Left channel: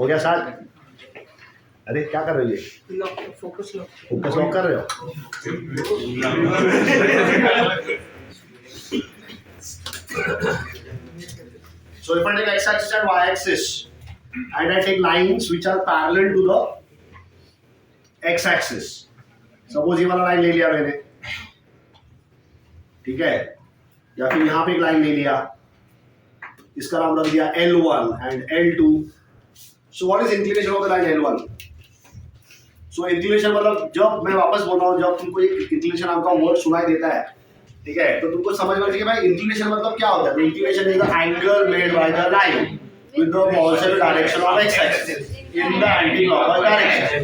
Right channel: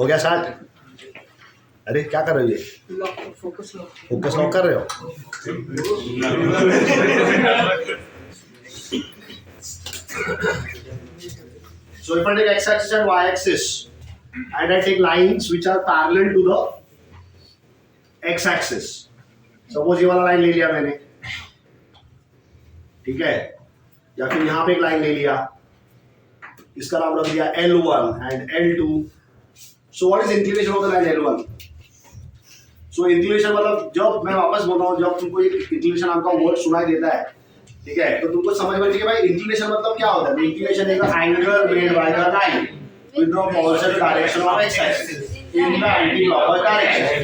हो गया स्टार्ट? अरे क्या कर रहे हो? ये फोकस लॉक कर रहे हो? So if I take x-axis and y-axis and I take lines which are parallel to the x-axis, suppose ये वाला लाइन ले लिया मैंने, ठीक है, या फिर यहाँ पे एक लाइन ले लिया, इसका नाम रख दिया L1 and L2. So what is inclination of the line L1? So inclination मतलब जब मैं वापस बोल रहा हूँ, जब तुमको एक inclination नाम का वर्ड सुनाई देता है, ठीक है, तो तुमको समझ में चाहिए भाई inclination मतलब क्या होता है? Inclination is the angle made by the line with the positive direction of x-axis in the anti-clockwise direction.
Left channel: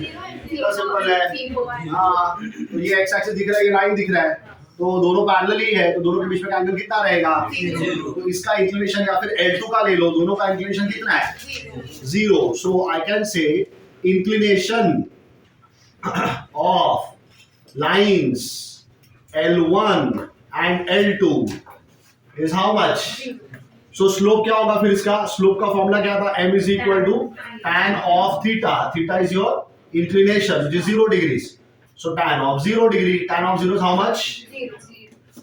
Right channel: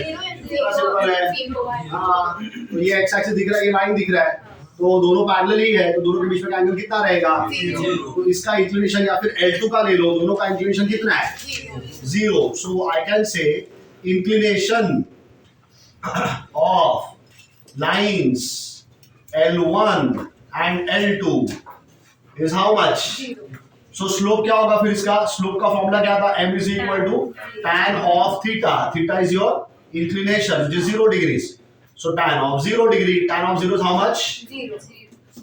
इतना सिंपल है। हाँ, तो ये x-axis दिख रहा है, ये लाइन दिख रहा है, तो दोनों पैरेलल ही है, तो दोनों के बीच में का एंगल कितना रहेगा? 0। तो इसका इंक्लिनेशन या फिर L2 का ले लो, दोनों का इंक्लिनेशन कितना है? 0. So I can say inclination of lines L1 and L2 is how much? So slope क्या होगा फिर इसका? Slope का फॉर्मूला क्या था? M is equal to tan of theta. Theta is your inclination, which is 0 degrees. So tan of 0 degree, tan of 0 is how much? 0.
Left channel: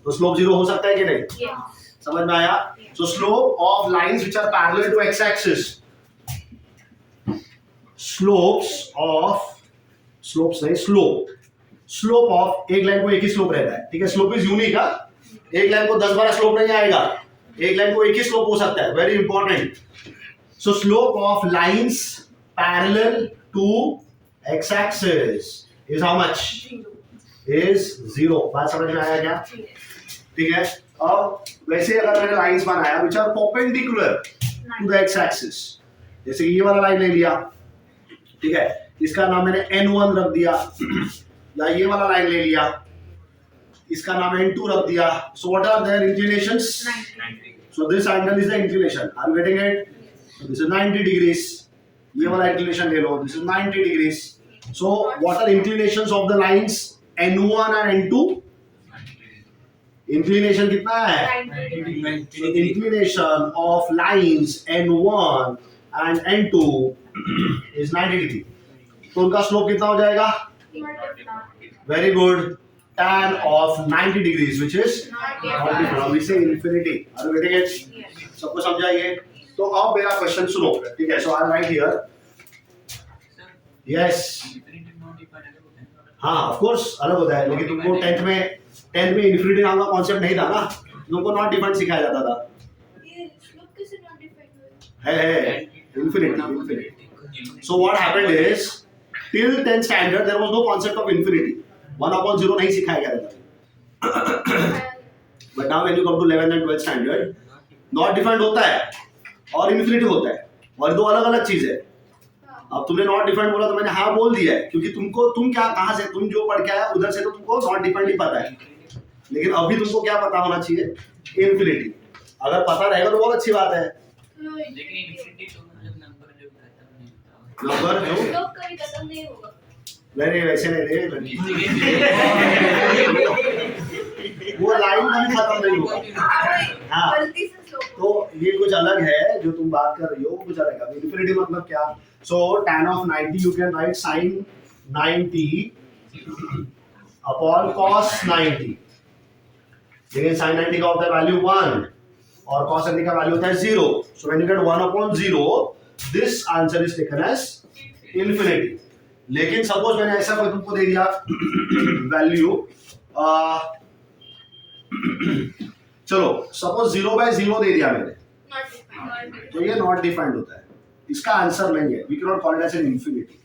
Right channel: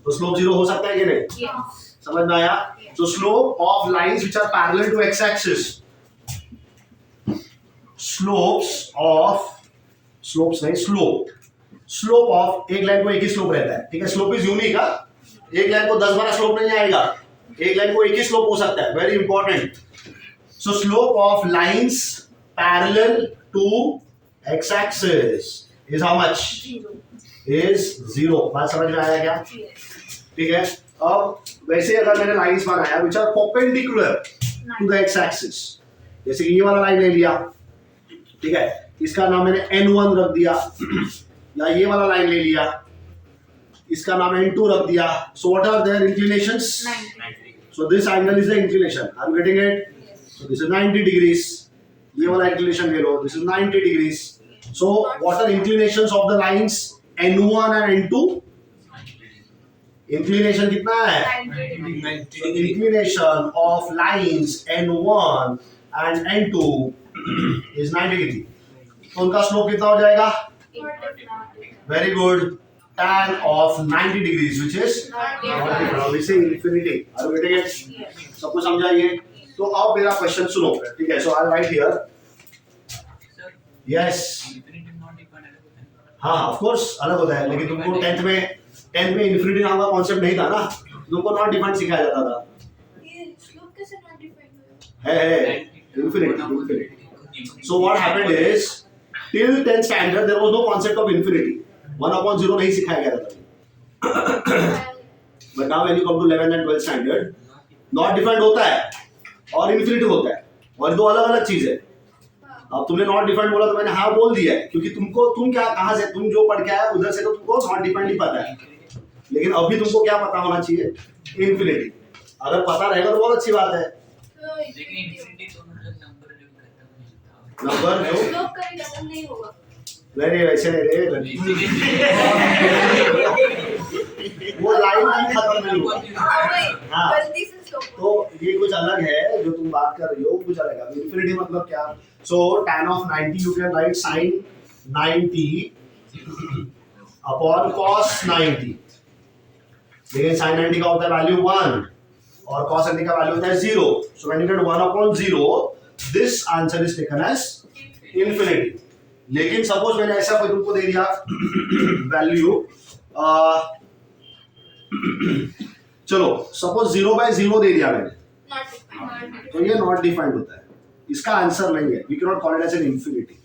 तो slope 0 हो सकता है कि नहीं? Yes. समझ में आया? So slope of lines which are parallel to x-axis. Slope of एक लाइन को एक ही स्लोप रहता है, ठीक है? स्लोप इज यूनिक है, एक लाइन को 10-12 स्लोप नहीं आएगा, एक लाइन को एक ही स्लोप हो सकता है, very important. So slope of lines parallel to X axis is how much? Is 0. बात समझ में आया क्या? ठीक है. अब वैसे अगर मैंने लाइंस बनाया which are perpendicular to the X axis, जैसे कि ये वाला लाइन ले लिया, ठीक है, इसका नाम मैंने N1 रख दिया, या ये वाला लाइन ले लिया, इसका नाम N2 रख दिया. So what are their inclinations? 90. So this angle is the inclination. Are you getting it? Yes. So this is 90 degrees. ये वाला inclination ले लो. This is 90 degrees. So what are inclinations of the lines N1 and N2? Inclination कितना है? 90. So inclination of lines N1 and N2 is 90 degree. तो उनका slope कितना हो जाएगा? Very good. Tan of 90 degrees, which is not different. We say infinity. Are you getting it? Yes. सबको समझाइए. तो अब मेरा क्वेश्चन सुनो, ठीक है? So I'll write here. Yes. हाँ, of course अलग होता है, लेकिन तुमको 10th में infinity नाम का कॉन्सेप्ट नहीं था ना, तुमको नॉट डिफाइंड सिखाया जाता था. ये स्लोप कैसे नॉट डिफाइंड है infinity. So what happened is till 10th standard there was no concept of infinity. 1/0 नहीं सिखाया गया था. But now when you come to 11th and 12th standard, not defined होता है और infinity होता है, और दो अलग अलग चीज है. अब तुमने नॉट डिफाइंड बोला तो मैंने हाँ बोल दिया है, क्योंकि तुम क्या कहाँ से, तुम जो पढ़ के आया उधर से तो तुमको नॉट डिफाइंड ही पता है, लेकिन अभी तुमको क्या पता होना चाहिए? इन्फिनिटी. अगर पता रहेगा तो बहुत अच्छी बात है. लेकिन इन्फिनिटी तो मतलब नंबर जो खत्म नहीं होता, नंबर स्लोप कभी खत्म नहीं होगा. नहीं वैसे नहीं रे, वो लाइन भी खत्म नहीं होगा. हाँ. गलती से स्लोप. तो ये कुछ अलग है जो तुम बात कर रही हो, कुछ अलग है. इन्फिनिटी मतलब क्या? सो tan of 90 you can write sin 90 upon cos 90. लेकिन sin 90 का होता है वैल्यू 1 और cos 90 का वैल्यू होता है 0. So when you get 1/0, this answer is taken as infinity. लेकिन सपोज मैंने ऐसा कोई तुमको दे दिया वैल्यू, चलो सपोज 0/0 दे दिया मैंने, तो ये नॉट डिफाइंड होता है, इसका आंसर नहीं है. We can not call it as an infinity.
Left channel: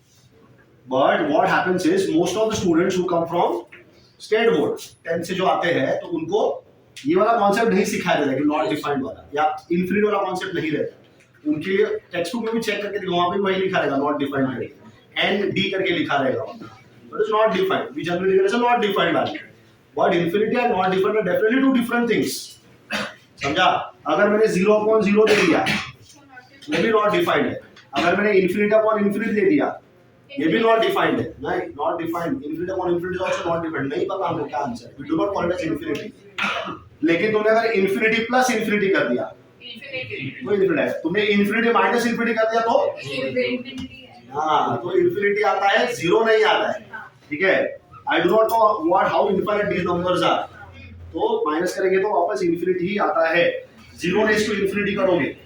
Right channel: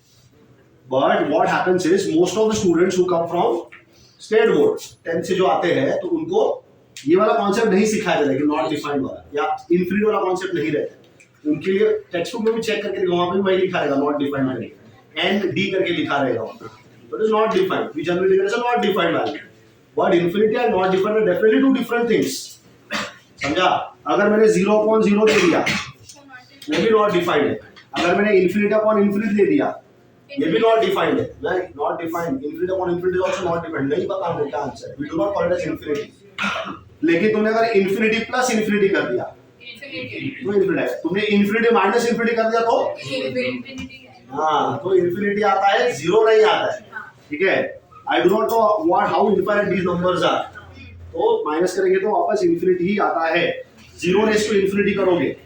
But what happens is most of the students who come from state board 10th से जो आते हैं, तो उनको ये वाला कॉन्सेप्ट नहीं सिखाया जाता है कि नॉट डिफाइंड वाला या इंफिनिटी वाला कॉन्सेप्ट नहीं रहता. उनके लिए टेक्स्ट बुक में भी चेक करके देखो, वहां पे वही लिखा रहेगा नॉट डिफाइंड करके, ND करके लिखा रहेगा वहां. But is not defined. We generally take it as not defined value. But infinity and not defined are definitely two different things. समझा? अगर मैंने 0/0 दे दिया, ये भी नॉट डिफाइंड है. अगर मैंने इन्फिनिटी अपॉन इन्फिनिटी दे दिया, ये भी नॉट डिफाइंड है. नहीं, not defined. Infinity upon infinity also not defined. नहीं पता हमें क्या आंसर है. We do not call it as infinity. लेकिन तुमने अगर इन्फिनिटी प्लस इन्फिनिटी कर दिया, तो इन्फिनिटी है। तुमने इन्फिनिटी माइनस इन्फिनिटी कर दिया तो हाँ, तो इन्फिनिटी आता है, जीरो नहीं आता है, ठीक है। I do not know what how infinite these numbers are, तो माइनस करेंगे तो वापस इन्फिनिटी ही आता है। जीरो ने इसको इन्फिनिटी करोगे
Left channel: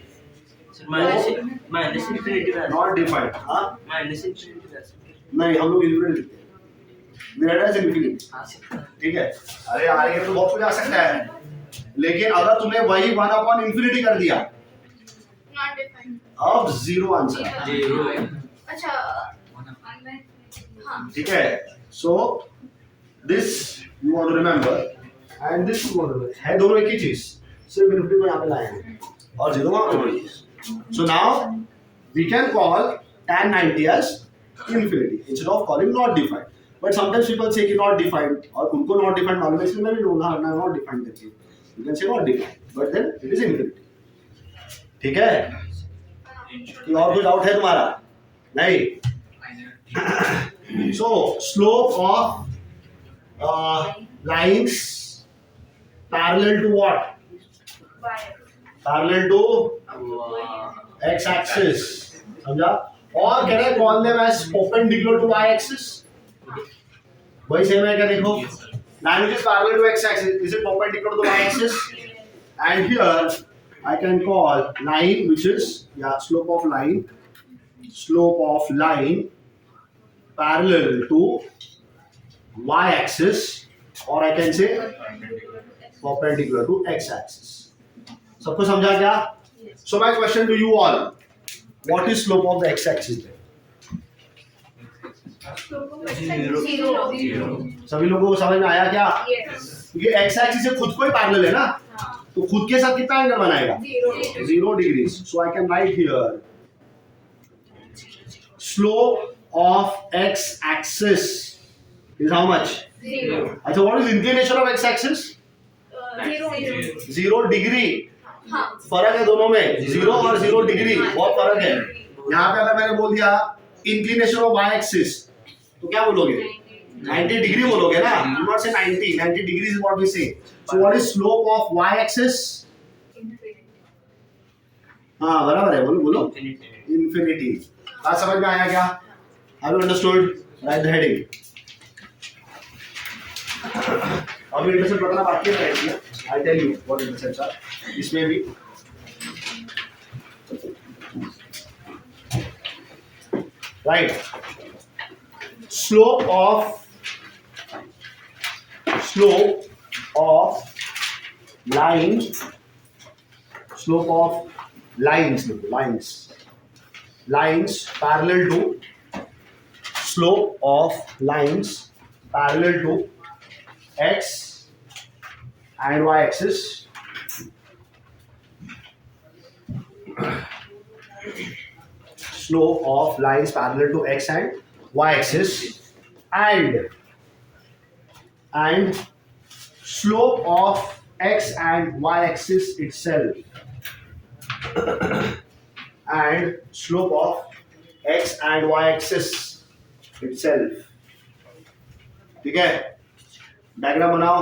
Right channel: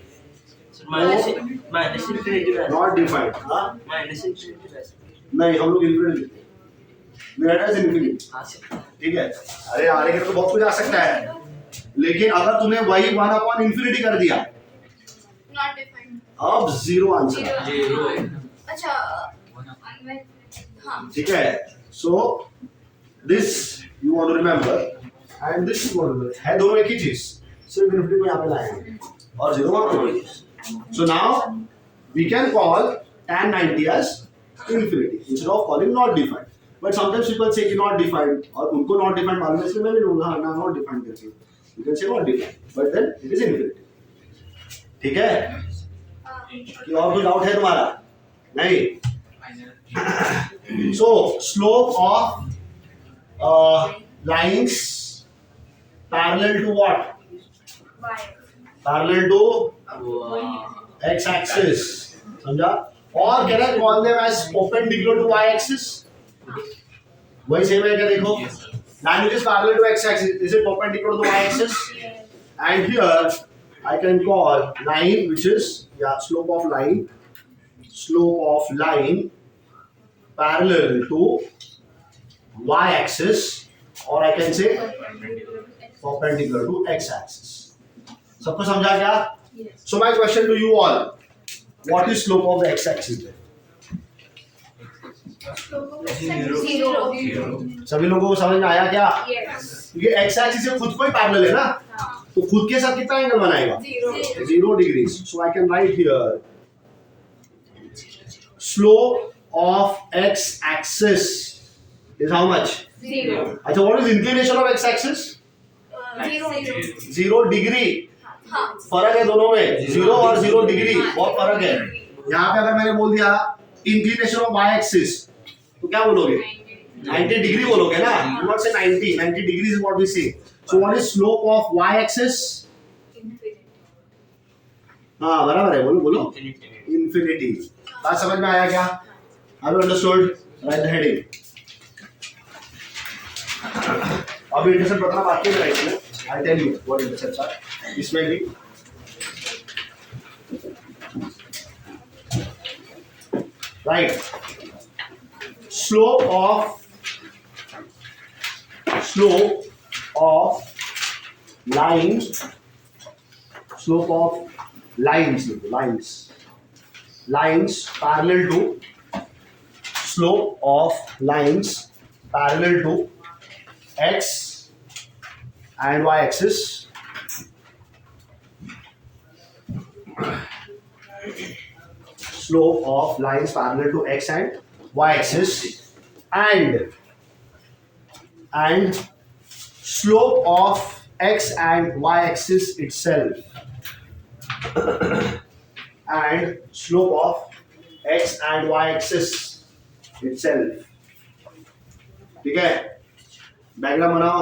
माइनस इन्फिनिटी नॉट डिफाइंड। हाँ माइनस इन्फिनिटी नहीं, हम लोग इन्फिनिटी लिखते हैं, मेरा एज इन्फिनिटी, आ सकता है। ठीक है। अरे आने के तो बहुत कुछ आ सकता है, लेकिन अगर तुमने वही 1 अपॉन इन्फिनिटी कर दिया, Not defined. अब जीरो आंसर है, जीरो अच्छा हाँ ठीक है। So this you want to remember and this you want to, है दोनों एक ही चीज, सिर्फ इन्फिनिटी को यहाँ पे लाए हैं और जीरो वहाँ पे। So now we can call tan 90 as infinity instead of calling not defined. But sometimes people say कि not defined, और उनको not defined मालूम है, इसलिए मैं भी लूँगा ना not defined करके। You can say not defined, but then it is infinity. ठीक है? कि और कोई डाउट है तुम्हारा? नहीं? So slope of lines parallel to what? Parallel to x-axis. समझा? और कह रहा है call them as perpendicular to y-axis. वही सेम है क्या? देखो, line which is parallel to x-axis, is it perpendicular to y-axis? And here I can call line which is slope of line parallel to y-axis, or I can say perpendicular to x-axis. सबको समझा क्या? So my question to you all, what is slope of the x-axis? सभी लोगों को समझ में आया क्या? क्योंकि x-axis से खुद को ही पैरेलल है ना, तो खुद के साथ कितना एंगल बनाएगा? 0 degrees. So I can write here slope of x-axis is how much? 0. अच्छा, what is inclination of x-axis? 0 degree. हाँ फर्क है दोनों में, 0 और 0 डिग्री बहुत फर्क है। यहाँ पे अगर मैंने बोल दिया इंक्लिनेशन ऑफ वाई एक्सिस, तो क्या बोलोगे? 90 डिग्री बोलोगे ना, डू नॉट से 90 degree is what we say. So what is slope of Y axis? हाँ बराबर है, बोलो बोलो इन्फिनिटी। बात समझ में आया क्या? Have you understood? Right the heading. अभी इंटरसेप्ट बताना बाकी है राइट में, I tell you what intercepts are. इसमें भी right, slope of lines parallel to slope of lines parallel to x and y axis slope of lines parallel to x and y axis and slope of x and y axis itself and slope of x and y axis itself। ठीक है, diagram बनाओ,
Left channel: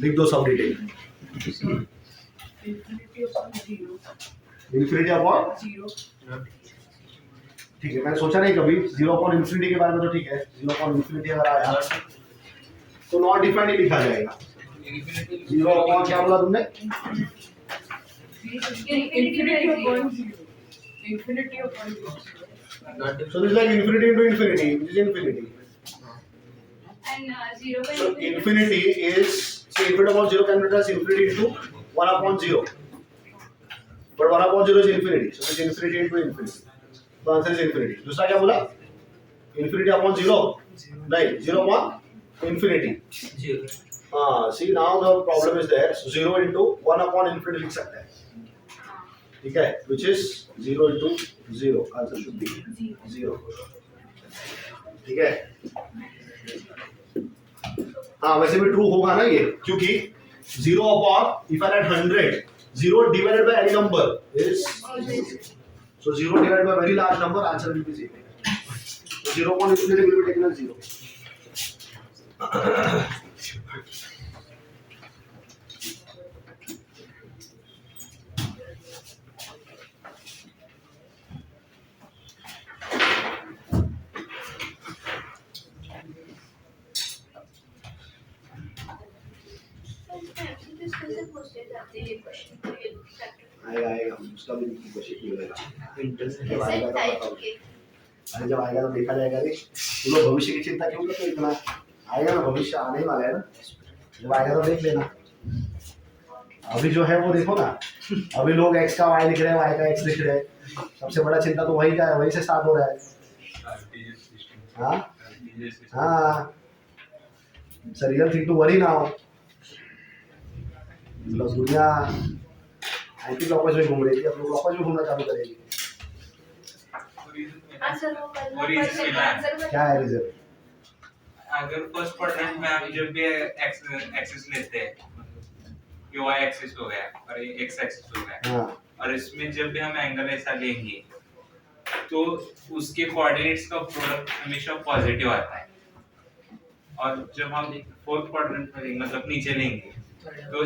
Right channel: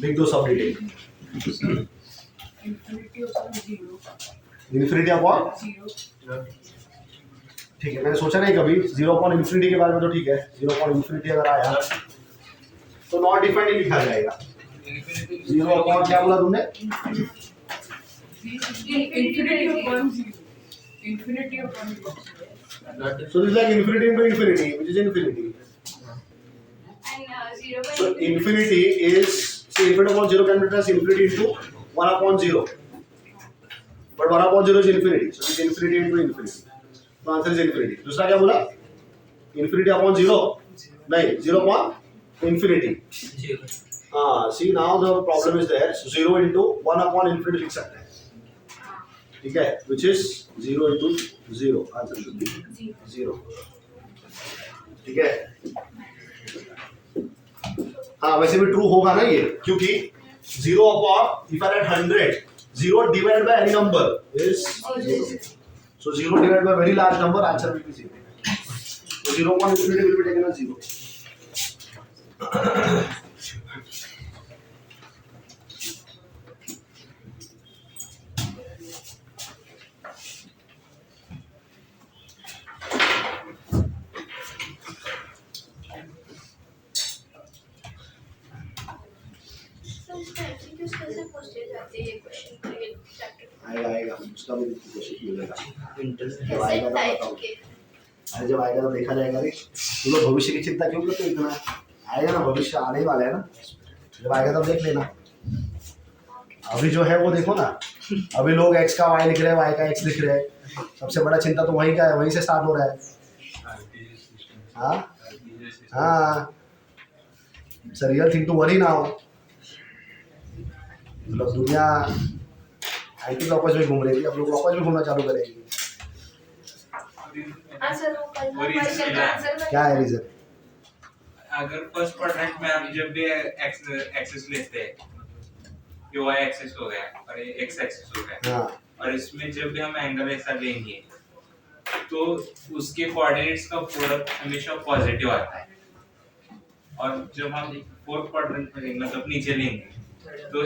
लिख दो सब detail. Infinity upon ठीक है, मैंने सोचा नहीं कभी 0 अपॉन इन्फिनिटी के बारे में, तो ठीक है 0 अपॉन इन्फिनिटी अगर आया तो नॉट डिफाइंड ही लिखा जाएगा। 0 अपॉन क्या बोला तुमने? Infinity upon 0. So this is like infinity into infinity, which is infinity. And 0 by So infinity is, say infinity upon 0 can be written as infinity into 1 upon 0. But 1 upon 0 is infinity, so it's infinity into infinity. तो answer is infinity. दूसरा क्या बोला? Infinity upon 0 नहीं, 0 upon infinity. हाँ, see now the problem is there, 0 into 1 upon infinity लिख सकते हैं, ठीक है, which is 0 into 0, answer should be 0, ठीक है। हाँ वैसे भी ट्रू होगा ना ये, क्योंकि 0 upon if I right 100, 0 divided by any number is 0. So 0 divided by a very large number, answer will be 0. So 0 upon infinity will be taken as 0. आते ये क्वेश्चन आएगा आएगा उसका भी क्वेश्चन मिलेगा। इंटरनेट जब आएगा तो टाइप बताओ। के अरे जब आएगा तो देखा जाएगा। रे तुम लोग भविष्य की चिंता क्यों करते हो इतना? आएगा ना, भविष्य आने ही वाला है ना, जब आएगा तो देख लेना। अभी जो है वो देखो ना, अभी लोग x का y लिख रहे हैं, y का x लिख रहे हैं। सबसे बड़ा चिंता तो वही का है, वहीं से स्टार्ट हो रहा है। हाँ हाँ, it's a real thing to worry now. मतलब दुनिया एंटी क्लॉकवाइज में घूम रही थी, अब लोग क्लॉकवाइज में घूमना चालू करेगी। आंसर वो करना और इसके क्वेश्चन का लिए- आंसर क्या है रीजन? अगर फर्स्ट क्वाड्रेंट में आप जब भी एक्सिस लेते हैं, ये y एक्सिस हो गया और ये x एक्सिस हो गया, हाँ और इसमें जब भी हम एंगल ऐसा लेंगे तो उसके कोऑर्डिनेट्स का प्रोडक्ट हमेशा पॉजिटिव आता है। और जब हम फोर्थ क्वाड्रेंट में लेंगे, मतलब नीचे लेंगे, तो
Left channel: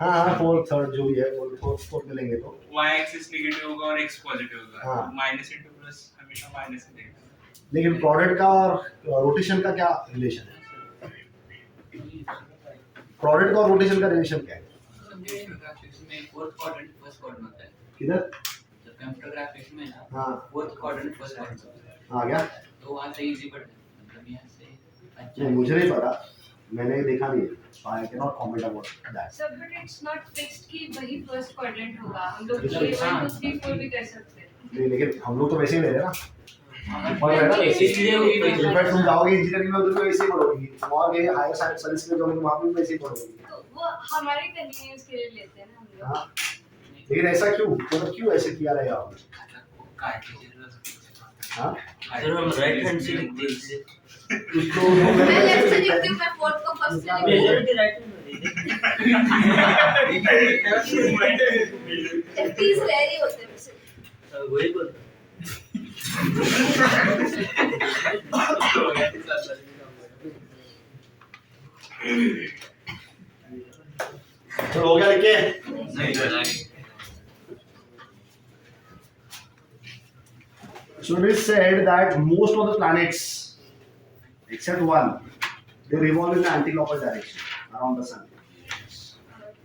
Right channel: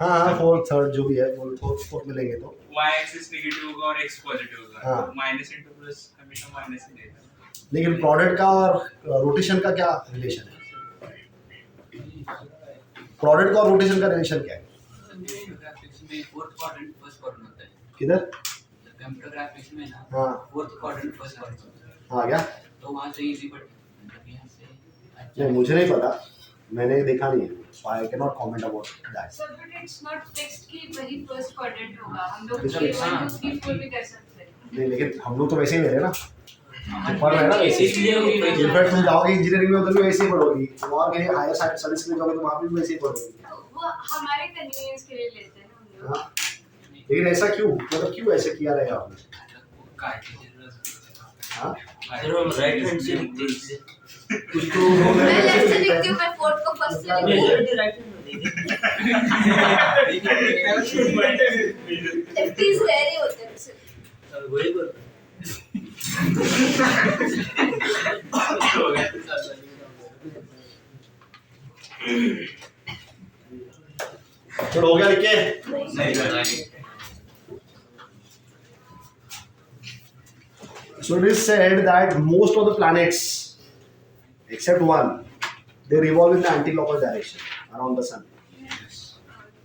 हाँ हाँ, फोर्थ थर्ड जो भी है फोर्थ में लेंगे तो y एक्सिस नेगेटिव होगा और x पॉजिटिव होगा। हाँ। तो माइनस इनटू प्लस हमेशा माइनस ही देगा। लेकिन प्रोडक्ट का और रोटेशन का क्या रिलेशन है? प्रोडक्ट का और रोटेशन का रिलेशन क्या है? कंप्यूटर ग्राफिक्स में फोर्थ क्वाड्रेंट फर्स्ट क्वाड्रेंट होता है। किधर? तो कंप्यूटर ग्राफिक्स में ना हाँ फोर्थ क्वाड्रेंट फर्स्ट क्वाड्रेंट होता है। हाँ क्या? तो वहां से इजी पड़ता है, मतलब यहां से अच्छा नहीं मुझे नहीं पता, मैंने देखा नहीं है, so I cannot comment about that. So, but it's not fixed कि वही first quadrant होगा। हम लोग Yes, ये sir. 1 2 3 4 भी कर सकते हैं। नहीं लेकिन हम लोग तो वैसे ही ले रहे हैं ना। इसलिए वो इनफैक्ट तुम जाओगे इंजीनियरिंग में तो भी वैसे ही पढ़ोगी, तुम और कहीं हायर स्टडीज में जाओगे तो वहाँ भी वैसे ही पढ़ोगी। तो वो हमारे कन्वीनियंस के लिए लेते हैं ना हम लोग। हाँ लेकिन ऐसा क्यों, मतलब क्यों ऐसे किया रहेगा आपने? हाँ सर हम राइट हैंड से लिखते हैं इसलिए उसको मैं लेफ्ट से लिखती हूँ, मैं फोर्थ को फर्स्ट से लिखती हूँ। मेजॉरिटी राइट हैंड होती है। लेफ्टीज रेयर ही होते हैं वैसे। वही बोलता तो हो गया लिखे? नहीं बनाएंगे। So it is said that most of the planets, except one, they revolve in the anti-clockwise direction around the sun.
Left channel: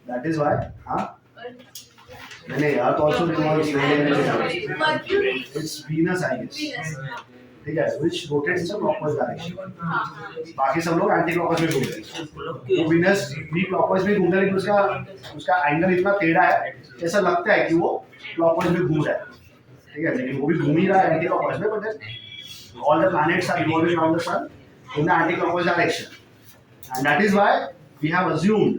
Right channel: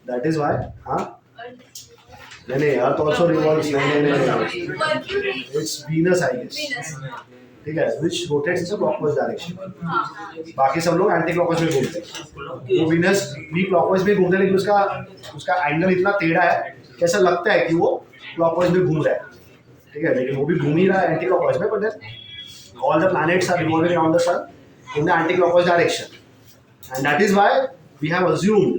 That is why, हाँ? नहीं, Earth also revolves. Mercury, It's Venus, I guess. Venus, ठीक है, which rotates in the clockwise direction. हाँ, बाकी सब लोग anti clockwise में घूमते हैं। वो विनस भी क्लॉकवाइज में घूमता है, लेकिन उसका एंगल इतना टेढ़ा है कि ऐसा लगता है कि वो क्लॉकवाइज में घूम रहा है। ठीक है, लेकिन वो भी घूम ही रहा है एंटी क्लॉकवाइज में, but all the planets are revolving around the sun in the anti-clockwise direction, and that is why we have assumed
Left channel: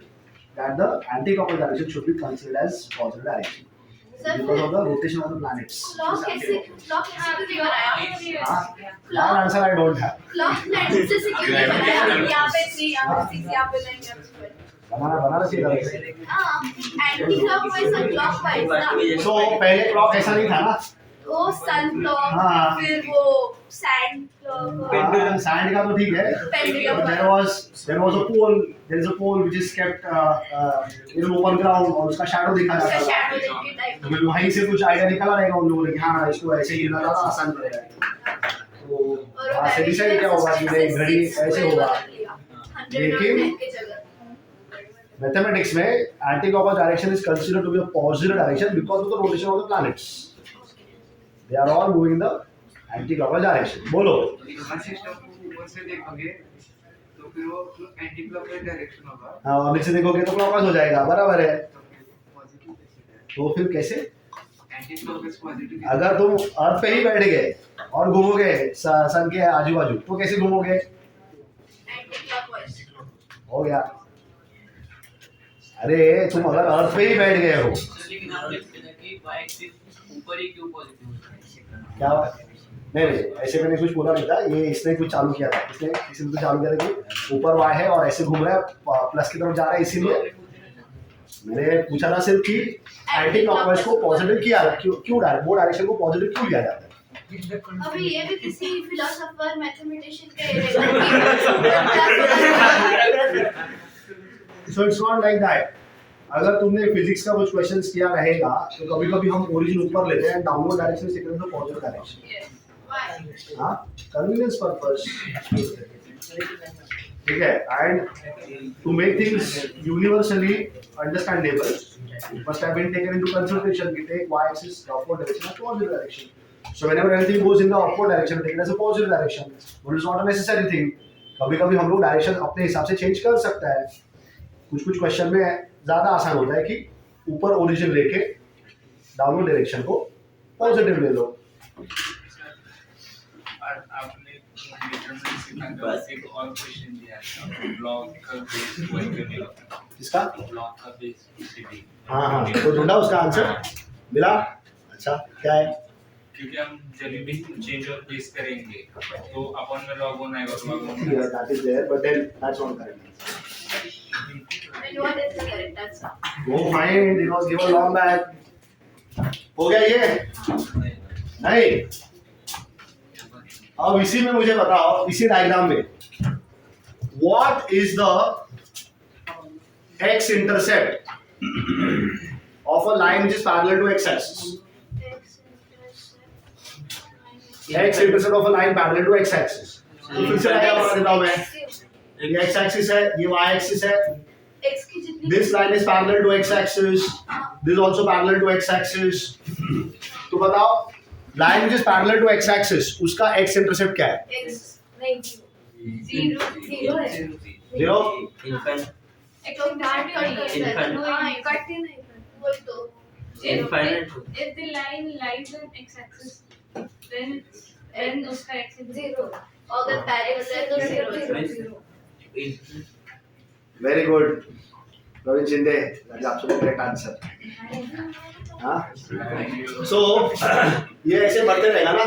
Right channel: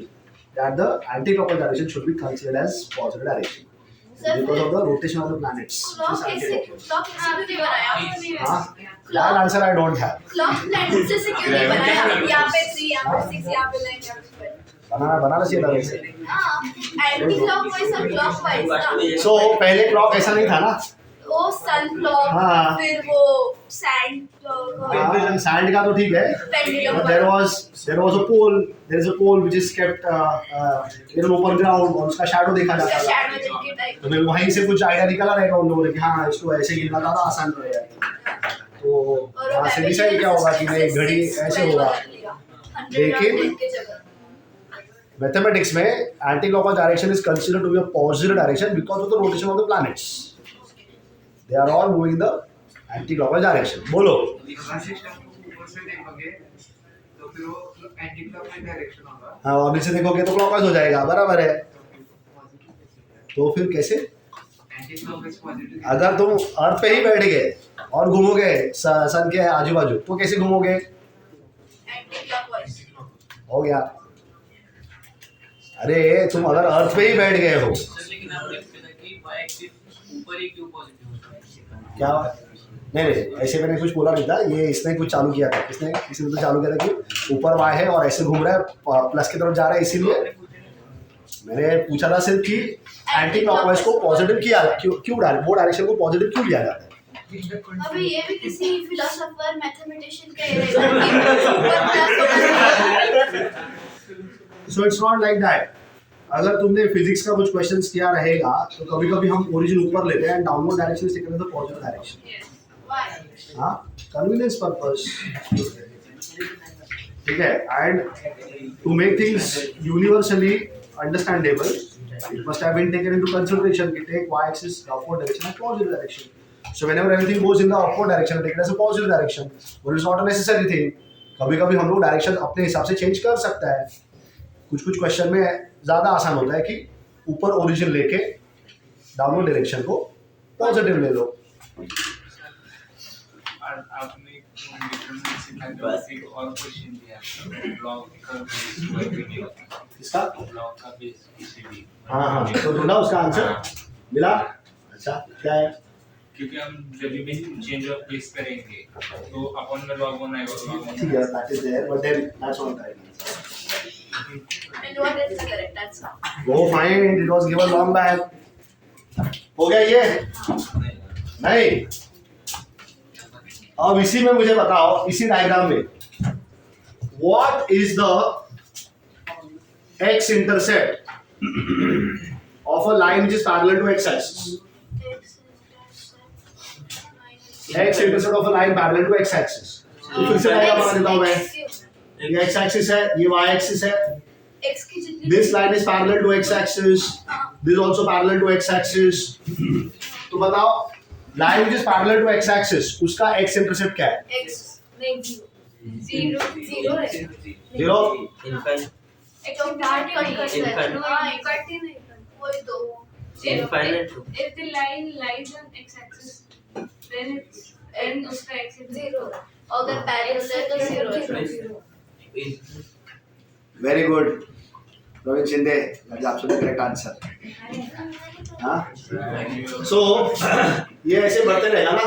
that the anti-clockwise direction should be considered as positive direction because of the rotation of the planets. Clock कैसे क्यों नहीं बनाया? हाँ, that answer I don't have. Clock planet जैसे क्यों नहीं बनाया? यहाँ पे 3, यहाँ पे 6, यहाँ पे 9, यहाँ पे 12। बनाना चाहिए था वैसे। हाँ, एंटी क्लॉकवाइज और क्लॉकवाइज ना। So पहले क्लॉक ऐसा नहीं था ना? वो सन क्लॉक, हाँ। फिर वो सैंड क्लॉक, सैंड का तो ठीक है, pendulum but there was a pole which is kept in an open ground और उसका शैडो देखा जाता था। शैडो के टाइप। तो फिर वहीं से कुछ आइडिया निकला रहेगा उन लोगों ने कि हाँ इसको ऐसे गिरना था तो आसान पड़ेगा। तो वहाँ से डिसाइड क्या होगा कि ये घड़ी ऐसे होगा। लेकिन मैथमेटिक्स में anti clockwise direction is considered to be a positive direction because of the rotation of the planets. They are all moving the anti clockwise direction. बोलो। सोलर सिस्टम को ऊपर से देखोगे तो फिर वो एंटी क्लॉकवाइज डायरेक्शन होगा, हाँ और नीचे देखोगे तो क्लॉकवाइज हो जाएगा, बराबर है। तो फिर पॉजिटिव कैसे जाएगा? तो फिर कैसे? एंटी क्लॉकवाइज पॉजिटिव अगर तुम अर्थ पे ही बैठ गए और घूमोगे सन के आजू बाजू तो कैसे घूमोगे? Anti clockwise. हो गया। अरे तुम अगर अर्थ पे ही बैठ गए हो, सर लेकिन आपने कहा कि y एक्सिस ऊपर ही क्यों पॉजिटिव होता है? क्या नहीं ऐसे मैंने कुछ बोला नहीं था, ये इसने कुछ चालू किया था। किसी ने तो चालू किया था कि ऊपर वाई है और ऐसे घूम रहा है प्लस की तरफ जा रहा है, इसीलिए मैंने पूछा था सिर्फ कि एंटी क्लॉकवाइज को पॉजिटिव किया क्यों वो डायरेक्शन को पॉजिटिव क्यों लिया जाता है। अभी ये भी किसी फिलोसोफर मैथमेटिशियन का so it's not like that. अगर तुमने फिजिक्स का कुछ क्वेश्चंस किया रहेगा तो कभी कभी हम ओरिजिन ऊपर लेते हैं, डाउनवर्ड डायरेक्शन से taken the positive direction. Why? हाँ, कन्वीनियंस पर्पस। ठीक है, and to make things universally understandable it must have been taken into consideration. We take y-axis, the upward direction, and positive direction. So whenever everything goes in the upward direction, take it as a positive direction. But it's not a necessary thing. कभी-कभी हम लोग direction अपने हिसाब से change कर सकता है. कुछ क्वेश्चन में ज़्यादा आसान होता है कि ऊपर ओरिजिन लेके डाउनवर्ड डायरेक्शन को पॉजिटिव ले लो. और आपने डिटरमिनेंट का एक और क्वेश्चन दिया था, ब्लॉक का बेस वर्क नहीं होता. किसका? ब्लॉक का बेस बीसीडी. हाँ, तो ढूंढा उसका आंसर मिला. अच्छा, क्या है? क्योंकि हम जब भी चेंज ऑफ प्लेस करेंगे तो अपन में लॉग वन आएगा और log one. Yeah, that is there, but then that's not correct. And what is the correct answer? Go find it. It was given long back. हो गया ये? नहीं. अब इसी में मुझे बताओ, इसी डायग्राम में what is the x intercept of a line which is parallel to x axis? X intercept of a line parallel to x axis. तो फिर से डायग्राम बना देता हूं मैं. ये x axis है, ये y axis है. X की जितनी This line is parallel to x axis. This is also parallel to x axis. तो बताओ, line which is parallel to x axis, उसका x intercept क्या है? X नहीं जीरो है. Zero. Infinite. X को काट कर Infinite. हाँ कट ही नहीं वही तो. Infinite. If the line lies on x-axis, then it's n उसका x is जीरो. अगर पैरेलल है तो zero. Infinite. Very good. Ravin Shinde, that is absolutely correct answer. हाँ? So ये ऐसे बढ़ते रहेगा ना?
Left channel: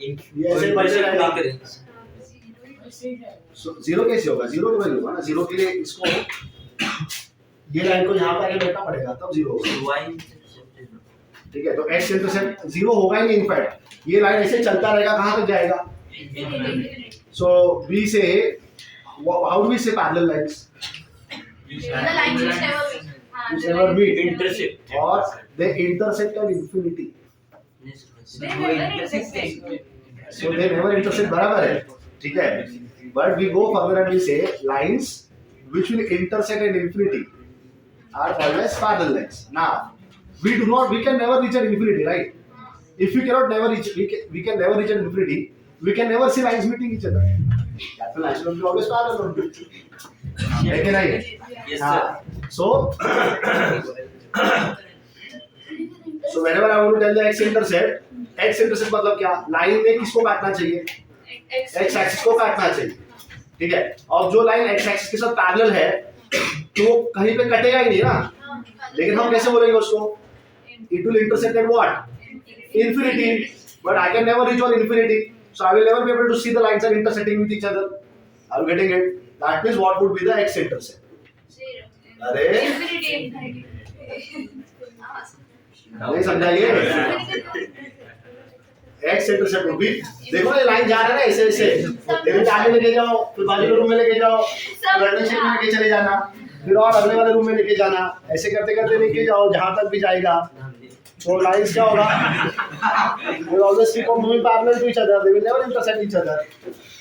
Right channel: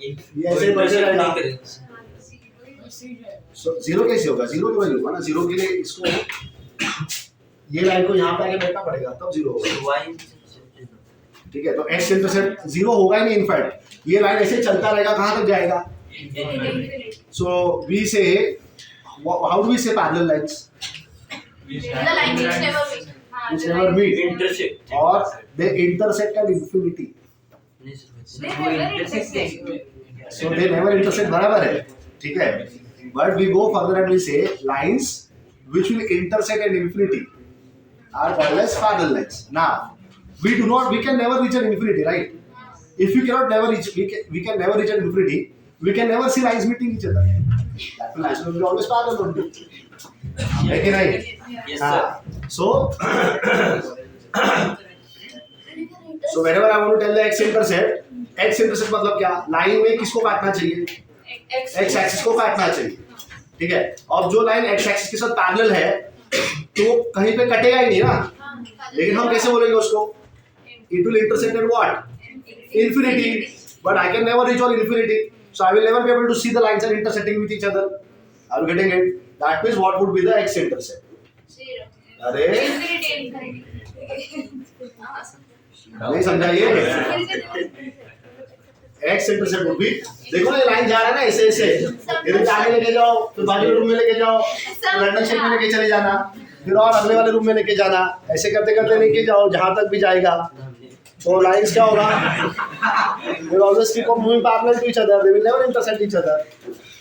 ये ऐसे बढ़ते रहेगा. So जीरो कैसे होगा? जीरो तो वही होगा ना. जीरो के लिए इसको ये लाइन को यहाँ पे आके बैठना पड़ेगा तब जीरो होगा. Y intercept is ठीक है, तो x इंटरसेप्ट जीरो होगा ही नहीं. इनफैक्ट ये लाइन ऐसे चलता रहेगा, कहाँ तक जाएगा? So we say, how do we say parallel lines? The line which never meet. Which never meet. Intersect. Or they intersect at infinity. They never intersect. So they never intersect. बराबर है, ठीक है. But we go further and we say lines which will intersect at infinity are called as parallel lines. Now we can never reach at infinity, right? If we cannot never reach, we can never reach at infinity. We can never see lines meeting each other. That lines will be always parallel only. है कि नहीं? Yes, हाँ. sir. So whenever I want to tell the x intercept मतलब क्या? Line में किसको काटना चाहिए? x एक्सिस को काटना चाहिए. ठीक है. अब जो लाइन x एक्सिस के साथ पैरेलल है तो कहीं पे कटेगा ही नहीं ना. लेकिन हम कैसे बोलेंगे उसको? It will intersect at what? Infinity. But I can never reach on infinity. So I will never be able to see the lines are intersecting with each other. Are you getting it? That means what would be the x intercept? Zero. अरे नहीं समझा ये? x intercept would be, देखो ये line जा रहा है ना ऐसे ऐसे. इधर आगे लेके जाओ, फिर बाजू के रूम में लेके जाओ, फिर रैंडम शेप में लेके चले जाना, फिर और अगले वाले रूम में लेके जाना. ऐसे करते करते लेके जाओ जहाँ तक भी जाएगा. So lines क्या होगा? They will always keep on moving parallel to each other. They will never intersect each other,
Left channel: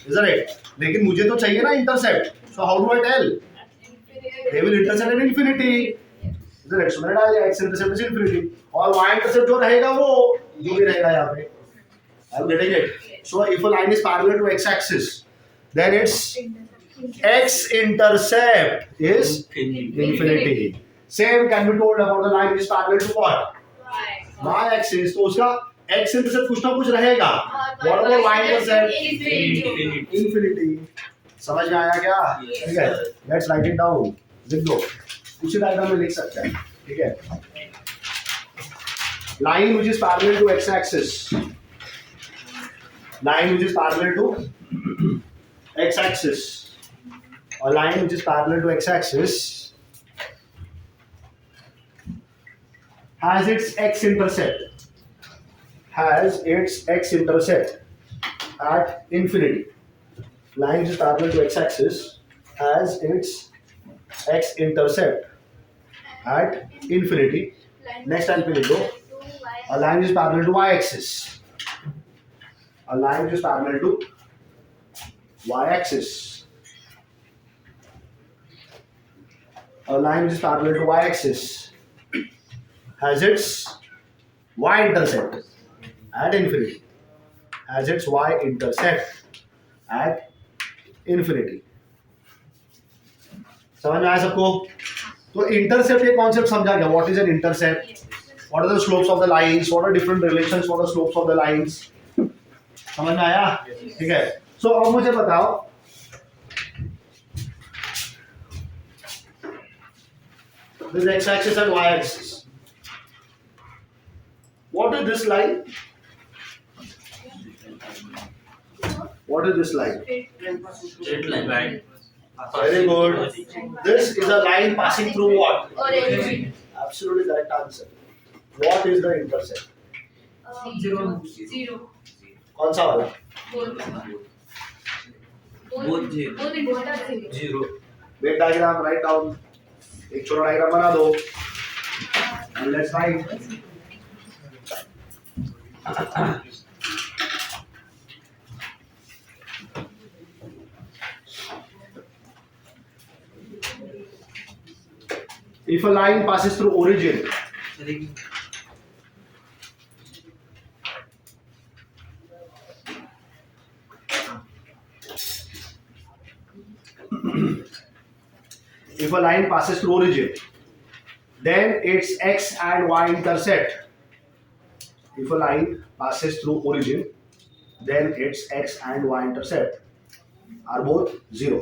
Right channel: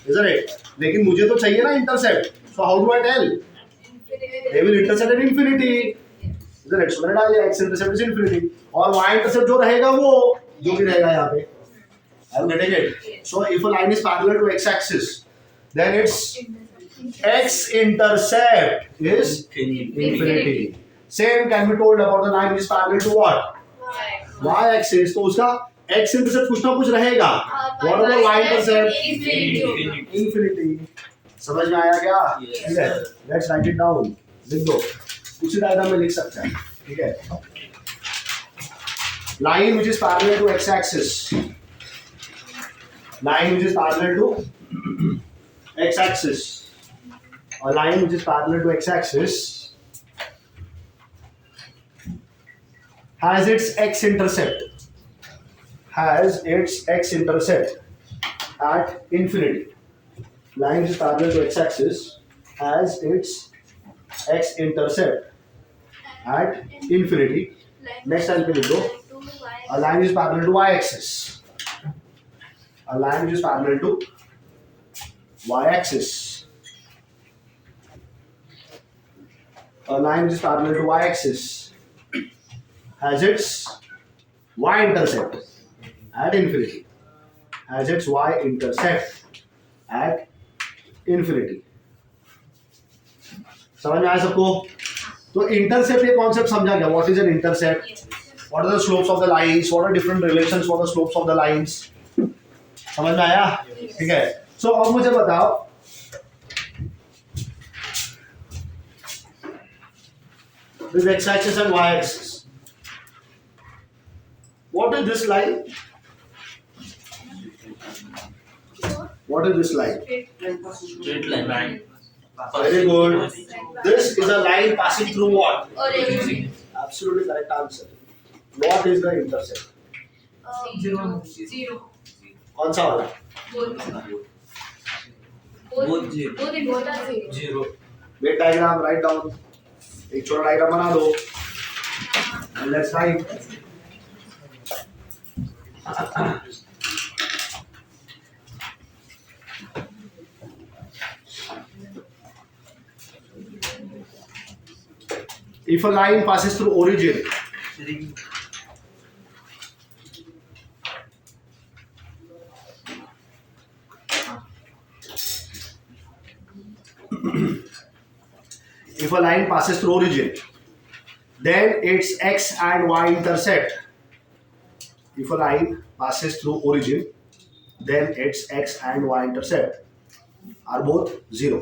isn't it? लेकिन मुझे तो चाहिए ना intercept. So how do I tell? They will intersect at infinity, isn't it? So मैंने डाल दिया x intercept is infinity. और y intercept जो रहेगा वो जो भी रहेगा यहाँ पे. I'm getting it. So if a line is parallel to x axis, then its x intercept is infinity. Same can be told about the line which is parallel to what? Y axis. तो उसका x intercept कुछ ना कुछ रहेगा. What about y intercept? Infinity. समझ में आया क्या? ठीक है. Let's write it down. लिख दो. उसी डायग्राम में लिख सकते हैं. ठीक है. Line which is parallel to x axis. Line which is parallel to x axis. A line which is parallel to x axis has its x intercept. Has its x intercept at infinity. Line which is parallel to x axis has its x intercept at infinity. Next time पे लिख दो. A line is parallel to y axis. A line which is parallel to y axis. a line which is parallel to y-axis has its y-intercept at infinity. Has its y-intercept at infinity. समझ में आया सबको? तो intercept ये concept समझा गया. What is an intercept? What are the slopes of the lines? What are different relations for the slopes of the lines? समझ में आया? ठीक है. सो अब मुझे बताओ, this x-axis and y-axis. What is this line? What is this line? Straight line. Very good. This is a line passing through what? Origin. Absolutely correct answer. What is the intercept? Zero. कौन सा वाला? Both. Both zero. Both important are zero. Zero. Make diagram, write down. एक छोटा diagram बना दो. And let's write. If a line passes through origin, if a line passes through origin, then its x and y intercept. If a line passes through origin, then its x and y intercept are both 0.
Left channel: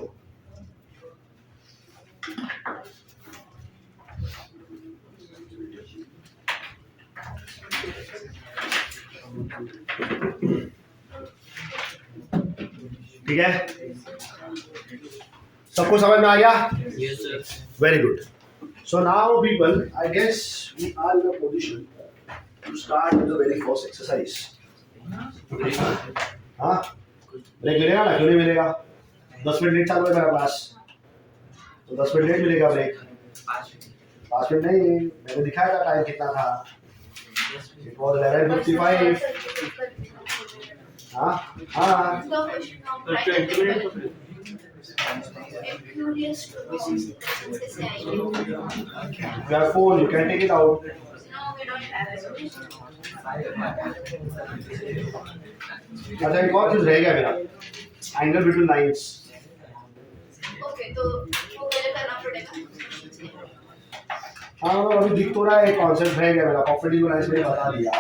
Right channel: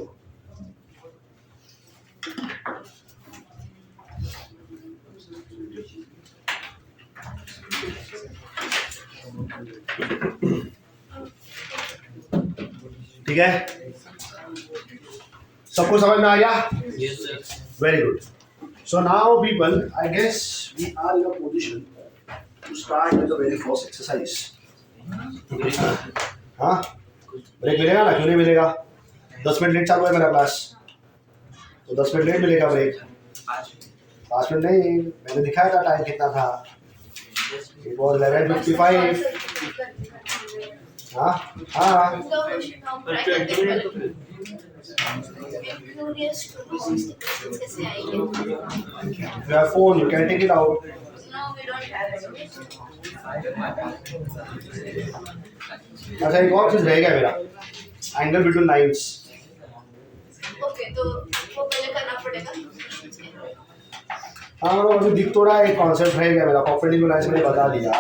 ठीक है, सबको समझ में आ गया? Yes, sir. Very good. So now people, I guess we are in a position to start with the very first exercise. हाँ, break मिलेगा ना? क्यों नहीं मिलेगा? 10 मिनट लेट चालू है मेरा क्लास, तो 10 मिनट लेट मिलेगा ब्रेक. 5 मिनट नहीं, मैंने दिखाया था टाइम कितना था. It was 11:55. हाँ हाँ. The question now पर practical 20 मिनट तो level. I'm curious to know कैसे आएंगे. You have phone, you can take it out. No, we don't have it. अच्छा, एक और चीज रह गया मेरा, एंगल बिटवीन लाइंस. Okay, तो वो पहले करना पड़ेगा. हाँ, तो अभी दिख तो रहा है, एक कॉन्सेप्ट रह गया मेरा. परपेंडिकुलर लाइंस मैंने बता दिया,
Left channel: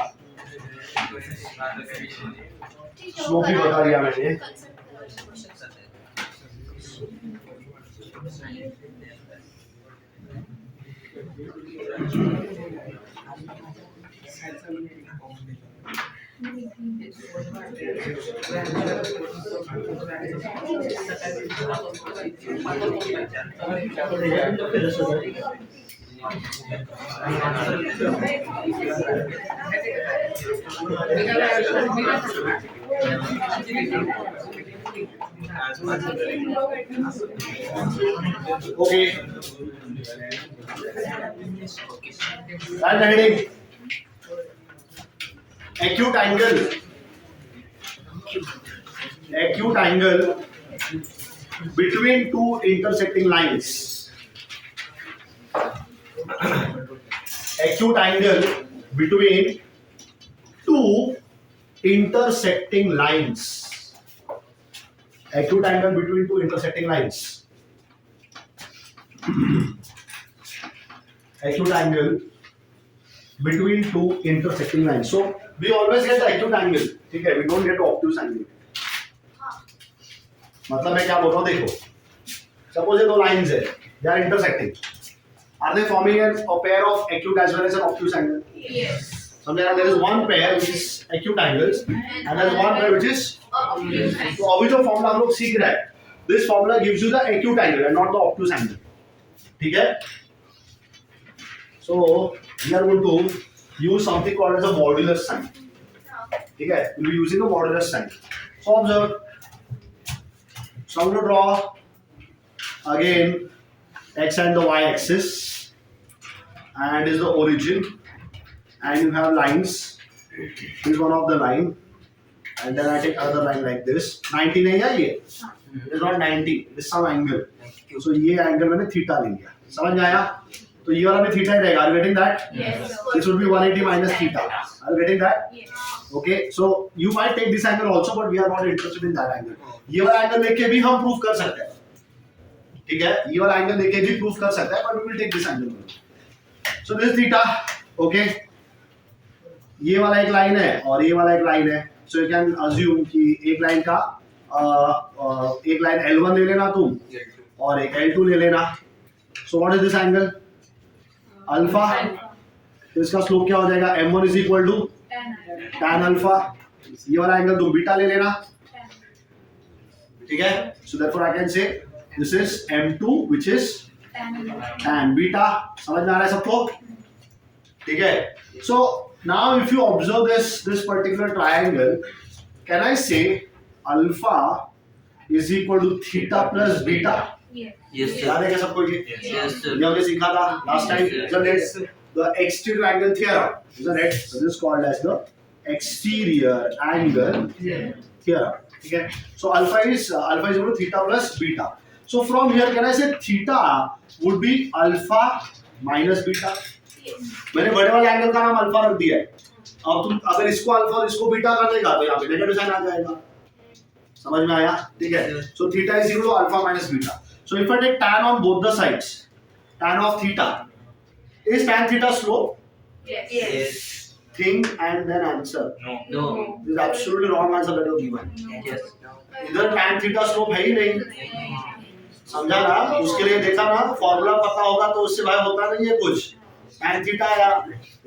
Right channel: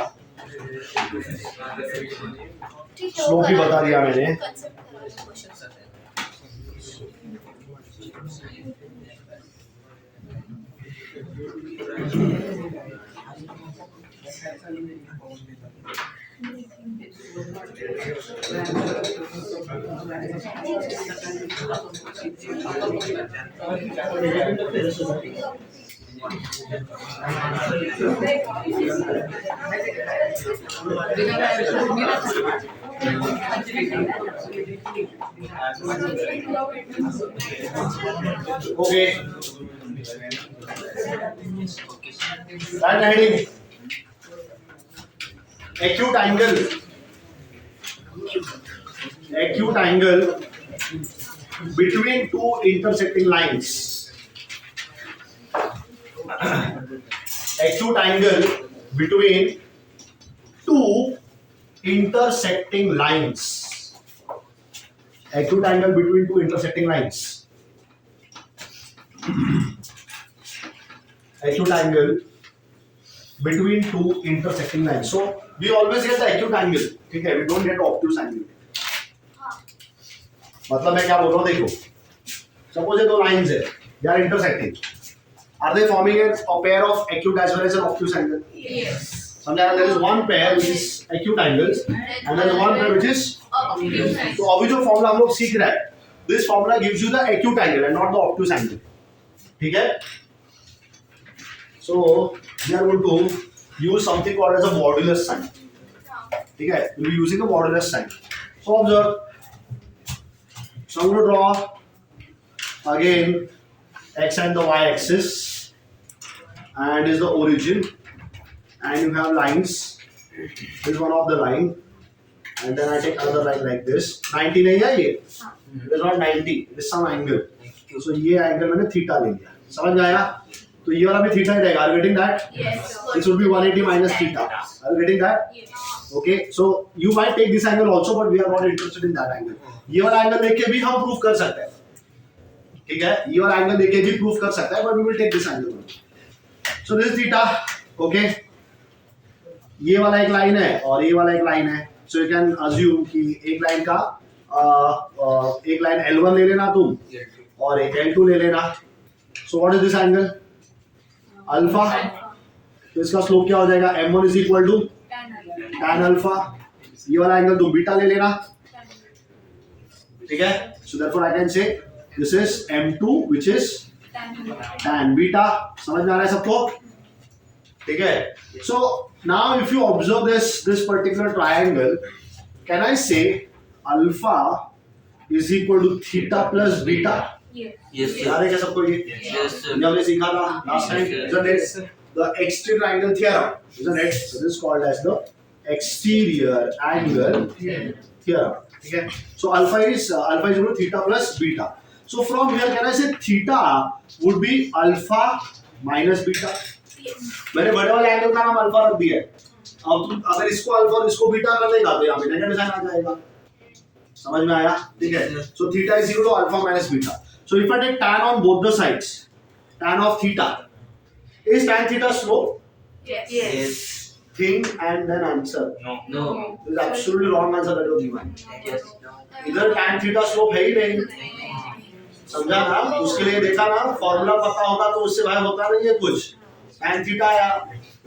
ठीक है, स्लोप भी बता दिया मैंने. concept करा लो question. Okay. Right heading. Acute angle. Acute angle between two intersecting lines. Acute angle between two intersecting lines. Acute angle between two intersecting lines. Acute angle between two intersecting lines. So we always get the acute angle. ठीक है, we don't get the obtuse angle. मतलब मैं क्या बोल रहा हूँ, देखो, suppose ये दो lines है, they are intersecting. Are they forming a pair of acute as well as an obtuse angle? Yes. Sometimes there is one pair which is acute angles and there is one pair which is. तो अभी जो formula हम लोग सीख रहे हैं, this formula gives you the acute angle and not the obtuse angle. ठीक है? So we are going to use something called as a modulus sign. ठीक है? We'll be using a modulus sign. So observe. So I'm going to draw again x and the y axis, and is the origin, and you have lines. This is one of the line, and then I take another line like this. 90 नहीं है ये. It is not 90. It is some angle. So ये angle मैंने theta ले लिया. समझ में आया? तो ये वाला भी थीटा ही रहेगा. Are you getting that? Yes. This would be 180 minus theta. Are you getting that? Yes. Okay, so you might take this angle also, but we are not interested in that angle. ये वाला angle लेके भी हम proof कर सकते हैं. ठीक है, ये वाला एंगल लेके भी प्रूफ कर सकते हैं, but we will take this angle. So this theta, okay. ये वाला एक लाइन है और ये वाला एक लाइन है. So you can assume कि एक लाइन का एक लाइन L1 ले लेना तुम और एक L2 ले लेना. So what is this angle? Alpha. तो इसका स्लोप क्या हो जाएगा? M1 is equal to tan alpha. ये वाला एंगल तुम बीटा ले लेना. ठीक है? So therefore I can say this is M2 which is tan beta. समझ में आ रहा है सबको? ठीक है? So now if you observe this particular triangle, can I say alpha is equal to theta plus beta? Yes, sir. याद है क्या सबको ये? Yes, sir. ये हमने सीखा था last time, Yes, isn't it? The exterior angle theorem, isn't it? So this is called as the exterior angle theorem. ठीक है? So alpha is equal to theta plus beta. So from here can I say theta would be alpha minus beta? मैंने बड़े वाले angle का नाम alpha रख दिया है. अब तुम अगर इसको अल्फा और इसको बीटा कर देगा तो यहाँ पे नेगेटिव साइन आ जाएगा. समझ में आया? ठीक है. So theta is equal to alpha minus beta. So if I take tan on both the sides, tan of theta, is tan theta slope? Yes. Yes. Think and then answer. No. No. This is absolutely wrong answer that you have given. Yes. इधर tan theta slope है ही नहीं. समझा ना? उसके लिए देखा ना, formula पता होगा तो उससे भाई होता नहीं है कुछ. tan theta आया,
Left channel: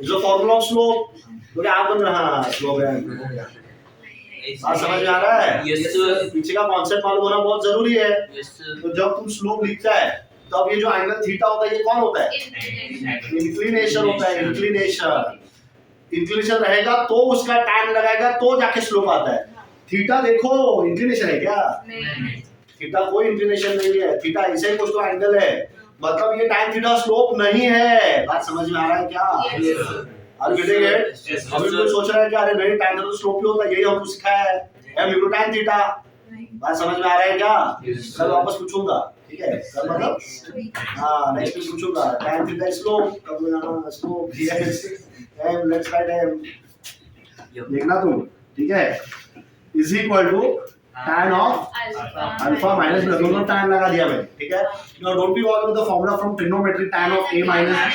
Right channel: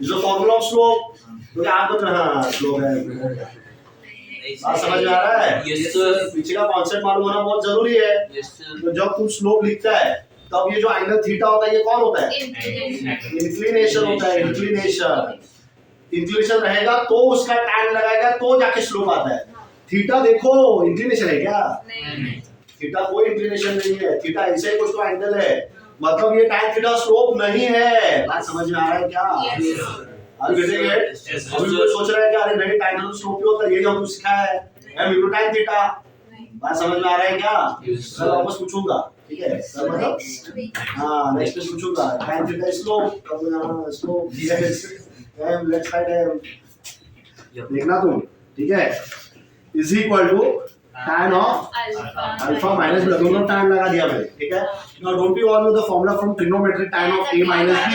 जो फॉर्मूला ऑफ स्लोप, तो क्या आप बोल रहे हैं? स्लोप है. बात समझ में आ रहा है? Yes, sir. पीछे का कॉन्सेप्ट मालूम होना बहुत जरूरी है. Yes, sir. तो जब तुम स्लोप लिखता है तब ये जो एंगल थीटा होता है ये कौन होता है? इंक्लिनेशन होता है. इंक्लिनेशन रहेगा तो उसका tan लगाएगा तो जाके स्लोप आता है. थीटा देखो इंक्लिनेशन है क्या? थीटा कोई इंक्लिनेशन नहीं है. थीटा ऐसे ही कुछ तो एंगल है. मतलब ये tan थीटा स्लोप नहीं है. बात समझ में आ रहा है क्या? आप getting it? अभी कोई सोच रहा है कि अरे नहीं tan तो स्लोप ही होता है. यही हमको सिखाया है. M tan theta. बात समझ में आ रहा है क्या? कल वापस पूछूंगा. ठीक है? कल मतलब हाँ नेक्स्ट में पूछूंगा. tan थीटा स्लोप कब लगाना? Slope yes. M let's write M. देखना तुम. ठीक है? is equal to tan of alpha minus beta. दोनों tan लगा दिया मैंने. ठीक है? Now don't we all know the formula from trigonometry tan of A minus B?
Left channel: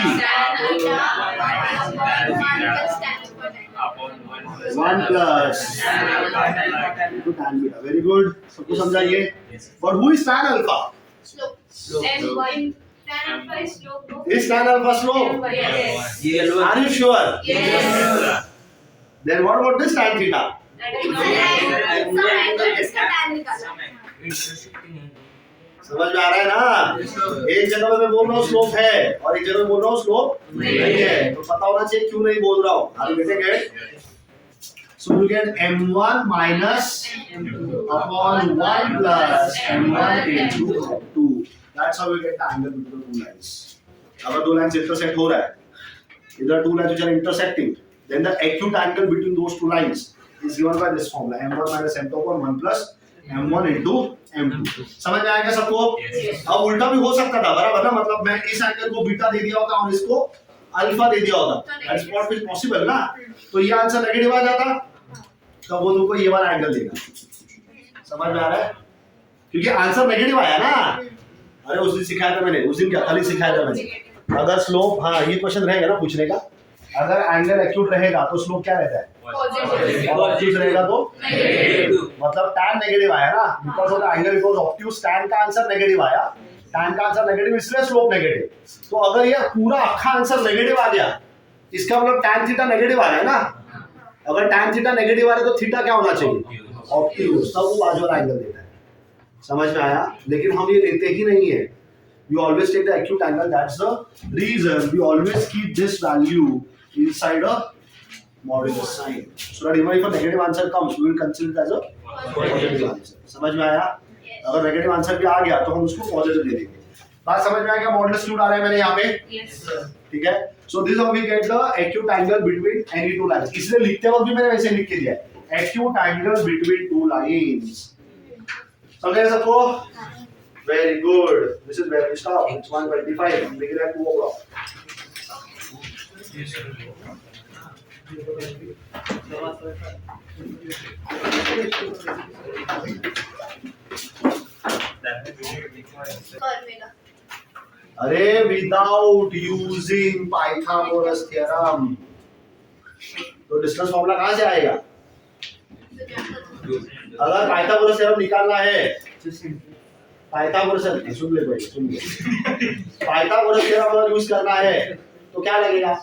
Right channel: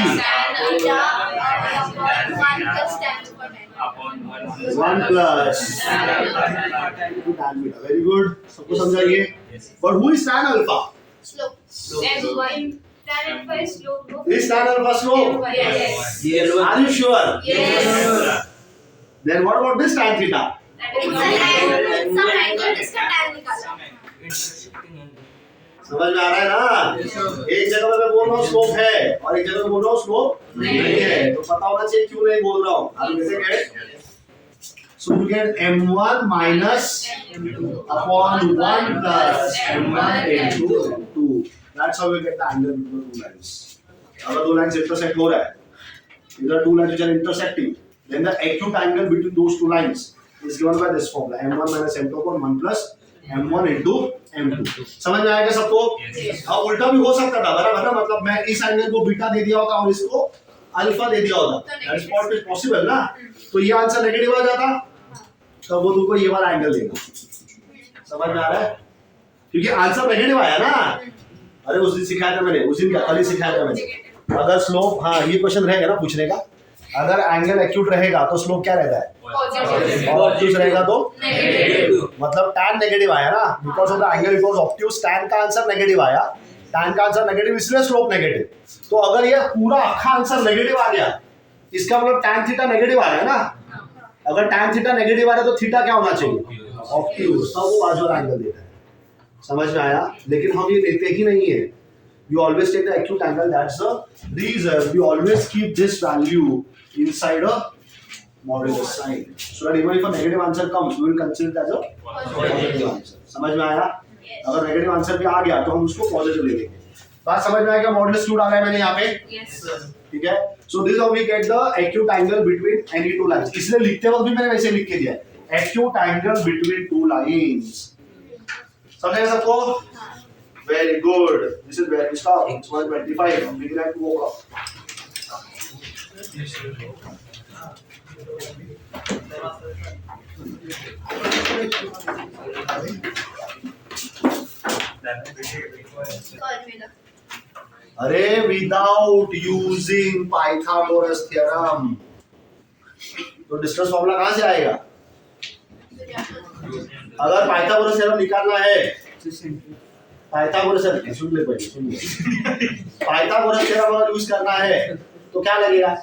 Upon 1 plus tan beta. Very good. सबको समझा ये? But who is tan alpha? Tan is slope. Is tan alpha slope? Yes. Yellow. Are you sure? Yes. Then what about this tan theta? It's an angle. Some angle जिसका tan निकाला. Intersecting angle. समझ में आ रहा है ना? एक जगह पे मैं बोल रहा हूँ स्लोप है और एक जगह पे बोल रहा हूँ स्लोप नहीं है. तो पता होना चाहिए क्यों नहीं बोल रहा हूँ. Are you getting it? So you get M1 minus upon 1 plus M1 into M2. That's how you get the angle between the two lines. अगर दो लाइंस intersect हो रहा है, इधर two lines which are intersecting, then the acute angle between those two lines is given by this formula M1 minus M2 upon 1 plus M1 into M2. समझ में आएगा सबको? अब उल्टा भी हो सकता था बराबर ना. मतलब मैं इस एंगल को बीटा दे दिया होता और इसको अल्फा दे दिया होता. दैट्स व्हाट इज पॉसिबल ना. तो ये आंसर नेगेटिव आ जाता तब वो तुमको ये वाला एंगल देगा. समझ में आ रहा है? क्योंकि आंसर नेगेटिव आया ना. अरे उस दिन सिखाया था मैंने. उस दिन क्या कल ही सिखाया था मैंने. अगर स्लोप हाँ ये क्वेश्चन रहेगा ना पूछने का. अगर एंगल एक्यूट रहेगा तो स्लोप क्या रहता है? ऑब्ट्यूज रहेगा तो मतलब tan नेगेटिव आया ना. Because of the angle it was obtuse. tan का आंसर नेगेटिव आया. tan का आंसर नेगेटिव इसलिए स्लोप नेगेटिव. तो अगर ये पूरा अक्खा आंसर नेगेटिव आ गया इसका मतलब tan थीटा नेगेटिव आ गया ना. अगर tan थीटा नेगेटिव आ रहा है तो थीटा क्या होना चाहिए? ऑब्ट्यूज. तब वो बाजू वाला एंगल देता है. समझ में आया? लेकिन हम ये लेते ही नहीं है. We always take the acute angle. That's the reason we always keep this value inside a modulus sign. So that even if a negative answer comes, we will consider it as a positive answer. समझ में आया? अगर negative answer भी आ गया तो हम उसको positive ले लेंगे. बात समझ में आएगा? मॉडुलस क्यों डाला है मैंने यहाँ पे? Yes. ठीक है? So this is how we get the acute angle between any two lines. इसलिए लिखते वक्त भी मैंने वैसे लिख के दिया है. Acute angle between two lines. समझ गए सबको? Very good, this is very इसका 125 बिग रैंक 2 o'clock. कर मेरा अरे विदाउट यूजिंग पाइथागोरस थ्योरम तो डिस्टेंस फॉर्मूला कहां से आएगा? तो क्या करूं? अगर पाइथागोरस थ्योरम निकालना है, पाइथागोरस सुन ले भाई सुन ले, पाइथागोरस थ्योरम अगर यूज करना है तो क्या लगेगा?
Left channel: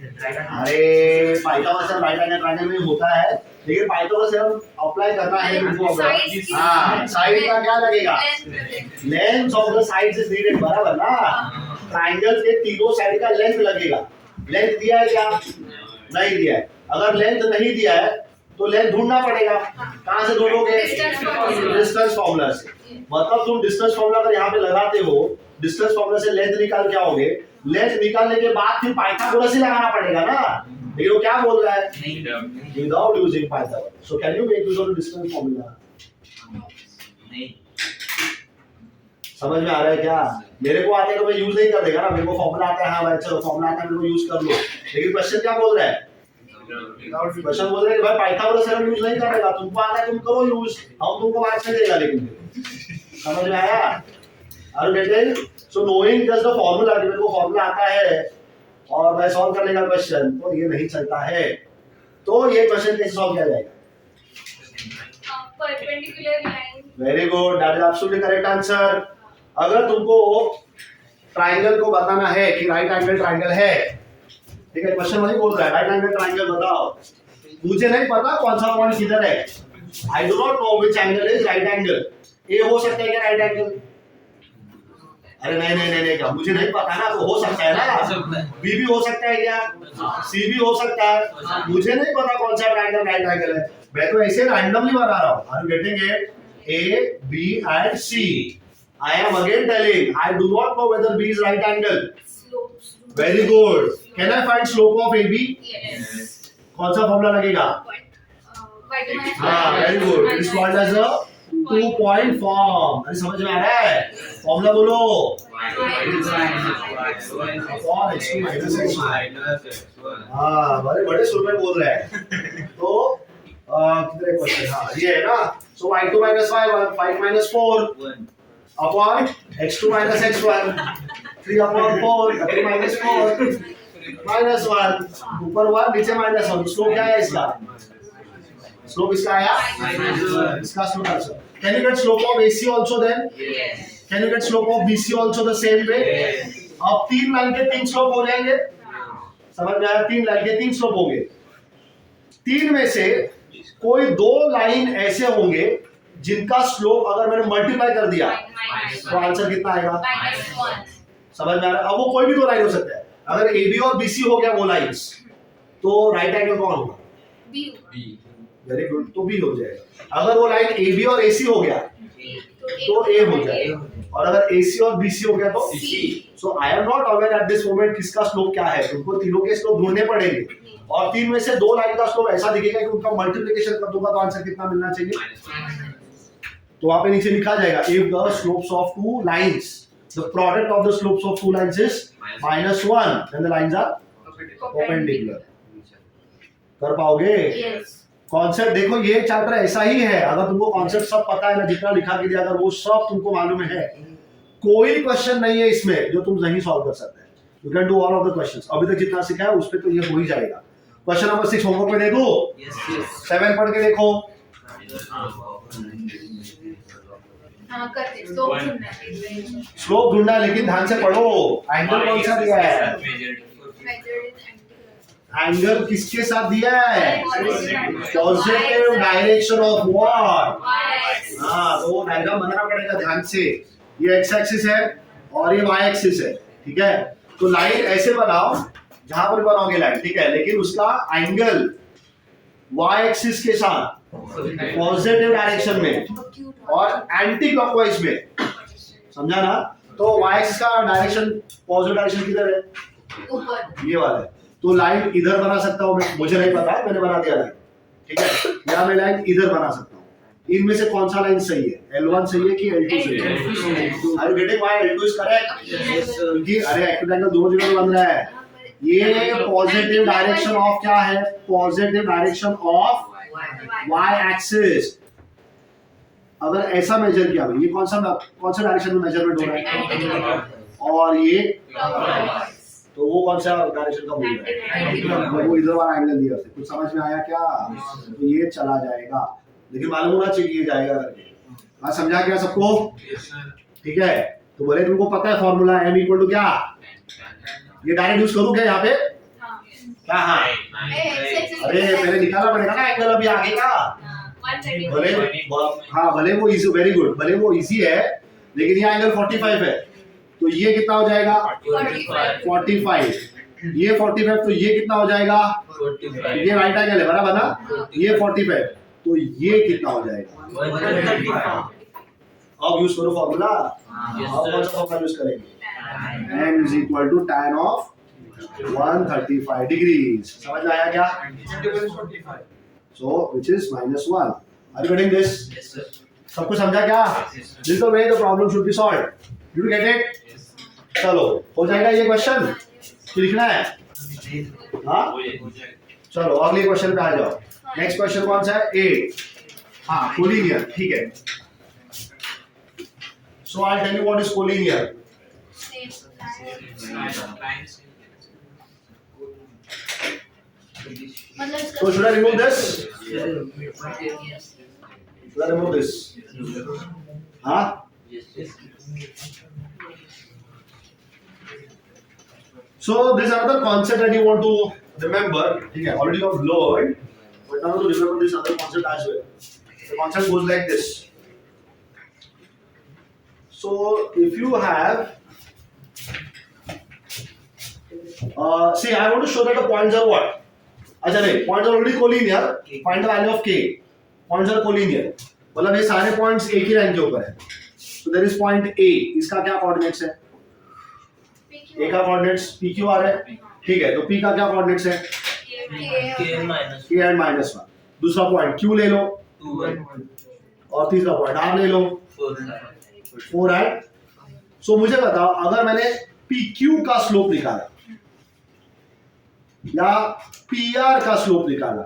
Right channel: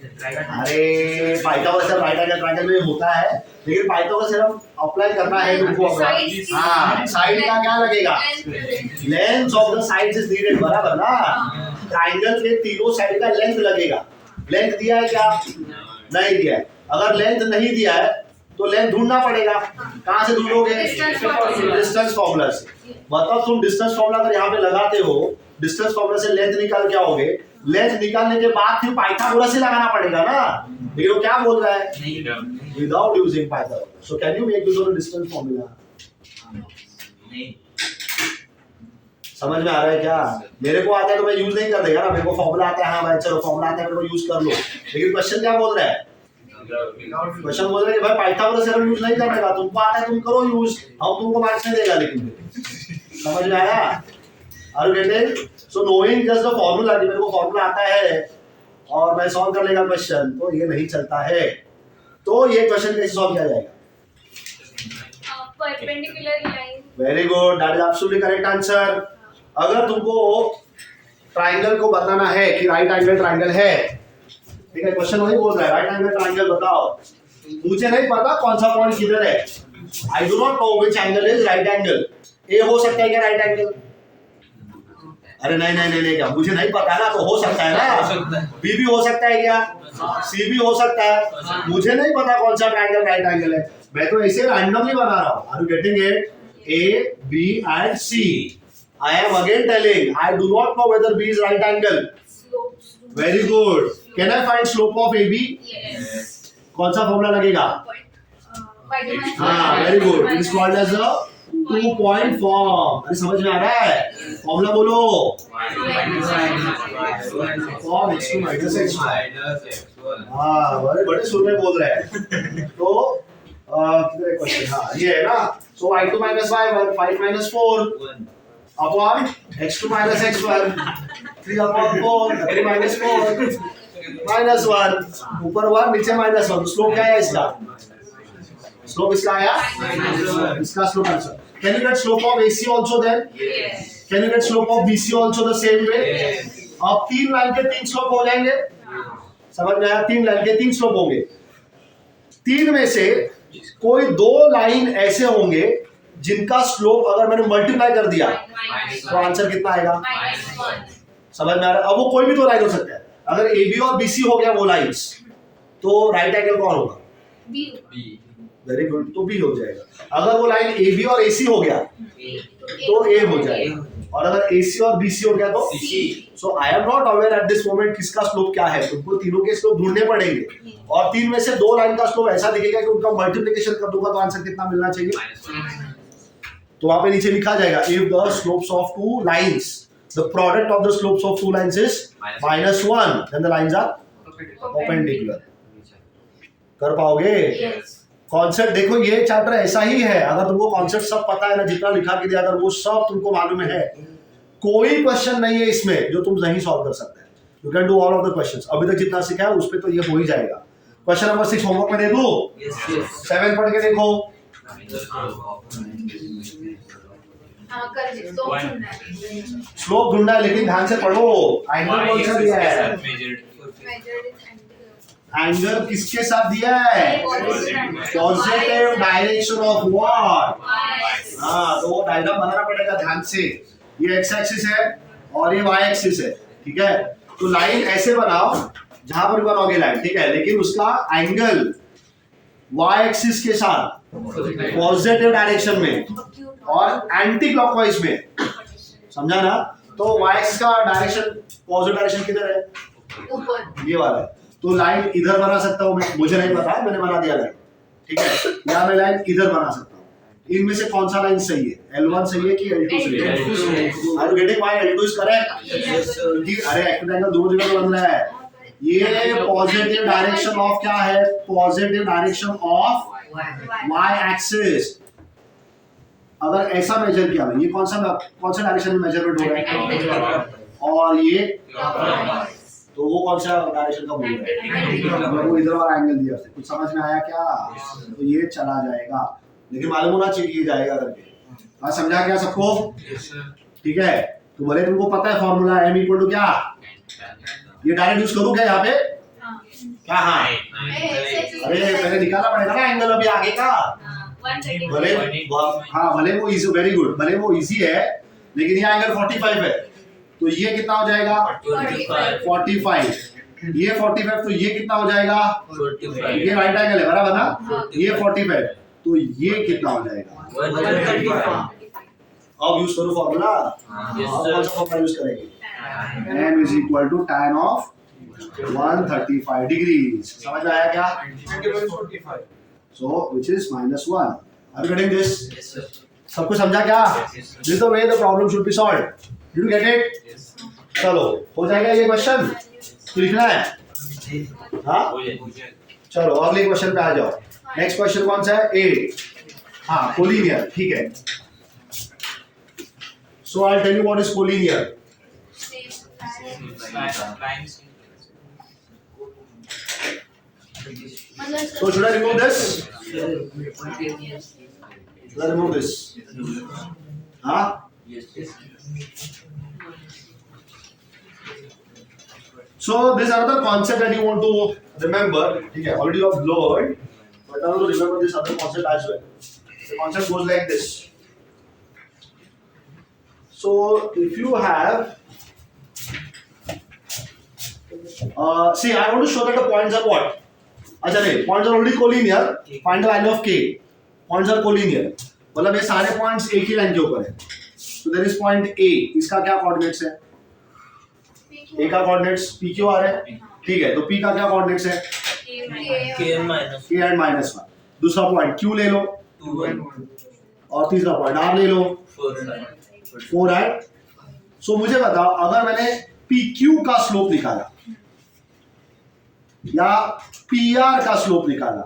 अरे Pythagoras theorem right angle triangle में होता है, लेकिन पाइथागोरस थ्योरम अप्लाई करना है तुमको अगर, हाँ साइड का क्या लगेगा? Length of the sides is needed, बराबर ना? ट्रायंगल के तीनों साइड का लेंथ लगेगा। लेंथ दिया है क्या? नहीं दिया है। अगर लेंथ नहीं दिया है तो लेंथ ढूंढना पड़ेगा। कहां से ढूंढोगे? डिस्टेंस फॉर्मूला से। मतलब तुम डिस्टेंस फॉर्मूला अगर यहाँ पे लगाते हो, डिस्टेंस फॉर्मूला से लेंथ निकाल के आओगे, लेंथ निकालने के बाद फिर पाइथागोरस ही लगाना पड़ेगा ना। लेकिन वो क्या बोल रहा है? Without using Pythagoras. So can you make use of the distance formula? नहीं समझ में आ रहा है क्या? मेरे को आता है तो मैं यूज नहीं कर देगा ना, मेरे को फॉर्मूला आता है, हाँ भाई चलो फॉर्मूला आता है मेरे को यूज कर लो। लेकिन क्वेश्चन क्या बोल रहा है? क्वेश्चन बोल रहा है कि भाई पाइथागोरस थ्योरम यूज नहीं करेगा, तुमको आता है तुम करो यूज, हम तुमको मार्क्स नहीं देगा। लेकिन समझ में आया? Are you getting? So knowing just the formula, कि मेरे को फॉर्मूला आता है और मैं सॉल्व कर लेगा क्वेश्चन, तो ये नहीं चलता है। तो ये क्वेश्चन कैसे सॉल्व किया जाएगा? perpendicular line. Very good, that is absolutely correct answer. अगर तुमको ट्रायंगल को बताना है कि राइट एंगल ट्रायंगल है, ठीक है, क्वेश्चन वही बोल रहा है राइट एंगल ट्रायंगल बताओ। मुझे नहीं पता कौन सा पॉइंट किधर है, I do not know which angle is right angle. A हो सकता है क्या राइट एंगल? अरे नहीं नहीं नहीं क्या, मुझे नहीं पता ना, तो हो सकता है ना, बी भी हो सकता है क्या, सी भी हो सकता है, मुझे नहीं पता कौन सा ट्रायंगल राइट एंगल है, मैं तो ऐसे रैंडमली बना रहा हूं। Are you getting it? A B and C. I am again telling I do not know whether B is right angle. Slopes. Very good. Can I find slope of AB? Yes. कौन सा formula लगेगा? Point. हाँ, very good. It is called as a 2-point form. अरे समझ में आ रहा है? Formula बोलो। Form x2 minus x1. हाँ, बड़े सुर में बोल रहे हैं। तो कितने क्वेश्चन? हाँ, ये है ना? So y2 minus y1, 5 minus 4. Upon x2 minus x1, 3 upon 4, 3 minus 4, minus 1, ऊपर 1 नीचे minus 1, स्लोप क्या है इसका? स्लोप इसका आया? इसका slope answer. Can you get slope of AC also then? Yes. Can you get slope of BC also the same way? अब 3 line के 3 स्लोप हो जाएंगे, समझ में आया? 3 लाइन के 3 स्लोप होंगे, 3 में से कोई 2 लाइन ऐसे होंगे जिनका स्लोप अगर मैंने मल्टीप्लाई कर दिया तो आंसर कितना आएगा? -1. समझ में आ रहा है? अब वो कोई भी 2 लाइन हो सकता है। अगर AB और BC हो गया वो लाइंस, तो राइट एंगल कौन होगा? B. वेरी गुड, तो B हो जाएगा। अगर वो लाइन AB और AC हो गया तो A हो जाएगा, और अगर AC और BC हो गया तो C. So I am not aware at this moment किसका स्लोप क्या है, तुमको तीनों के स्लोप ढूंढने पड़ेंगे, और 3 में से 2 लाइन का स्लोप ऐसा दिखेगा कि उनका मल्टीप्लिकेशन कर दूंगा तो आंसर कितना मिलना चाहिए? तो वहां पे नीचे लिखा जाएगा if the slopes of 2 lines, the product of the slopes of 2 lines is -1, then the lines are perpendicular. कर पाओगे? Yes. कॉन्सेप्ट देखो, ये चैप्टर ऐसा ही है, अगर तुमको कॉन्सेप्ट सब पता है ना, जितना लिखा के दिया अगर वो सब तुमको मालूम है, कोई क्वेश्चन नहीं है इसमें जो तुम नहीं सॉल्व कर सकते। You can do all of the questions. अभी तक जितना सीखा है उस पे तो ये हो ही जाएगा। क्वेश्चन नंबर 6 होमवर्क में दे दूं? 7 पढ़ के देखो। हाँ कर दे, स्लोप ढूंढना है। स्लोप ढूंढना है, लेकिन ध्यान से पढ़ो। एंगल कौन सा दिया है? Measured in एंगल किसके साथ दिया है? Positive direction of what? हाँ, तो वो डायग्राम बनाना पड़ेगा ध्यान से। ये एक्स एक्सिस है और ये वाई एक्सिस है, ठीक है? तो लाइन ऐसे बनाओ जहां पर बनाओगे लाइन, ठीक है, लेकिन उसका एंगल वाई एक्सिस के साथ पॉजिटिव डायरेक्शन में और एंटी क्लॉकवाइज में, समझा ना? तो वाई एक्सिस का डायरेक्शन, पॉजिटिव डायरेक्शन किधर है? ऊपर। ये वाला है। तो लाइन इधर बना सकता हूं मैं, मुझे नहीं पता, मैंने बना दिया लाइन, ठीक है, या मैं लाइन इधर बना सकता हूं, इनमें से कौन सा लाइन सही है, L1 सही है कि L2 सही है? Are you getting why L2 is correct? क्योंकि अरे एक्यूट एंगल दो जगह बन रहा है, ये पॉजिटिव डायरेक्शन ऑफ क्या है, positive direction of y axis. अगर ऐसा मेजर किया ये कौन सा डायरेक्शन में मेजरमेंट हो रहा है, और ये तो वो कौन सा डायरेक्शन का बोल रहा है, वो इधर वाला एंगल दिया उसने। कुछ समझ में आया क्या? तो ये चला जाएगा, लेकिन मालूम होना चाहिए ये जाएगा करके। हाँ समझा क्या सबको? ठीक है, तो बोले तुमको पता है फॉर्मूला m इक्वल टू क्या, ये डायरेक्ट यूज करूं क्या यहाँ पे? क्या? हाँ अरे पहले निकालना पड़ेगा ना एंगल अभी आगे का। भले हाँ भले वो इजी, वेरी गुड, भले वो इजी है लेकिन ये एंगल 45 है, तो ये कितना हो जाएगा 45, ये 45, तो ये कितना हो जाएगा 45, ये राइट एंगल है बराबर ना, ये 45, तो ये कितना हो जाएगा 135। अब यूज करो फॉर्मूला। Yes, अब sir. कौन सा फॉर्मूला यूज करेंगे, m is equal to tan of 135 degrees। समझ में आया क्या? So which is -1। Are you getting this? Yes, sir. सब कुछ समझा क्या? This is the way the problem should be solved. Did you get it? चलो हो जाएगा ये क्वेश्चन, लिखना है हाँ? चलो अगले क्वेश्चन पे आ जाओ। नेक्स्ट क्वेश्चन कौन सा है, 8। हाँ कोलिनियर, ठीक है। So I'll tell you what is collinear. So should I remove this? Should I remove this? Huh? Yes. So this is another concept that you want to remember. ठीक है, already you have learned, but now to remember this other concept as well. The concept goes like this. So if you have, see, I want to show that the points are what? अच्छा नहीं, points are already collinear. Find the value of k. Points are collinear. मतलब ये सारे points एक ही line के ऊपर है. So there is point A. इसका क्या coordinates है? A का coordinates PQR है. ठीक है, तो P का क्या coordinates है? K minus K and -1. दूसरा point Q ले लो 2 1 और तीसरा point R ले लो 4, राइट? सो मुझे बताओ, अगर मैंने PQ का स्लोप निकाला या PR का स्लोप निकाला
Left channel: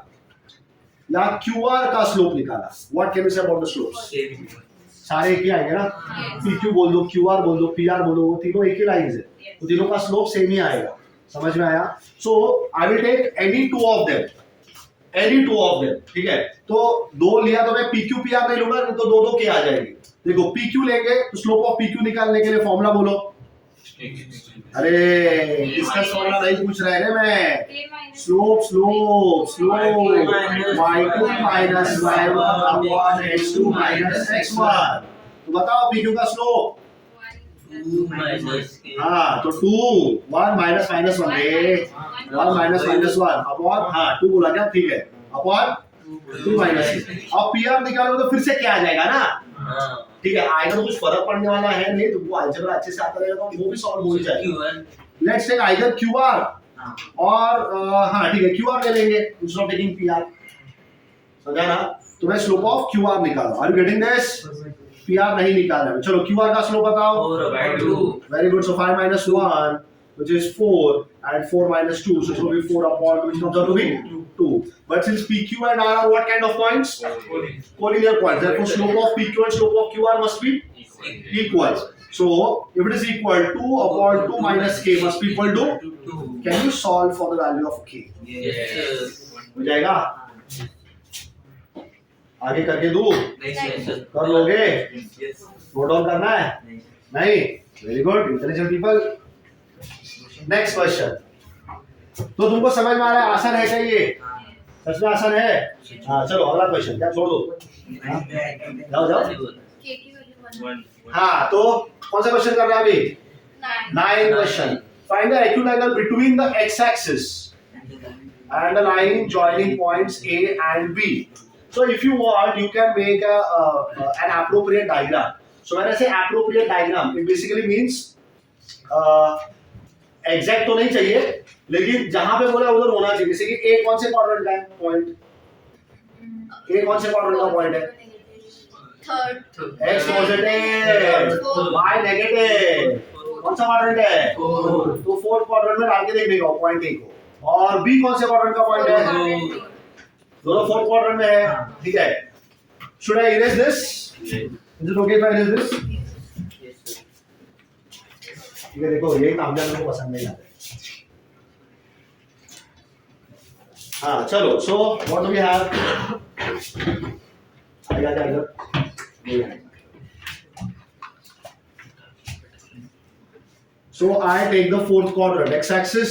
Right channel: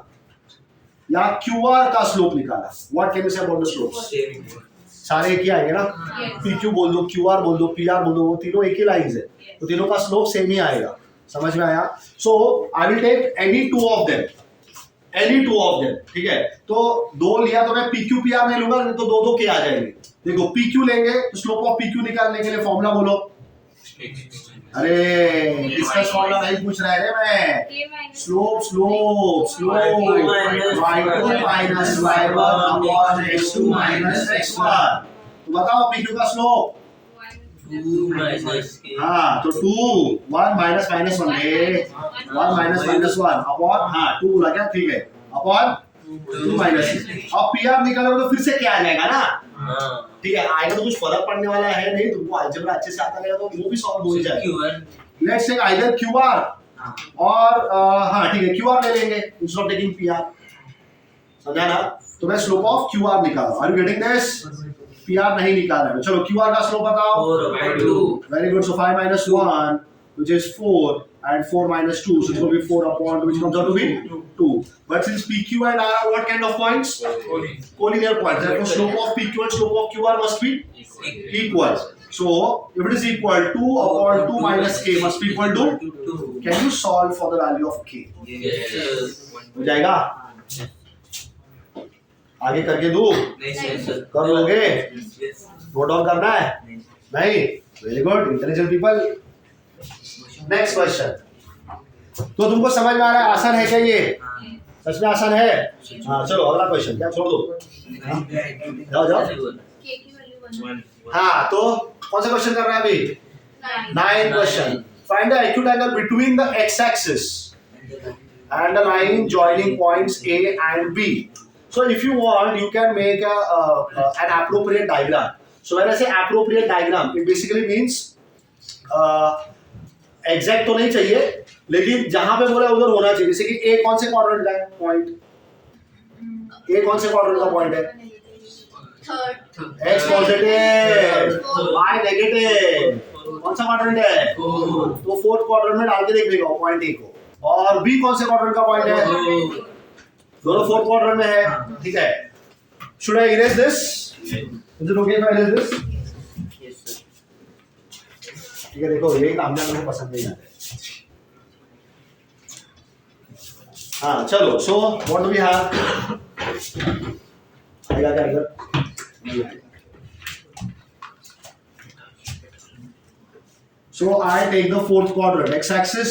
या QR का स्लोप निकाला, what can you say about the slopes? same. सारे एक ही आएंगे ना, PQ बोल दो, QR बोल दो, PR बोल दो, वो तीनों एक ही लाइंस है, तो तीनों का स्लोप सेम ही आएगा। समझ में आया? So I will take any two of them, ठीक है? तो दो लिया तो मैं PQ PR नहीं लूंगा, तो दो के आ जाएंगे। देखो PQ लेंगे तो स्लोप ऑफ PQ निकालने के लिए फॉर्मूला बोलो। अरे इसका फॉर्मूला नहीं पूछ रहा है रे मैं, slope y2 minus y1 upon x2 minus x1। तो बताओ PQ का स्लोप। 2 minus K. हाँ तो 2 1 minus minus 1 रे, 1 minus minus 1 अपॉन, हाँ 2 बोला क्या, ठीक है, अपॉन 2 minus। अब PR निकालोगे तो फिर से क्या आ जाएगा ना, हाँ. ठीक है, आएगा तो कुछ फर्क पड़ने वाला है नहीं, तुमको अलजेब्रा अच्छे से आता रहेगा तो वो भी सॉल्व हो जाएगा। Q1. Let's take either QR और हाँ ठीक है QR ले लेंगे इंस्टेड ऑफ टेकिंग PR। समझा ना? तो मैं स्लोप ऑफ QR निकाला। Are you getting this? PR नहीं निकाल रहा है, चलो QR का स्लोप बताओ। 4/2. Very good. So 5 minus 1 which is 4 and 4 minus 2, so it will be 4 upon, which comes out to be 2. But since PQ and R are what kind of points? Collinear points. Therefore slope of PQ and slope of QR must be equal. So if it is equal, 2 upon 2 minus K must be equal to, 2. can you solve for the value of K? Yes, sir. हो जाएगा? आगे करके दो, Yes, sir. कर लोगे? Yes. Note down करना है? नहीं? Very good, intelligent people. Next question. तो तुमको समझ में आ रहा है आसान है क्या ये? सच में आसान है? हाँ चलो अगला क्वेश्चन, क्या छोड़ दो, जाओ जाओ। हाँ तो कौन सा क्वेश्चन कर रहे हैं अभी? 9 question. Find the acute angle between the x axis and the line joining points A and B. So if you want, you can make an appropriate diagram. So when I say appropriate diagram, it basically means exact तो नहीं चाहिए, लेकिन जहां पे बोला उधर होना चाहिए। जैसे कि A कौन से क्वाड्रेंट का है पॉइंट, A कौन से क्वाड्रेंट का पॉइंट है? Third x positive y negative, कौन सा क्वाड्रेंट है? तो फोर्थ क्वाड्रेंट में डाल के देख लेगा पॉइंट ए को। और बी कौन से क्वाड्रेंट का पॉइंट है? दोनों फोर्थ क्वाड्रेंट में है, ठीक है। Should I erase this? Is it okay if I erase this? Yes, sir. ठीक है, देखो ये काम मेरे को पसंद नहीं आता। हाँ चलो, so what do we have? आएगा क्या इधर? नहीं आएगा। So I take the fourth quadrant, x axis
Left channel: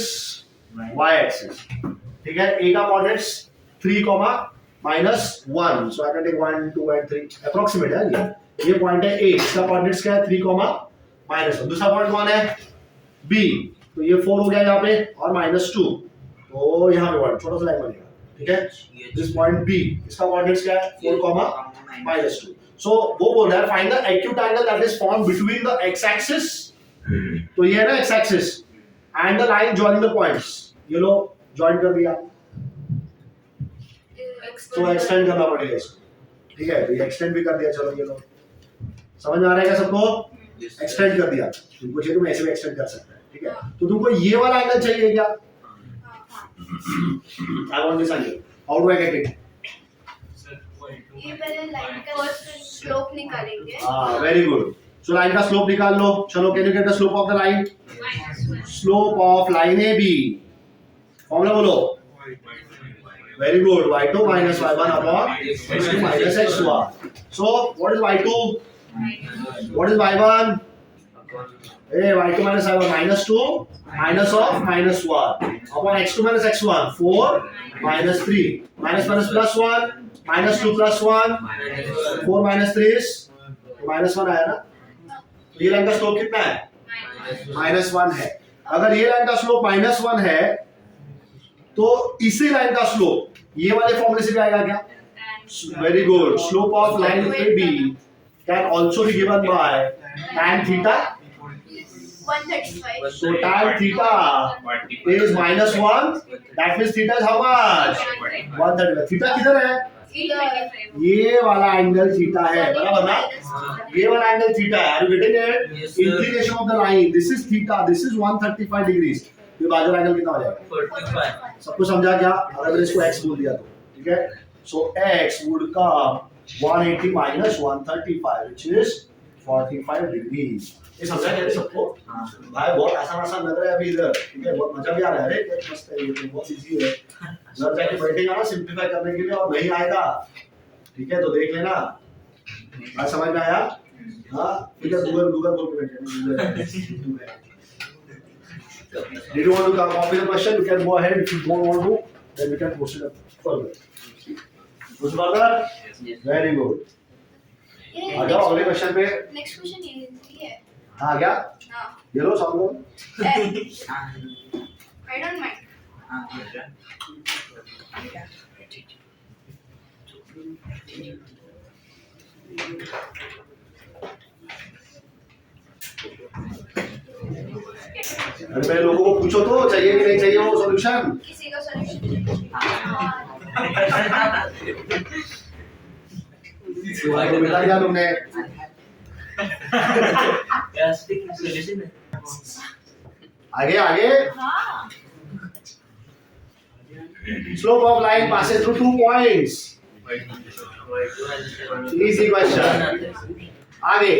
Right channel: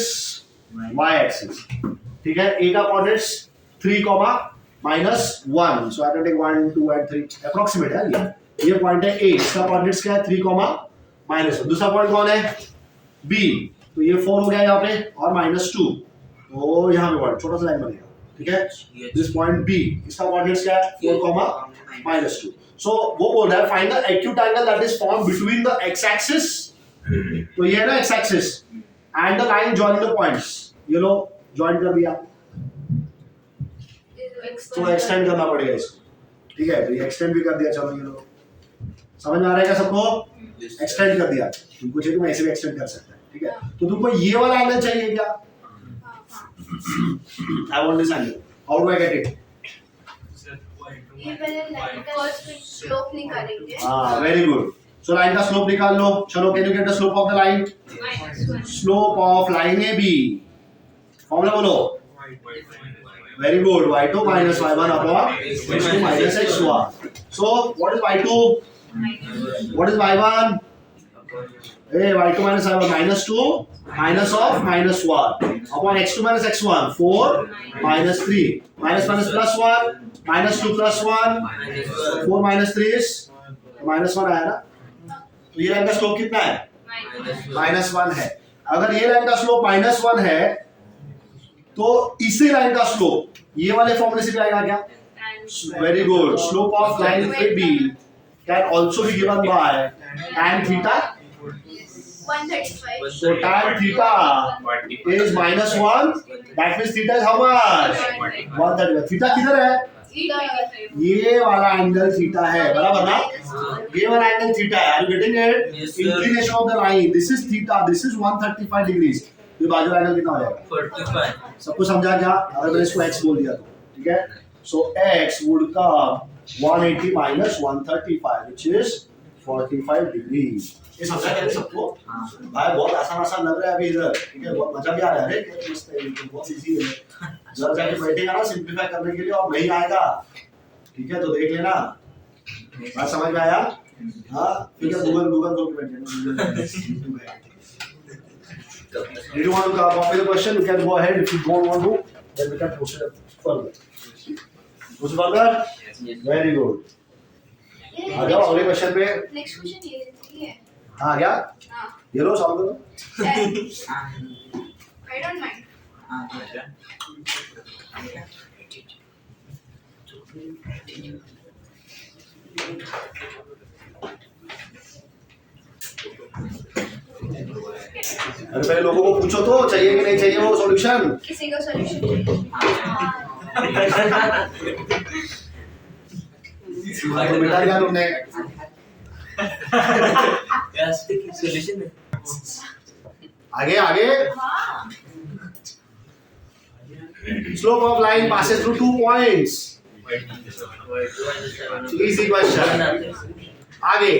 y axis, ठीक है। a का coordinates 3, -1, so I can take 1 2 and 3, approximate है ये पॉइंट है a, इसका कोऑर्डिनेट्स क्या है? 3, -1। दूसरा पॉइंट कौन है? b, तो ये 4 हो गया यहाँ पे, और -2, तो यहाँ पे पॉइंट छोटा सा लाइन बनेगा, ठीक है। दिस पॉइंट b, इसका कोऑर्डिनेट्स क्या है? 4, -2। सो वो बोल रहा है find the acute angle that is formed between the x axis, तो ये है ना x axis, and the line joining the points, ये लो जॉइन कर दिया, तो एक्सटेंड करना पड़ेगा इसको, ठीक है। तो ये एक्सटेंड भी कर दिया, चलो ये लो, समझ में आ रहा है क्या सबको? एक्सटेंड कर दिया, तुमको चाहिए तो मैं ऐसे भी एक्सटेंड कर सकता है, ठीक है। तो तुमको ये वाला एंगल चाहिए क्या? I want this angle, how do I get it? ये पहले लाइन का स्लोप निकालेंगे। हां, वेरी गुड। सो लाइन का स्लोप निकाल लो, चलो। Can you get the slope of the line? Slope of line A B, formula बोलो। Very good, y2 minus y1 upon x2 minus x1. So what is y2? What is y1? Hey, y2 minus y1, -2 minus of -1 upon x2 minus x1, 4 minus 3, minus plus 1, -2 plus 1, 4 minus 3 is -1 आया ना। तो ये line का slope कितना है? -1 है। अगर ये लाइन का स्लोप -1 है तो इसी लाइन का स्लोप ये वाले फॉर्मूले से भी आएगा क्या? Very good. Slope of line A B can also be given by tan theta. 135। So tan theta is -1. That means theta is how much? 135. Theta किधर है? ये वाला एंगल थीटा है, बराबर ना? ये वाला एंगल थीटा है। Are you getting it? Yes, sir. Inclination of the line. This is theta. This is 135 degrees. ये बाजू का एंगल कितना हो जाएगा? 45. सबको समझा क्या? अगर मैंने इसको x बोल दिया तो, ठीक है? So x would come 180 minus 135, which is 45 degrees. ये समझा क्या सबको? भाई बहुत आसान लग रहा है अभी इधर, ठीक है? बहुत मजा भी आ रहा है। अरे क्या मस्त है, ये तो बहुत इजी है। घर जाके बैठेगा ना सिंपलीफाई करने के लिए और नहीं आएगा, ठीक है? तो देख लेना, बात समझ में आया? हाँ, ठीक है। गूगल खोल के बैठे। Did you want to copy the question? You can go ahead. If you don't want to, then we can proceed further. Proceed further? Yes. Very good. आ जाओ अगले क्वेश्चन पे। नेक्स्ट क्वेश्चन ये है। हाँ क्या? हाँ। ये लो सॉल्व करो। I don't mind. अरे पहले लोगों को पूछो तो चाहिए कि नहीं चाहिए वो सॉल्यूशन। किसी का सॉल्यूशन चाहिए। तो बिठा दिया तुमने। Yes, the solution. आगे आगे। हाँ। Slope of line passes through 2 points. Easy question. आगे।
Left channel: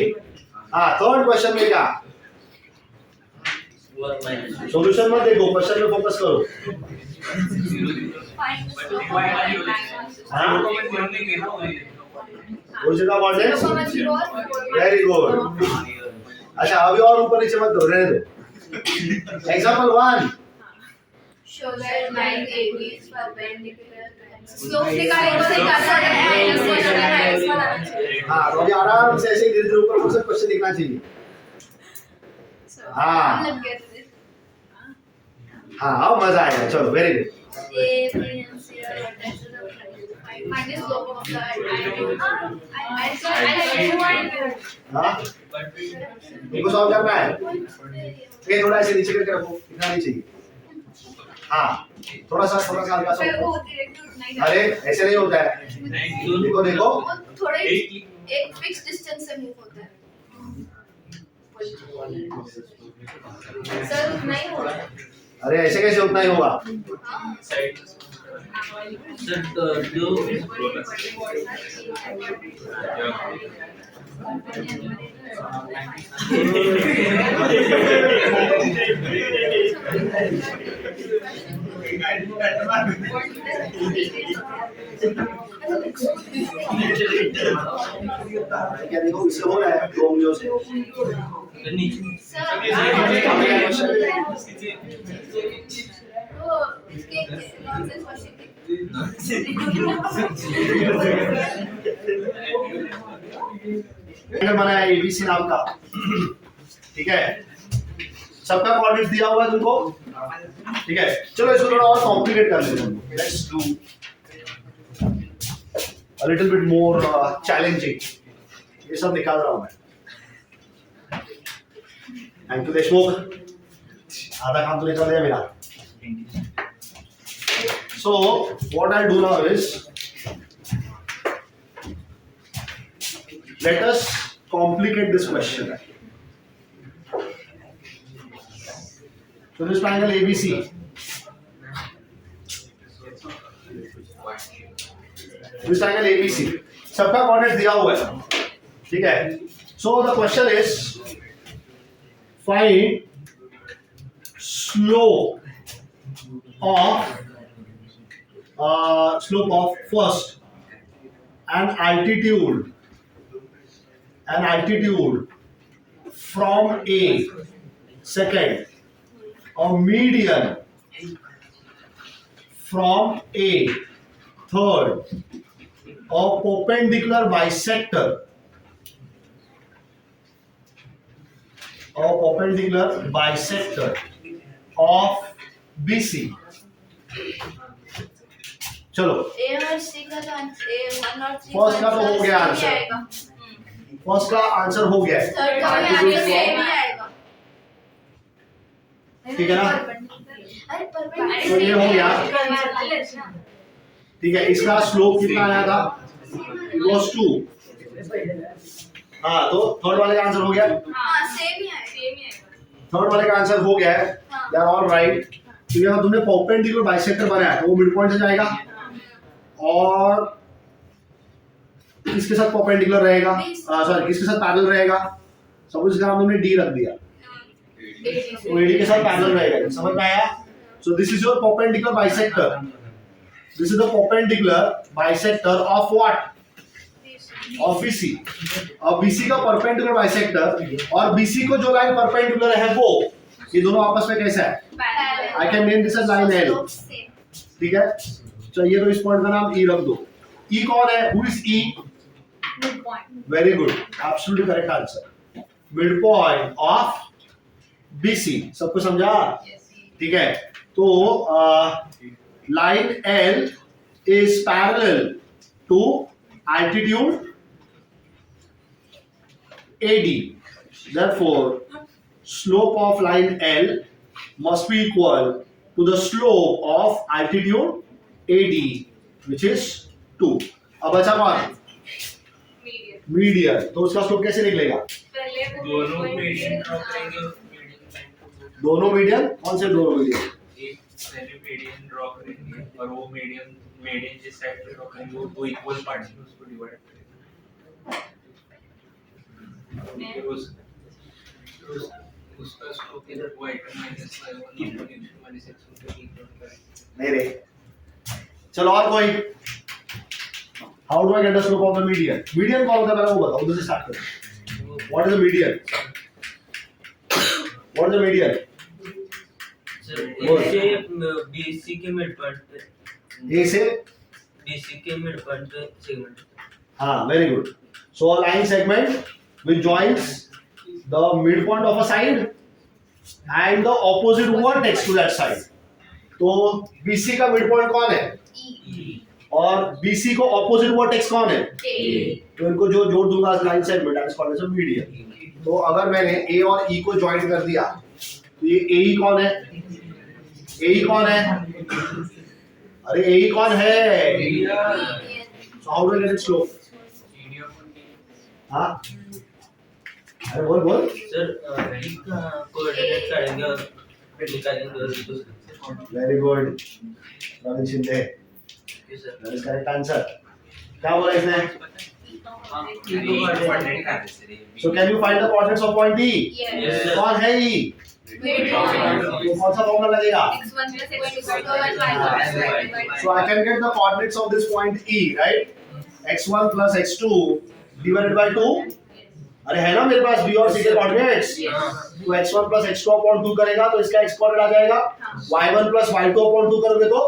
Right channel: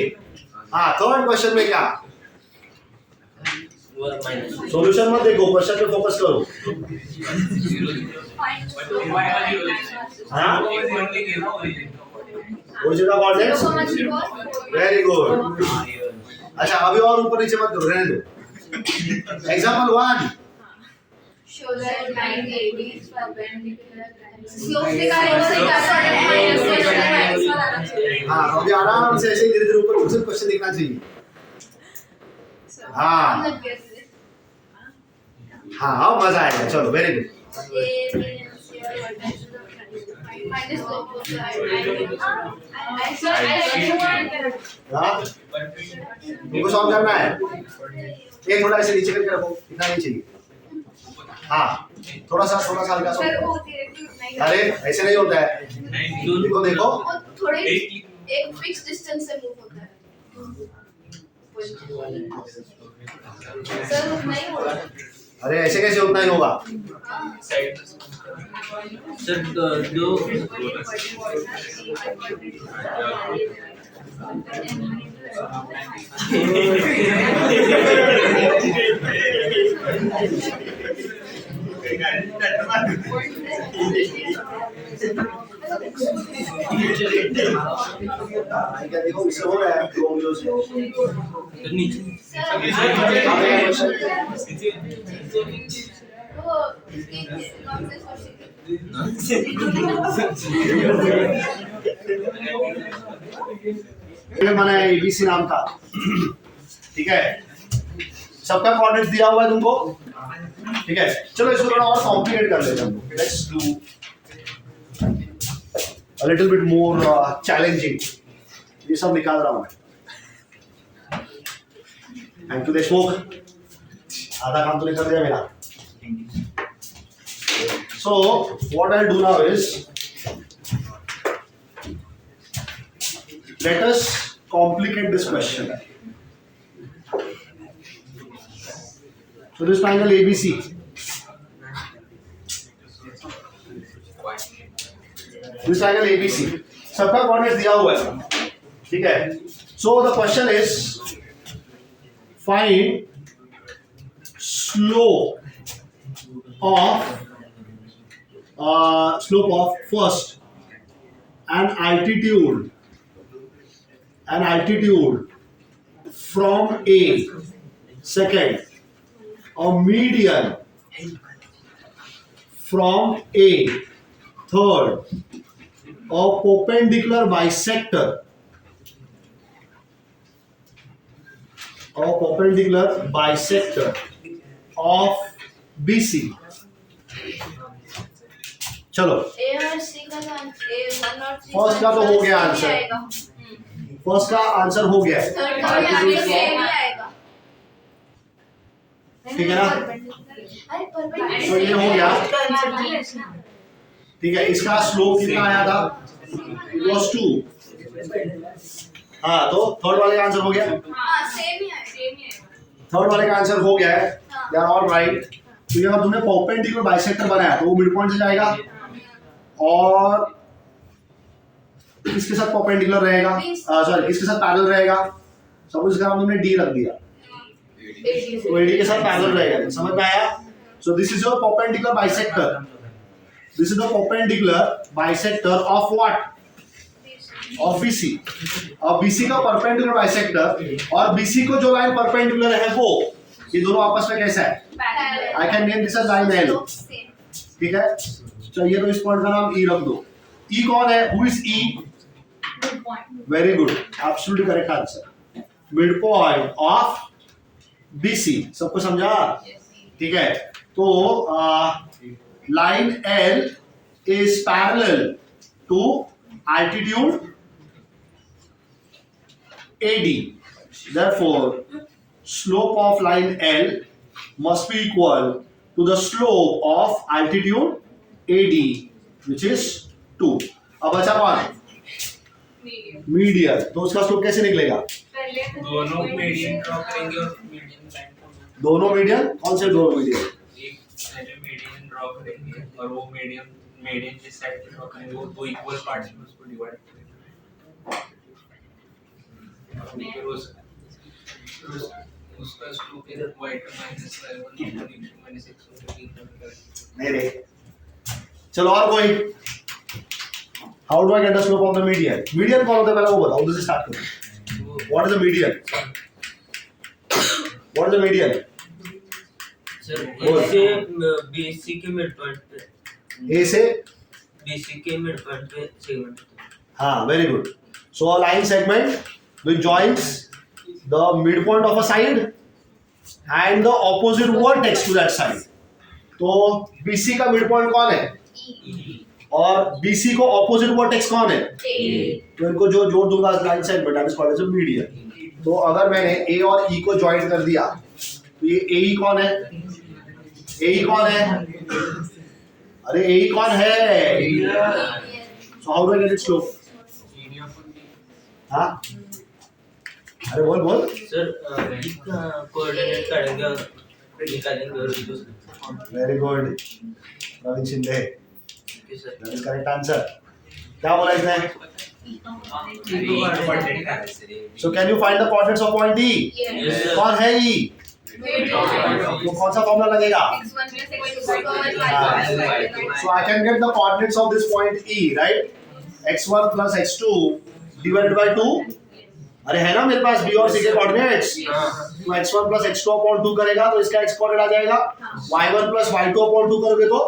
हाँ, थर्ड क्वेश्चन में क्या? सॉल्यूशन मत देखो, क्वेश्चन पे फोकस करो। हाँ? ओरिजिन का कोऑर्डिनेट्स? Very good. अच्छा, अभी और ऊपर नीचे मत करो, रहने दो। Example 1। Show that line AB is perpendicular. Slope निकालेंगे तो निकाल हाँ, तो अभी आराम से ऐसे धीरे-धीरे ऊपर उसे क्वेश्चन दिखना चाहिए। हाँ। हाँ, अब मजा आएगा। चलो, very good. Find the slope of the हाँ? तुमको सॉल्व करना है? ये थोड़ा ऐसे नीचे करके रखो, इतना नहीं चाहिए। हाँ, थोड़ा सा हल्का सा। अरे ऐसे नहीं होता है। देखो देखो। थोड़े एक फिक्स डिस्टेंस से मूव होता है। सर नहीं होता। अरे ऐसे कैसे उतना ही होगा? हाँ। साइड सर दो क्या देखो इससे हो रहा है 2 उंगलियों से। नीचे वो इसके नॉनसेंस क्वेश्चन ट्रायंगल बनाया एबीसी नाम का, ठीक है। सबका कोऑर्डिनेट दिया हुआ है तुमको, ठीक है। चलो इसको थोड़ा और कॉम्प्लिकेट कर लेते हैं। Let's do a little bit more challenging. ये सब निकाल रहा हूं मैं। थैंक यू देशमुख, आधा काम तो निकल गया मेरा। So what I'll do now is, let us complicate this question. So this triangle ABC. This triangle ABC. सबका कोऑर्डिनेट दिया हुआ है, ठीक है। So the question is, find slope of first and altitude from A, second a median from A, third a perpendicular bisector of BC। चलो ए और सी का तो A1 और 3 फर्स्ट का तो हो गया आंसर, फर्स्ट का आंसर हो गया है। थर्ड का भी आगे सेम ही आएगा। ठीक है ना? अरे परपेंडिकुलर तो ये हो गया, ठीक है। इसका स्लोप कितना आया था? It was 2। हाँ, तो थर्ड वाले का आंसर हो गया, हाँ सेम ही आएगा। थर्ड वाले का आंसर हो गया है। They are all right. तो यहाँ तुमने परपेंडिकुलर बाइसेक्टर बनाया तो वो मिड पॉइंट से जाएगा, और किसके साथ परपेंडिकुलर रहेगा, सॉरी किसके साथ पैरेलल रहेगा? सपोज इसका नाम तुमने डी रख दिया, तो एडी के साथ पैरेलल रहेगा। समझ में आया? So this is your perpendicular bisector, this is the perpendicular bisector of what? Of BC. अब बीसी का परपेंडिकुलर बाइसेक्टर और बीसी को जो लाइन परपेंडिकुलर है वो, ये दोनों आपस में कैसा है? I can name this as line L, ठीक है। चलिए तो इस पॉइंट का नाम ई रख दो। ई कौन है? Who is E? Very good, absolutely correct answer. Mid point of BC. सबको समझा? ठीक है। तो line L is parallel to altitude AD. Therefore, slope of line L must be equal to the slope of altitude AD, which is 2. अब बचा कौन? Median. तो उसका स्लोप कैसे निकलेगा? दोनों मीडियन ड्रॉ करेंगे और मीडियन लाइन को दोनों मीडियन? कौन से दोनों मीडियन? एक पहले मीडियन ड्रॉ करेंगे और वो मीडियन जिस साइड पे ड्रॉ करेंगे वो दो इक्वल पार्ट्स में उसको डिवाइड करेंगे। फिर उसका स्लोप इधर y का minus y1 upon x minus x को इक्वल करेंगे। नहीं रे, चलो और कोई? How do I gate the slope of the median? Median कौन होता है पहले वो बताओ, उधर से स्टार्ट करो। What is the median? What is the median? Sir ऐसे बीसी के मिड पॉइंट पे, ए से बीसी के मिड पॉइंट पे सेगमेंट। हाँ, very good. So a line segment which joins the midpoint of a side and the opposite vertex to that side. तो BC का midpoint कौन है? और BC को opposite vertex कौन है? तो इनको जो जोड़ दूंगा line segment, that is called as a median. तो अगर मैंने A और E को ज्वाइन कर दिया तो ये AE कौन है? AE कौन है? अरे AE कौन है? So how do I get its slope? हाँ अरे बोल बोल सर इसका कोऑर्डिनेट काढेंगे और निकालेंगे और दूसरा very good Ravindra Shinde sir that is correct answer क्या बोला इसने कोऑर्डिनेट का है so can you find the coordinates of point E Yes, sir. कौन है ई Wait, वो कौन सा फॉर्मूला लगेगा x1 plus x2 over y1 so I can get the coordinates of this point E right x1 plus x2 divided by 2 अरे है ना मेरे पास b और c के कोऑर्डिनेट्स तो x1 plus x2 upon 2 करेगा तो इसका x कोऑर्डिनेट आ जाएगा y1 plus y2 upon 2 करोगे तो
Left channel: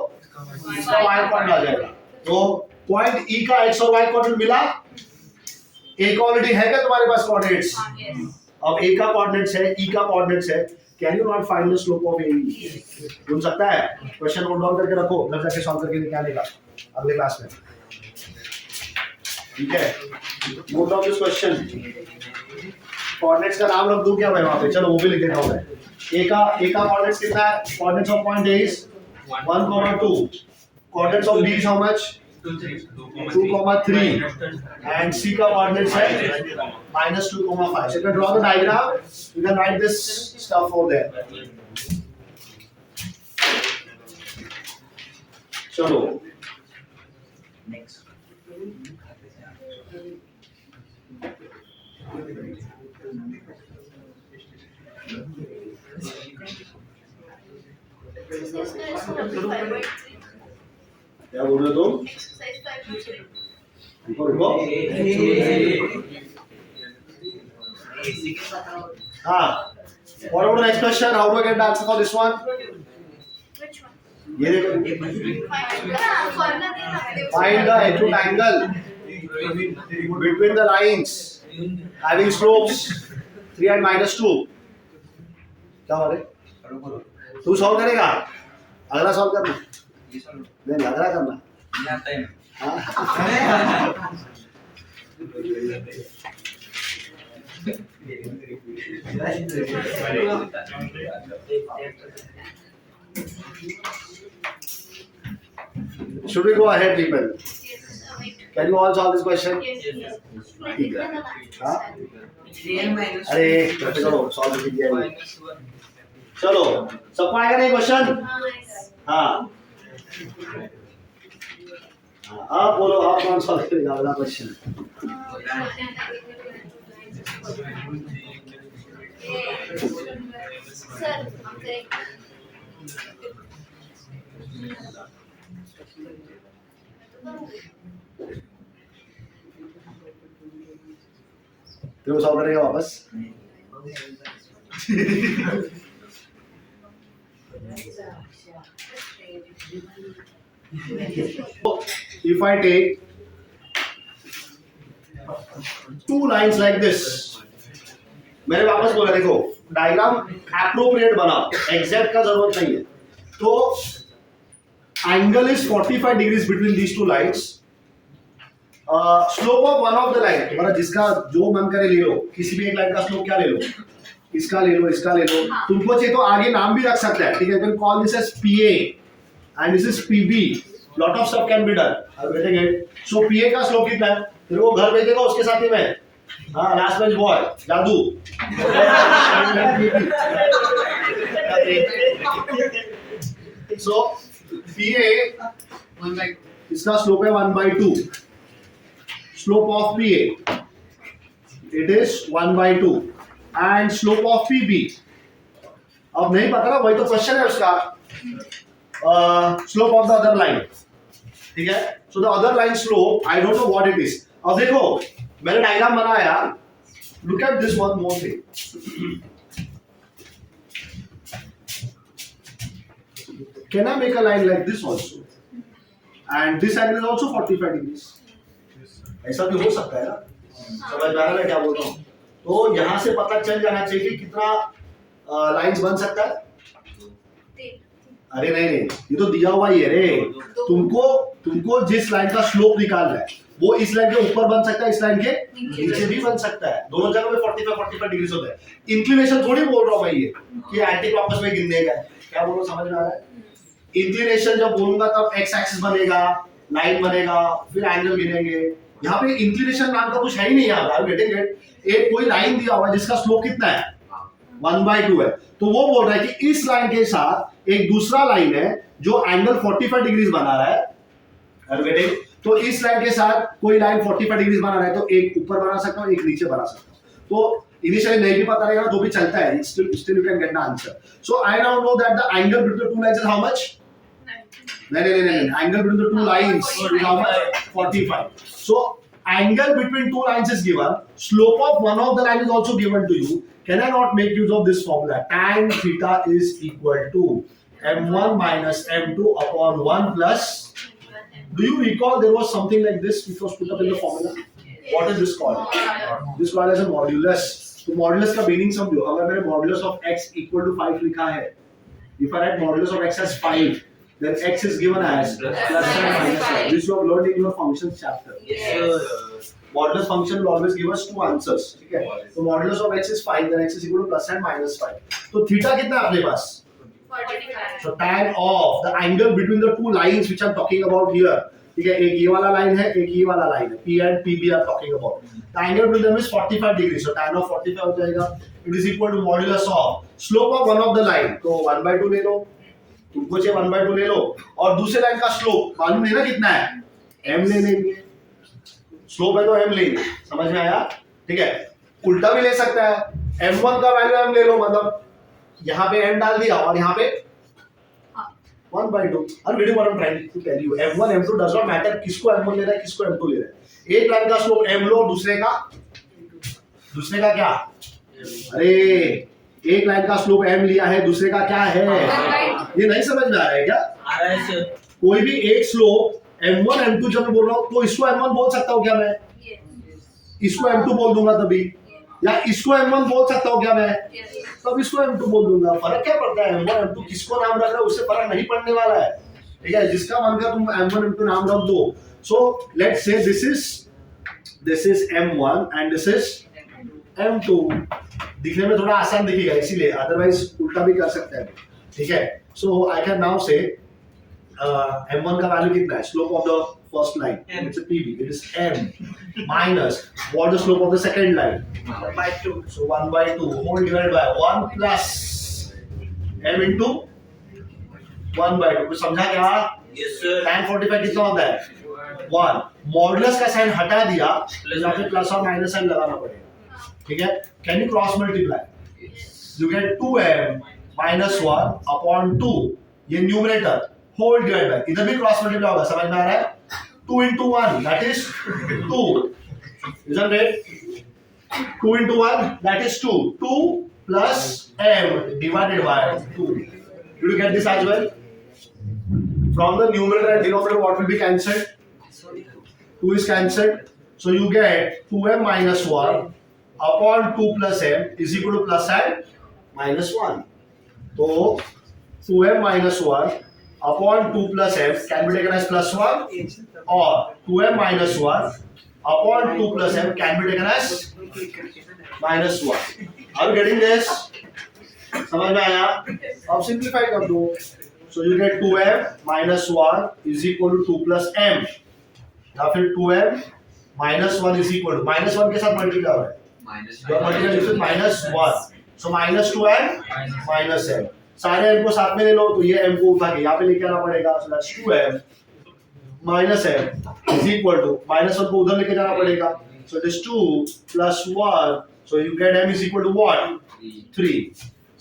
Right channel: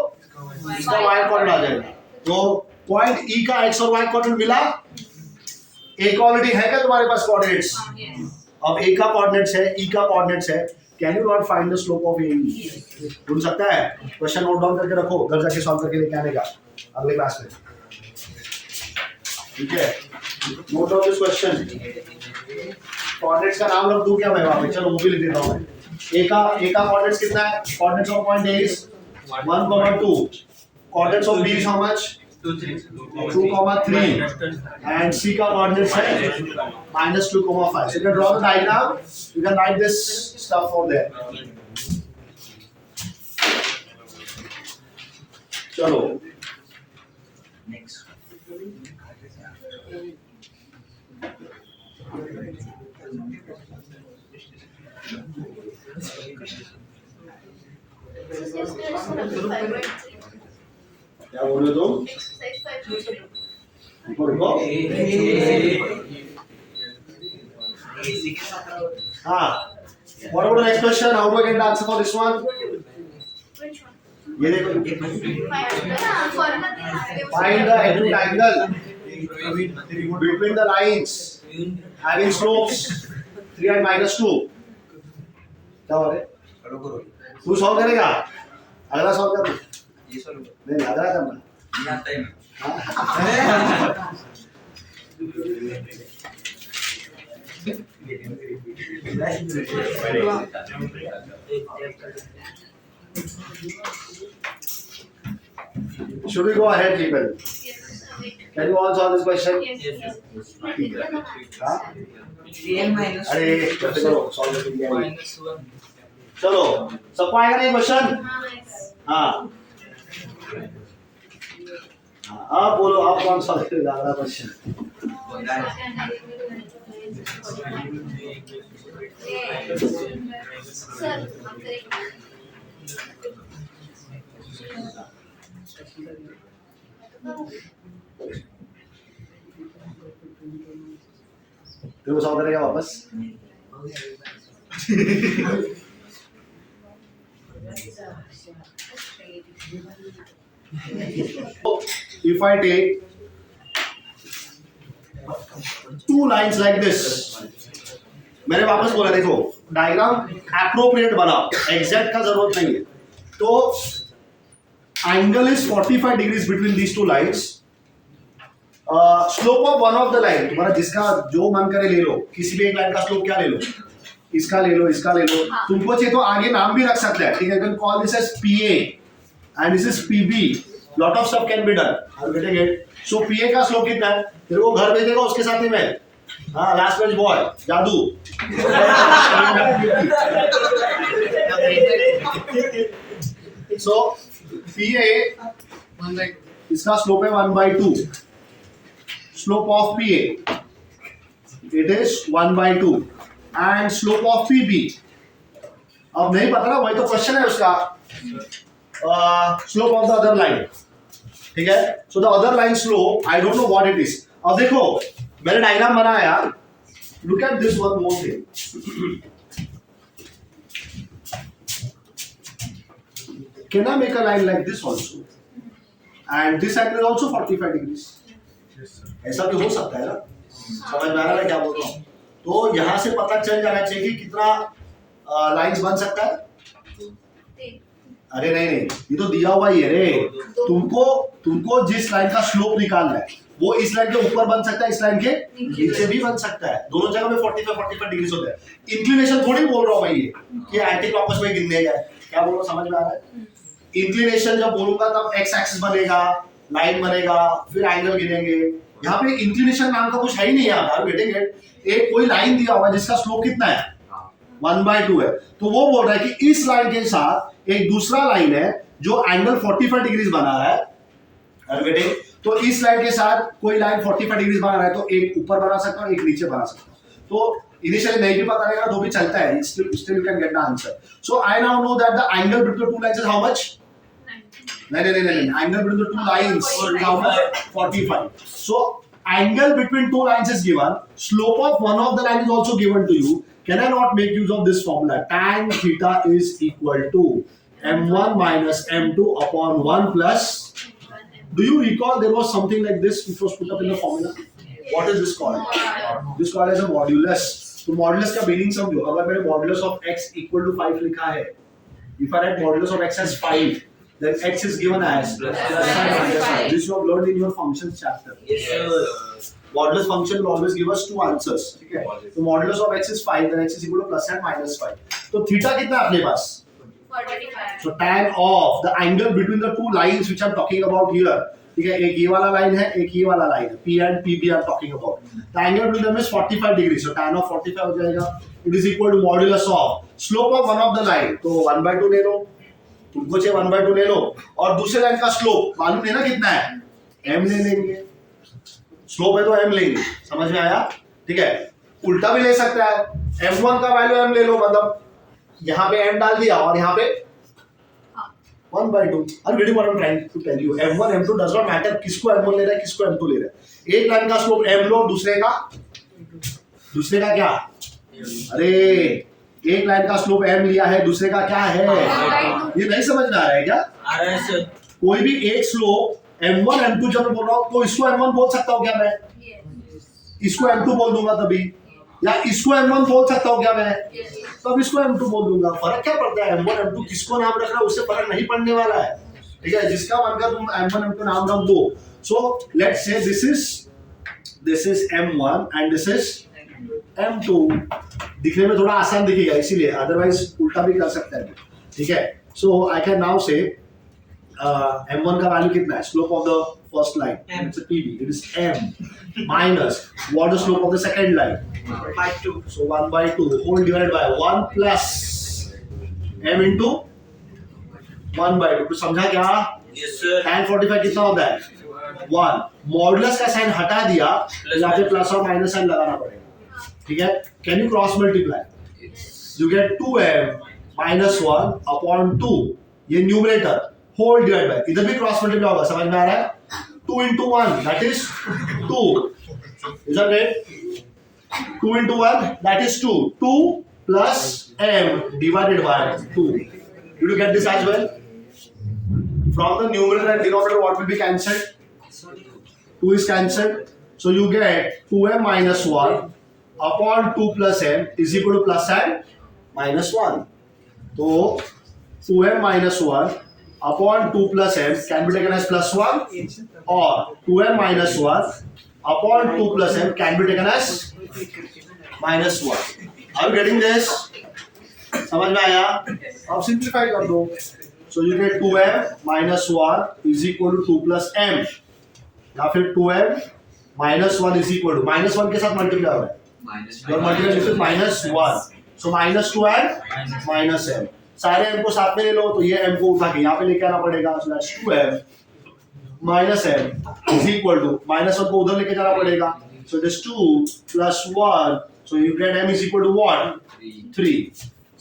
इसका y कोऑर्डिनेट आ जाएगा तो पॉइंट E का x और y कोऑर्डिनेट मिला एक ऑलरेडी है क्या तुम्हारे पास कोऑर्डिनेट्स अब A का कोऑर्डिनेट्स है E का कोऑर्डिनेट्स है can you not find the slope of AE ढूंढ सकता है क्वेश्चन नोट डाउन करके रखो घर जाके सॉल्व करके लेके आने का अगले क्लास में ठीक है note down this question coordinates का नाम रख दूं क्या मैं वहां पे चलो वो भी लिख देता हूं मैं A का कोऑर्डिनेट्स कितना है coordinates of point A is 1, 2 coordinates of B is how much 2, 3 and C का coordinates है -2, 5. So you can draw the diagram. You can write this stuff over there. चलो. क्या बोल रहे हो तुम? रुको रुको हाँ what about the next question how do I get the answer for this one Which one? ये देखो find the acute angle between the lines having slopes 3 and -2 क्या हो रहे तू सॉल्व करेगा अगला सॉल्व कर नहीं अगला करना Should we go ahead, people? Can you all solve this question? ठीक है हाँ अरे कैसे करो सॉल्व कर दिया ये। चलो सबको आएगा ना क्वेश्चन हाँ आप बोलो आप कौन सॉल्व करेगा अगला क्वेश्चन सर तो सॉल्व करेगा वापस if I take two lines like this मैंने वापस बोला देखो डायग्राम एप्रोप्रिएट बना एग्जैक्ट का जरूरत नहीं है तो angle is 45 degrees between these two lines slope of one of the line तुम्हारा जिसका जो मन करे ले लो किसी भी एक लाइन का स्लोप क्या ले लो इसका ले लो तुमको चाहिए तो आगे नाम भी रख सकते हैं ठीक है can call this as PA and this is PB lot of stuff can be done I am getting it so PA का स्लोप कितना है फिर वो घर भेजेगा उसके साथ ही में हाँ लास्ट बेंच बॉय जादू सो PA इसका स्लोप है 1/2 slope of PA it is 1/2 and slope of PB अब नहीं पता ना वही तो क्वेश्चन है उसका slope of the other line ठीक है so the other line slope I don't know what it is अब देखो मैंने डायग्राम बनाया look at this one more thing can I make a line like this also and this angle is also 45 degrees ऐसा भी हो सकता है ना समझ में आ रहा है मैं क्या बोल रहा हूँ तो यहाँ से पता चल जाना चाहिए कि कितना लाइंस बन सकता है अरे नहीं ये तो दिया हुआ ही है रे तुमको जिस लाइन का स्लोप निकालना है वो इस लाइन के ऊपर बन सकता है इस लाइन के नीचे भी बन सकता है दोनों जगह में 45 डिग्री होता है इंक्लिनेशन थोड़ी बोल रहा हूँ मैं ये कि एंटी क्लॉकवाइज में गिनने का क्या बोल रहा हूँ समझ में आ रहा है इंक्लिनेशन जब बोलूंगा तब एक्स एक्सिस बनेगा लाइन बनेगा फिर एंगल गिनेंगे यहाँ पे इंक्लिनेशन नाम का कुछ है ही नहीं यहाँ पे, गेटिंग इट। एक कोई लाइन दिया हुआ है जिसका स्लोप कितना है 1/2 है, तो वो बोल रहा है कि इस लाइन के साथ एक दूसरा लाइन है जो एंगल 45 डिग्रीज बना रहा है, गेटिंग। तो इस लाइन के साथ कोई लाइन 45 डिग्रीज बना रहा है, तो एक ऊपर बना सकता हूँ, एक नीचे बना सकता हूँ। तो इनिशियली नहीं भी पता रहेगा तो भी चलता है, still you can get the answer. So I now know that the angle between the two lines is how much? नहीं, angle between the two lines is how much? 45. So angle between two lines is given, slope of one of the line is also given to you. Can I not make use of this formula? Tan theta is equal to m1 minus m2 upon 1 plus. Do you recall there was something like this which was put up in the formula? What is this called? This called as a modulus. तो modulus का meaning समझो, अगर मैंने modulus of x equal to 5 लिखा है, if I write modulus of x as 5, then x is given as plus and minus 5. This you have learned in your functions chapter. Yes. Modulus function will always give us two answers, ठीक है? तो modulus of x is 5, then x is equal to plus and minus 5. तो theta कितना है अपने पास? 45. So tan of the angle between the two lines which I'm talking about here, ठीक है, एक ये वाला लाइन है, एक ये वाला लाइन है, P and PB are talking about. The angle between them is 45 degrees. So tan of 45 हो जाएगा. It is equal to modulus of slope of one of the line. तो 1/2 ले लो. तुमको चाहिए 1/2 ले लो. और दूसरे लाइन का स्लोप मालूम है ना कितना है? m ले लेंगे. स्लोप है तो m लेंगे. समझ में आया? ठीक है. उल्टा भी ले सकता है. m1 का वैल्यू m ले लो, मतलब यहाँ पे m डाल दिया और यहाँ पे 1/2. और वीडियो में trying to tell you m1 m2 does not matter, किसको m1 ले रहा है किसको m2 ले रहा है. एक लाइन का स्लोप m लो, दूसरे का क्या? अरे एक लाइन का स्लोप m लिया है, दूसरे का क्या है? ये नहीं समझ में आ रहा है क्या? आ रहा है सर। कोई भी एक स्लोप m1 m2 जब मैं बोल रहा हूँ तो इसको m1 बोल सकता हूँ क्या मैं? इसको m2 बोल दूंगा तभी, या इसको m1 बोल सकता हूँ क्या मैं? तो अब इसको m2 बोल दूंगा. फर्क क्या पड़ता है? m1 m2 किसको नाम रख रहा है उससे फर्क नहीं पड़ने वाला है, ठीक है? जिसका मन कर तुम m1 m2 नाम रख दो. So let's say this is m1 and this is m2. दिखने में थोड़ा आसान दिखेगा इसीलिए, अदरवाइज उल्टा भी कर सकता है, ठीक है? सो आई कैन नाउ से m1 का वैल्यू कितना है? Slope of the first line, it's pb, it is m minus what the slope of the second line? 1/2. So 1/2 whole divided by 1 plus m into 1/2. कुछ समझा क्या? Yes sir. tan 45 कितना होता है? 1. मॉडुलस का साइन हटा दिया, यहाँ पे प्लस और माइनस साइन लगाना पड़ेगा, ठीक है? Can you cross multiply? You get 2m minus 1 upon 2, ये न्यूमरेटर होल डिवाइड बाय, इधर भी क्रॉस मल्टीप्लाई होगा, समझ में आ रहा है? 2 into 1 that is 2, isn't it? 2 into 1 that is 2. 2 plus m divided by 2. Did you get this as well? From the numerator and denominator what will be cancelled? 2 is cancelled. So you get 2m minus 1 upon 2 plus m is equal to plus and minus 1. So 2m minus 1 upon 2 plus m can be taken as plus 1, or 2m minus 1 upon 2 plus m can be taken as minus 1. Are you getting this? समझ में आया? अब simplify कर दो. So you get 2m minus 1 is equal to 2 plus m, या फिर 2m minus 1 is equal to minus 1 के साथ मल्टीप्लाई हो रहा है, your multiply is minus 1. So minus 2 and minus m. सारे m को साथ में ले लो तो ये m को उठा के यहाँ पे लेके आना पड़ेगा. So that's 2m minus m is equal to minus 1 को उधर लेके जाना पड़ेगा. So it is 2 plus 1. So you get m is equal to what? 3.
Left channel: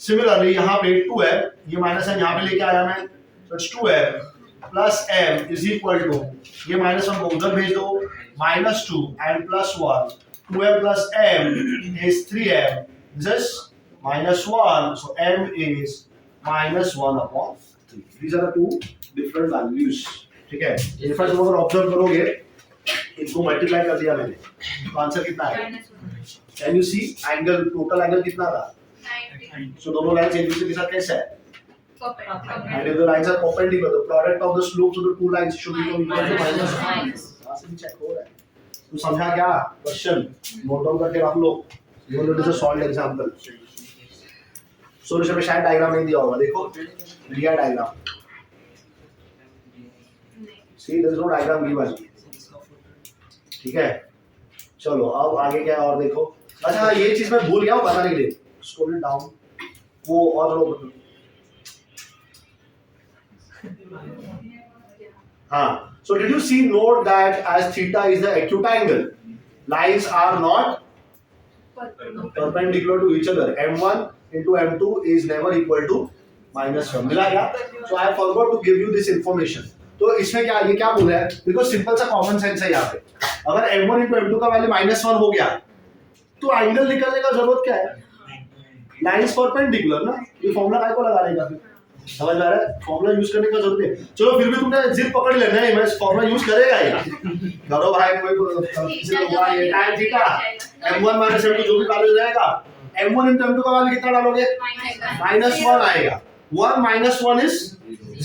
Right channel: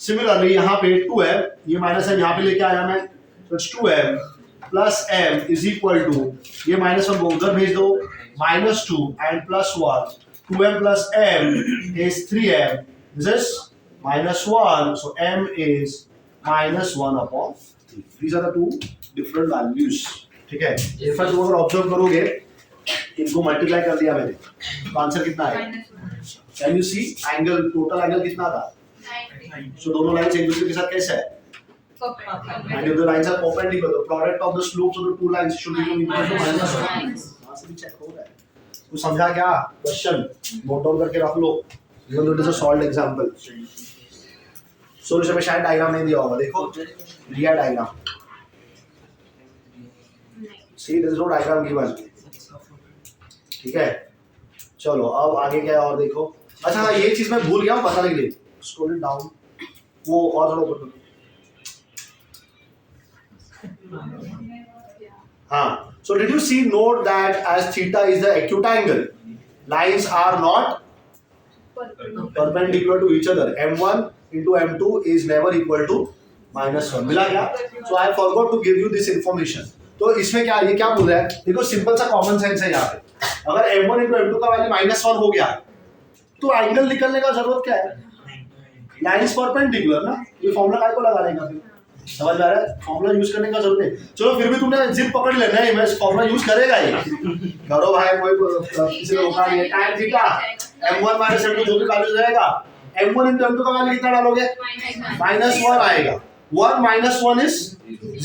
Similarly यहाँ पे 2m, ये minus m यहाँ पे लेके आया मैं. So it's 2m plus m is equal to, ये minus 1 को उधर भेज दो, minus 2 and plus 1. 2m plus m is 3m. This is minus 1. So m is minus 1 upon 3. These are the two different values. ठीक है? ये first अगर observe करोगे, इनको मल्टीप्लाई कर दिया मैंने, तो आंसर कितना है? Can you see angle, total angle कितना था? 90. सो दोनों लाइंस एक दूसरे के साथ कैसा है? And if the lines are perpendicular, the product of the slopes of the two lines should become equal to minus 1. यहाँ से भी चेक हो रहा है. तो समझा क्या? क्वेश्चन नोट डाउन करके रख लो. Even though it is a solved example. Solution में शायद डायग्राम नहीं दिया होगा, देखो दिया diagram. See, there is no diagram given. ठीक है, चलो अब आगे क्या है और देखो। अच्छा हाँ, ये चीज मैं भूल गया हूँ बताने के लिए, स्क्रॉल डाउन वो और लो। हाँ, so did you see note that as theta is the acute angle, lines are not perpendicular to each other. M1 into M2 is never equal to -1. मिला क्या? So I forgot to give you this information. तो इसमें क्या ये क्या बोल रहा है? देखो सिंपल सा कॉमन सेंस है यहाँ पे। अगर M1 into M2 का वैल्यू -1 हो गया, तो एंगल निकलने का जरूरत क्या है? लाइंस परपेंडिकुलर ना, ये फॉर्मूला काय को लगाने का फिर? समझ में आ रहा है? फॉर्मूला यूज करने का जरूरत नहीं। चलो फिर भी तुमने जिद पकड़ लेना है, मैं फॉर्मूला यूज करेगा ही। करो भाई, कोई किसी ने होगा ये tan थीटा m1 - m2 जो भी वैल्यू रहेगा, m1 into m2 का वैल्यू कितना डालोगे? -1 आएगा। 1 - 1 is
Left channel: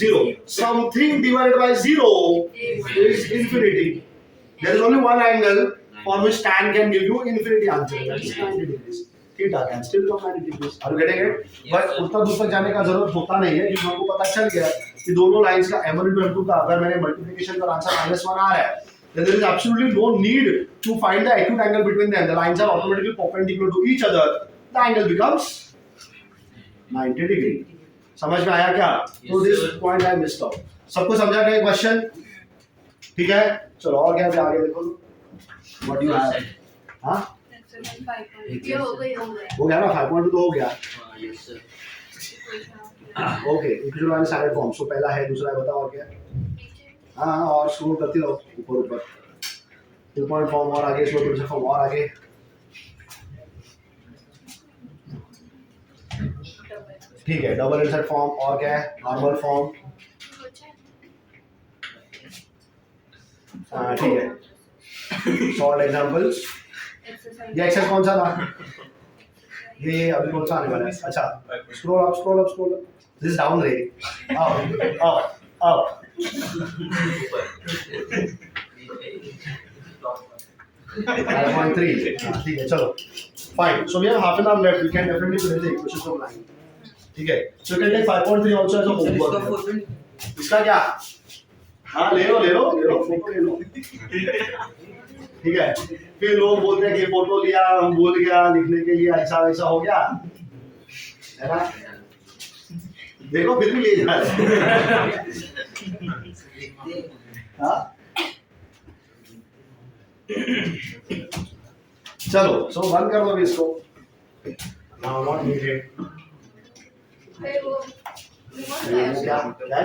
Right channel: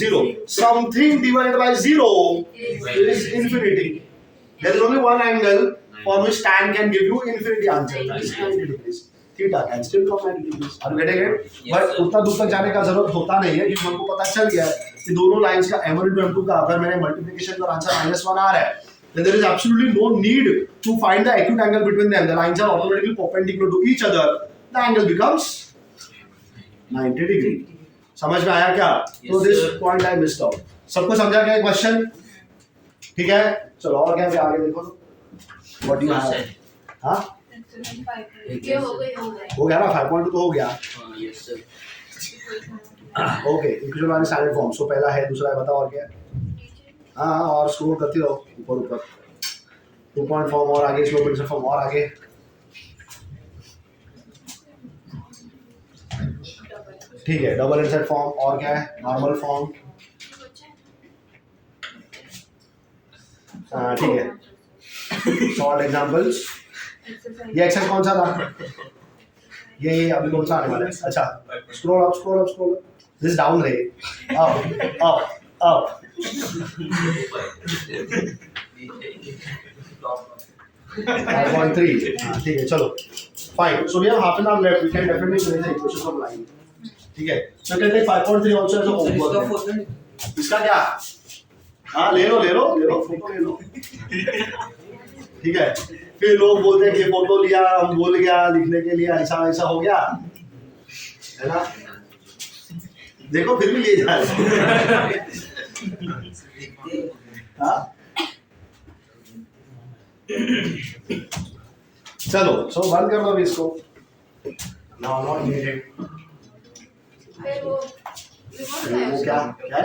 0. Something divided by 0 is infinity. There is only one angle for which tan can give you infinity answer. That is 90 degrees. Theta can still come 90 degrees. Are you getting it? But उतना दूर तक जाने का जरूरत होता नहीं है, क्योंकि हमको पता चल गया है कि दोनों लाइंस का m1 into m2 का अगर मैंने मल्टीप्लिकेशन का आंसर -1 आ रहा है, then there is absolutely no need to find the acute angle between them. The lines are automatically perpendicular to each other. The angle becomes 90 degree. समझ में आया क्या? तो this point I missed out. सबको समझा गया क्वेश्चन? ठीक है, चलो और क्या आगे देखो। What you have? हां, ये हो गया हो गया ना, 5.2 तो हो गया। Yes sir. ओके, इक्वेशन वाले सारे फॉर्म। सो पहला है, दूसरा है, बताओ और क्या है? हाँ, और स्क्रॉल करती रहो ऊपर ऊपर। 2 पॉइंट फॉर्म और आगे, स्लो प्रिंसिपल फॉर्म और आगे। ठीक है, डबल इंसर्ट फॉर्म और क्या है? Normal form. ठीक है, सॉल्व एग्जांपल्स। ये एक्सरसाइज कौन सा था? ये अभी कौन सा आने वाला है? अच्छा, scroll up scroll up scroll up, this down ray, up up up. 5.3। ठीक है, चलो fine. So we have half an hour left, we can definitely finish the equations of line. ठीक है, so can take 5.3 also as a homework. इसका क्या? हाँ, ले लो photo ले लो। ठीक है, फिर लोग बोलते हैं कि फोटो लिया, हम भूल गया लिखने के लिए, ऐसा वैसा हो गया है ना। देखो फिर भी ले जा रहे। हाँ, चलो सो बंद कर दो अभी इसको। Now not needed. वो वो क्या है?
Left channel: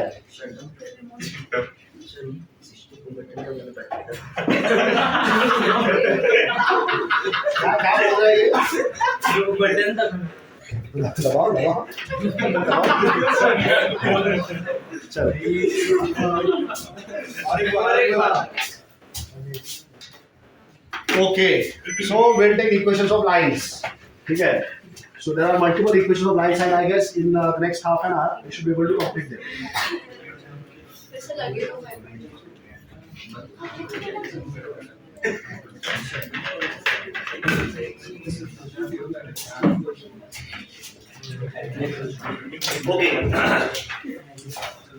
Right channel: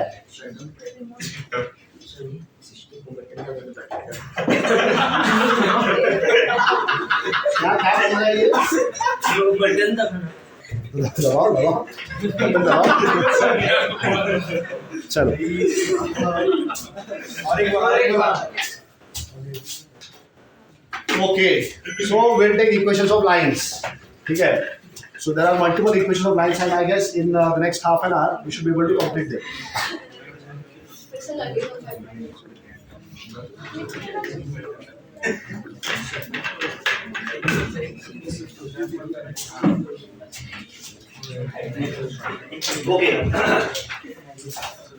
बटन का बंद पड़ता क्या बोल रहा है ये? जो बटन था दबाओ। चलो okay, so we'll take equations of lines. ठीक है, so there are multiple equations of lines and I guess in the next half an hour we should be able to complete them. ऐसा लगे तो 5 minute. Okay,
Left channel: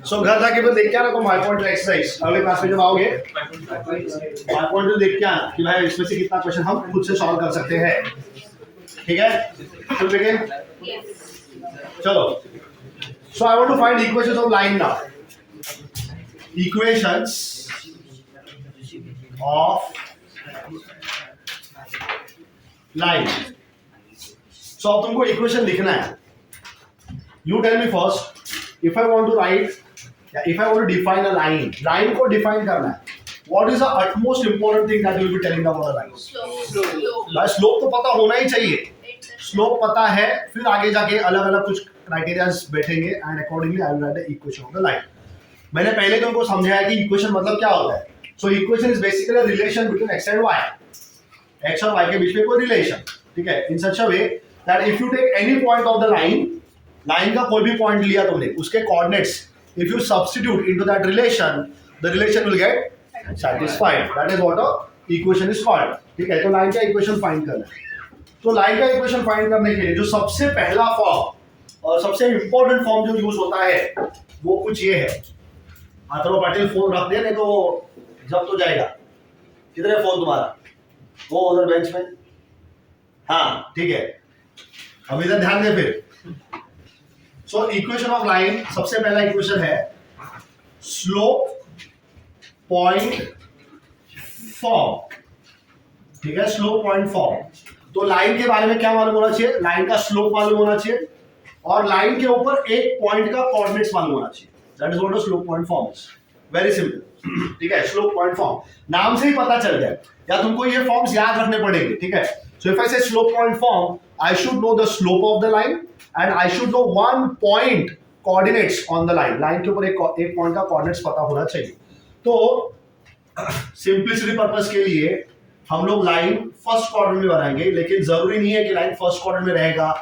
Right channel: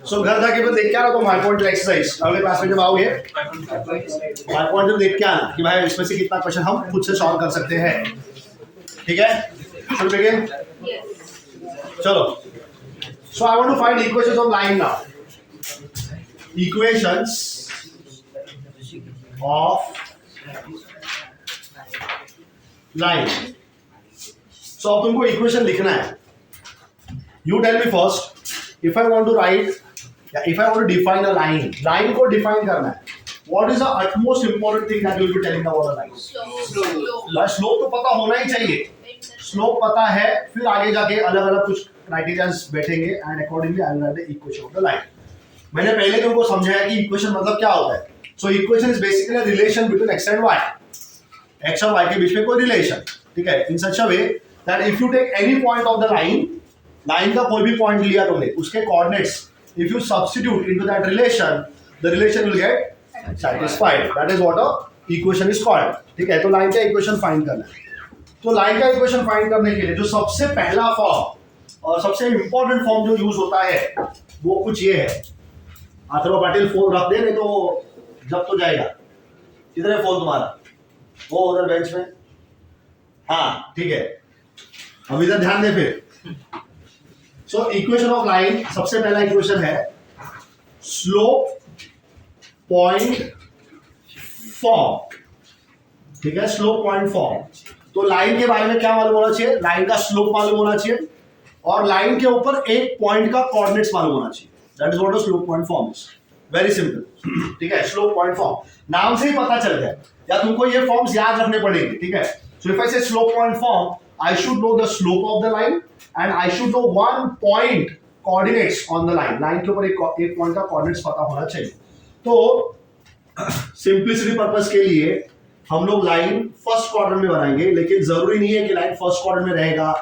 सो घर जाके फिर देख के आना तो 5.2 एक्सरसाइज अगले क्लास में जब आओगे 5.2 देख के आना कि भाई इसमें से कितना क्वेश्चन हम खुद से सॉल्व कर सकते हैं। ठीक है, चल बिगिन। चलो, so I want to find equations of line now. Equations of line. So अब तुमको इक्वेशन लिखना है। You tell me first, if I want to write, if I want to define a line, line को define करना है। What is the utmost important thing that you will be telling about a line? Slope तो पता होना ही चाहिए। Slope पता है, फिर आगे जाके अलग अलग कुछ criterias बैठेंगे and accordingly I will write the equation of the line. मैंने पहले तुमको समझाया कि equation मतलब क्या होता है। So equation is basically a relation between x and y. x और y के बीच में कोई relation, ठीक है? In such a way that if you take any point of the line, line का कोई भी पॉइंट लिया तुमने, उसके coordinates if you substitute into that relation, the relation will get satisfied. That is what a equation is called. ठीक है, तो line का इक्वेशन फाइंड करना है। तो लाइन का इक्वेशन फाइंड करने के लिए जो सबसे पहला फॉर्म और सबसे इंपॉर्टेंट फॉर्म जो यूज होता है वो कुछ ये है। अथर्व पाटिल फोन रख दे, नहीं तो जब तो जाएगा। किधर है फोन तुम्हारा? वो उधर बेंच में। हाँ ठीक है, अब इधर ध्यान दे फिर। सो इक्वेशन ऑफ लाइन, सबसे पहला इक्वेशन है स्लोप पॉइंट फॉर्म, ठीक है, स्लोप पॉइंट फॉर्म। तो लाइन के बारे में क्या मालूम होना चाहिए? लाइन का स्लोप मालूम होना चाहिए और लाइन के ऊपर एक पॉइंट का कोऑर्डिनेट्स मालूम होना चाहिए। That is what a slope point form is. Very simple, ठीक है। स्लोप पॉइंट फॉर्म नाम से ही पता चल गया, या तुमको ये फॉर्म्स याद रखने पड़ेंगे, ठीक है। सो इफ आई से slope point form, I should know the slope of the line and I should no one point coordinates on the line. Line के ऊपर एक पॉइंट का कोऑर्डिनेट्स पता होना चाहिए। तो सिंपलिसिटी पर्पस के लिए हम लोग लाइन फर्स्ट क्वाड्रेंट में बनाएंगे, लेकिन जरूरी नहीं है कि लाइन फर्स्ट क्वाड्रेंट में रहेगा,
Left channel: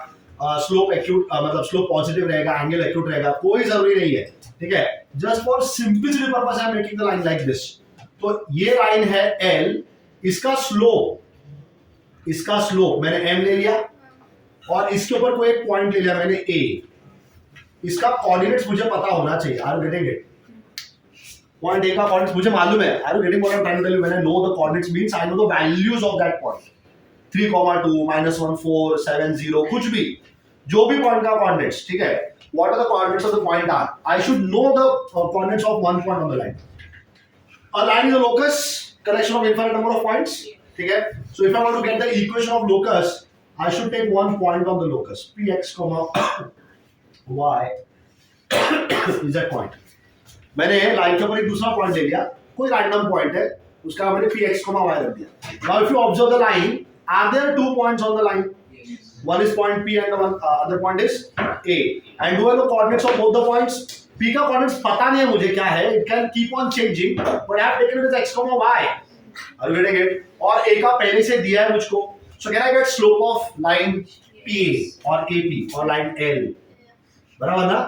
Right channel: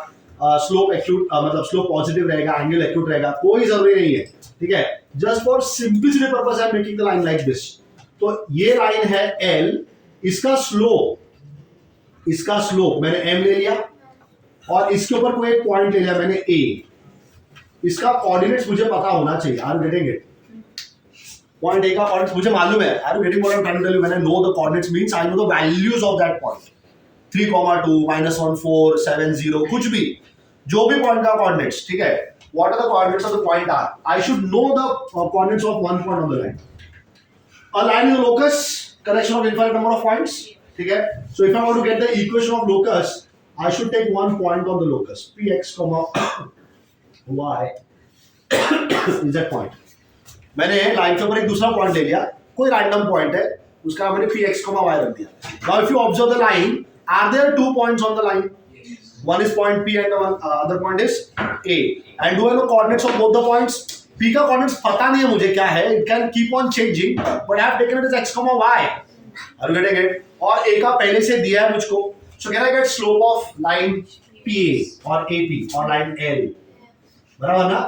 स्लोप एक्यूट मतलब स्लोप पॉजिटिव रहेगा, एंगल एक्यूट रहेगा, कोई जरूरी नहीं है, ठीक है। Just for simplicity purpose I am making the line like this. तो ये लाइन है L, इसका स्लोप मैंने M ले लिया और इसके ऊपर कोई एक पॉइंट ले लिया मैंने A। इसका कोऑर्डिनेट्स मुझे पता होना चाहिए। Are you getting it? Point A का कोऑर्डिनेट्स मुझे मालूम है। Are you getting what I am trying to tell you? When I know the coordinates means I know the values of that point. 3,2 -1 4 7 0 कुछ भी, जो भी पॉइंट का coordinates, ठीक है। What are the coordinates of the point are? I should know the coordinates of one point on the line. A line is a locus, collection of infinite number of points, ठीक है। So if I want to get the equation of locus, I should take one point on the locus, px, y is that point. मैंने line के ऊपर एक दूसरा point ले लिया, कोई रैंडम पॉइंट है, उसका मैंने px, y रख दिया। Now if you observe the line, are there two points on the line? One is point P and the other point is A. And do I know coordinates of both the points? P का coordinates पता नहीं है मुझे क्या है, it can keep on changing, but I have taken it as x, y. Are you getting it? और A का पहले से दिया है मुझको, so can I get slope of line PA or AP or line L? बराबर ना?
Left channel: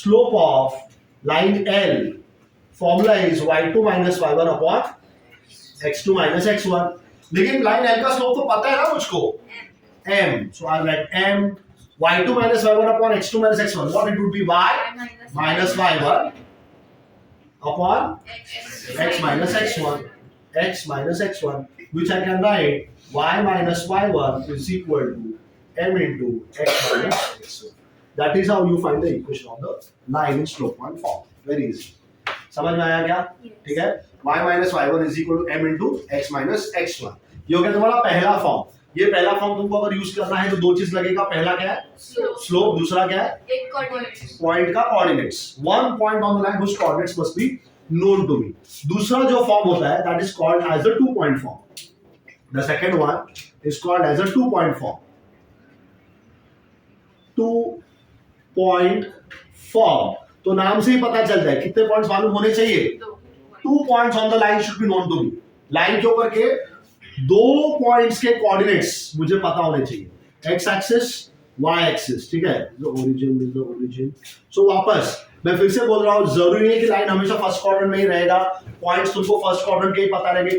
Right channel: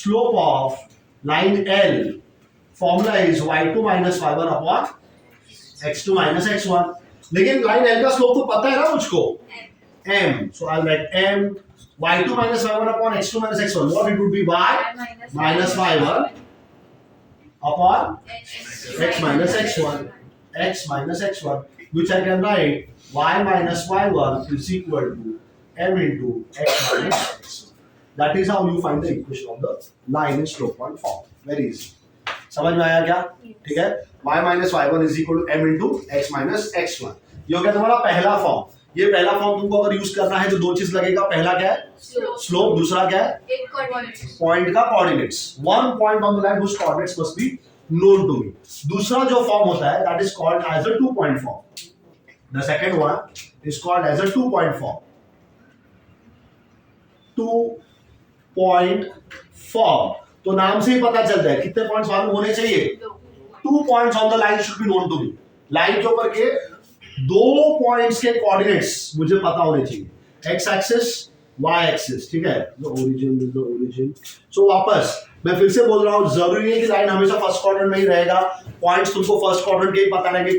Slope of line L formula is y2 minus y1 upon x2 minus x1. लेकिन line L का slope तो पता है ना मुझको, M. So I'll write M y2 minus y1 upon x2 minus x1. What it would be? Y minus y1 upon x minus x1. X minus x1, which I can write y minus y1 is equal to m into x minus x1. That is how you find the equation of the line in slope point form. Very easy. समझ में आया क्या? ठीक है। y minus y1 is equal to m into x minus x1. ये हो गया तुम्हारा पहला फॉर्म। ये पहला फॉर्म तुमको अगर यूज करना है तो दो चीज लगेगा। पहला क्या है? स्लोप। दूसरा क्या है? एक कोऑर्डिनेट्स, पॉइंट का coordinates. One point on the line whose coordinates must be known to me. दूसरा जो फॉर्म होता है that is called as a 2 point form. The second one is called as a 2 point form. 2 point form. तो नाम से ही पता चलता है कितने पॉइंट्स मालूम होने चाहिए। 2 points on the line should be known to me. Line के ऊपर के दो पॉइंट्स के कोऑर्डिनेट्स मुझे पता होने चाहिए। एक्स एक्सिस, वाई एक्सिस, ठीक है। The origin. सो वापस मैं फिर से बोल रहा हूँ, जरूरी नहीं है कि लाइन हमेशा फर्स्ट क्वाड्रेंट में ही रहेगा। पॉइंट्स तुमको फर्स्ट क्वाड्रेंट के ही पता रहेंगे,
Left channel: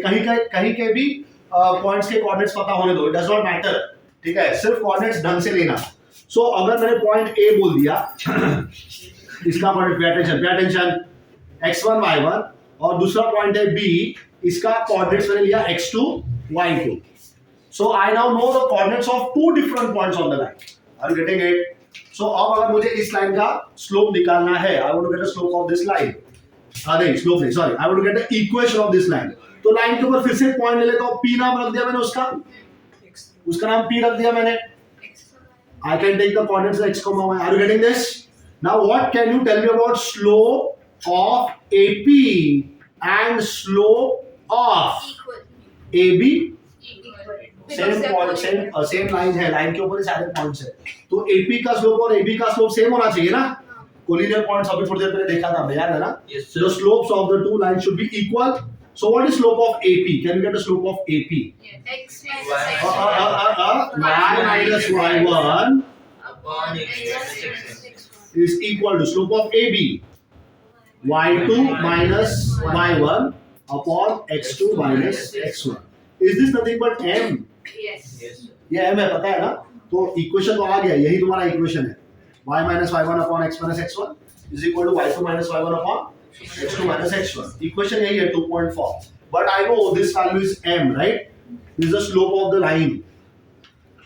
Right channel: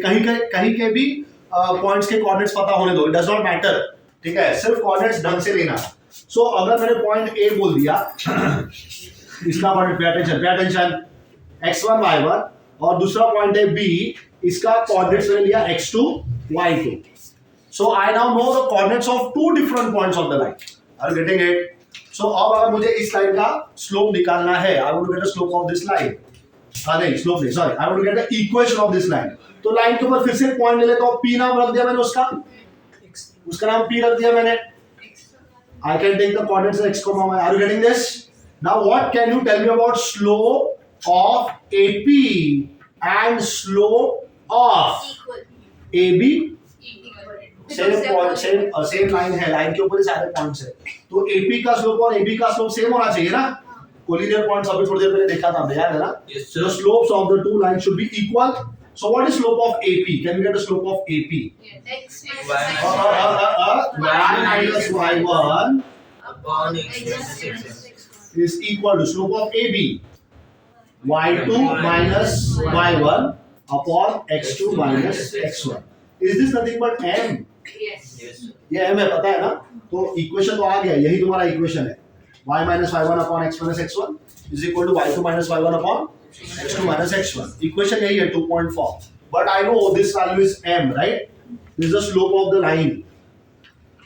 कहीं के भी पॉइंट्स के कोऑर्डिनेट्स पता होने दो, इट डज नॉट मैटर, ठीक है। सिर्फ कोऑर्डिनेट्स ढंग से लेना। सो अगर मैंने पॉइंट ए बोल दिया, इसका coordinate pay attention x1 y1, और दूसरा पॉइंट है बी, इसका कोऑर्डिनेट्स मैंने लिया x2 y2. So I now know the coordinates of two different points on the line. Are you getting it? So अब अगर मुझे इस लाइन का स्लोप निकालना है, I want to get the slope of this line. नहीं slope नहीं, sorry, I want to get the equation of this line. तो लाइन के ऊपर फिर से पॉइंट ले लेता हूँ, P नाम रख दिया मैंने उसका नाम P रख दिया मैंने. I can take the coordinates x, y. Are you getting this? Now what can you tell me about slope of AP and slope of equal, AB? equal. Same line है, लाइन के ऊपर ही सारे points है, तो AP का slope और AB का slope same होना चाहिए ना. कोलिनियर पॉइंट्स अभी थोड़ी देर पहले देखा था हमने, याद है ना. So the slopes of the two lines should be equal. So what is slope of AP? Can you get the slope of AP? X minus y1 Y minus y1 upon x minus x1 is equal to slope of AB. y2 minus y1 upon x2 minus x1. Is this nothing but m? yes. yes sir. ये m है, पता है ना. तो equation तो आ गया, यही तुम्हारा इक्वेशन है. y minus y1 upon x minus x1 is equal to y2 minus y1 upon x2 minus x1. Equation यही है 2.4. but I know this value is m, right? This is the slope of the line.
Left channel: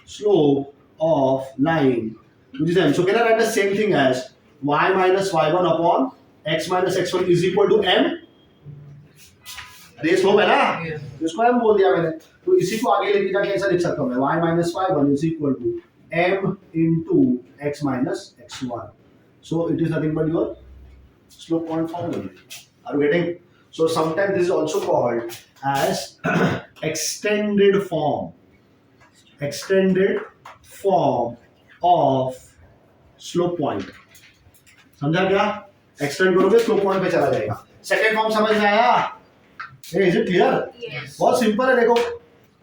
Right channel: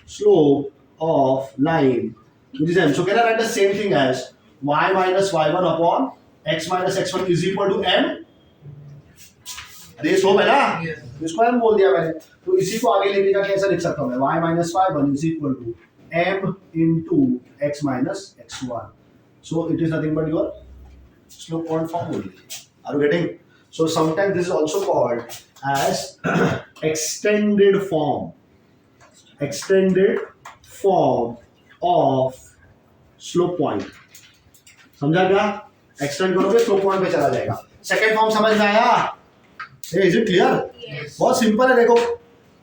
Slope of line, which is m. So can I write the same thing as y minus y1 upon x minus x1 is equal to m? ये slope है ना, इसको m बोल दिया मैंने, तो इसी को आगे लेके जाके ऐसा लिख सकता हूँ मैं y minus y1 is equal to m into x minus x1. So it is nothing but your slope point form only. Are you getting? So sometimes this is also called as extended form. Extended form of slope point. समझा क्या? Extend करोगे slope point पे चला जाएगा. Second form समझ में आया? Is it clear? बहुत सिंपल है. देखो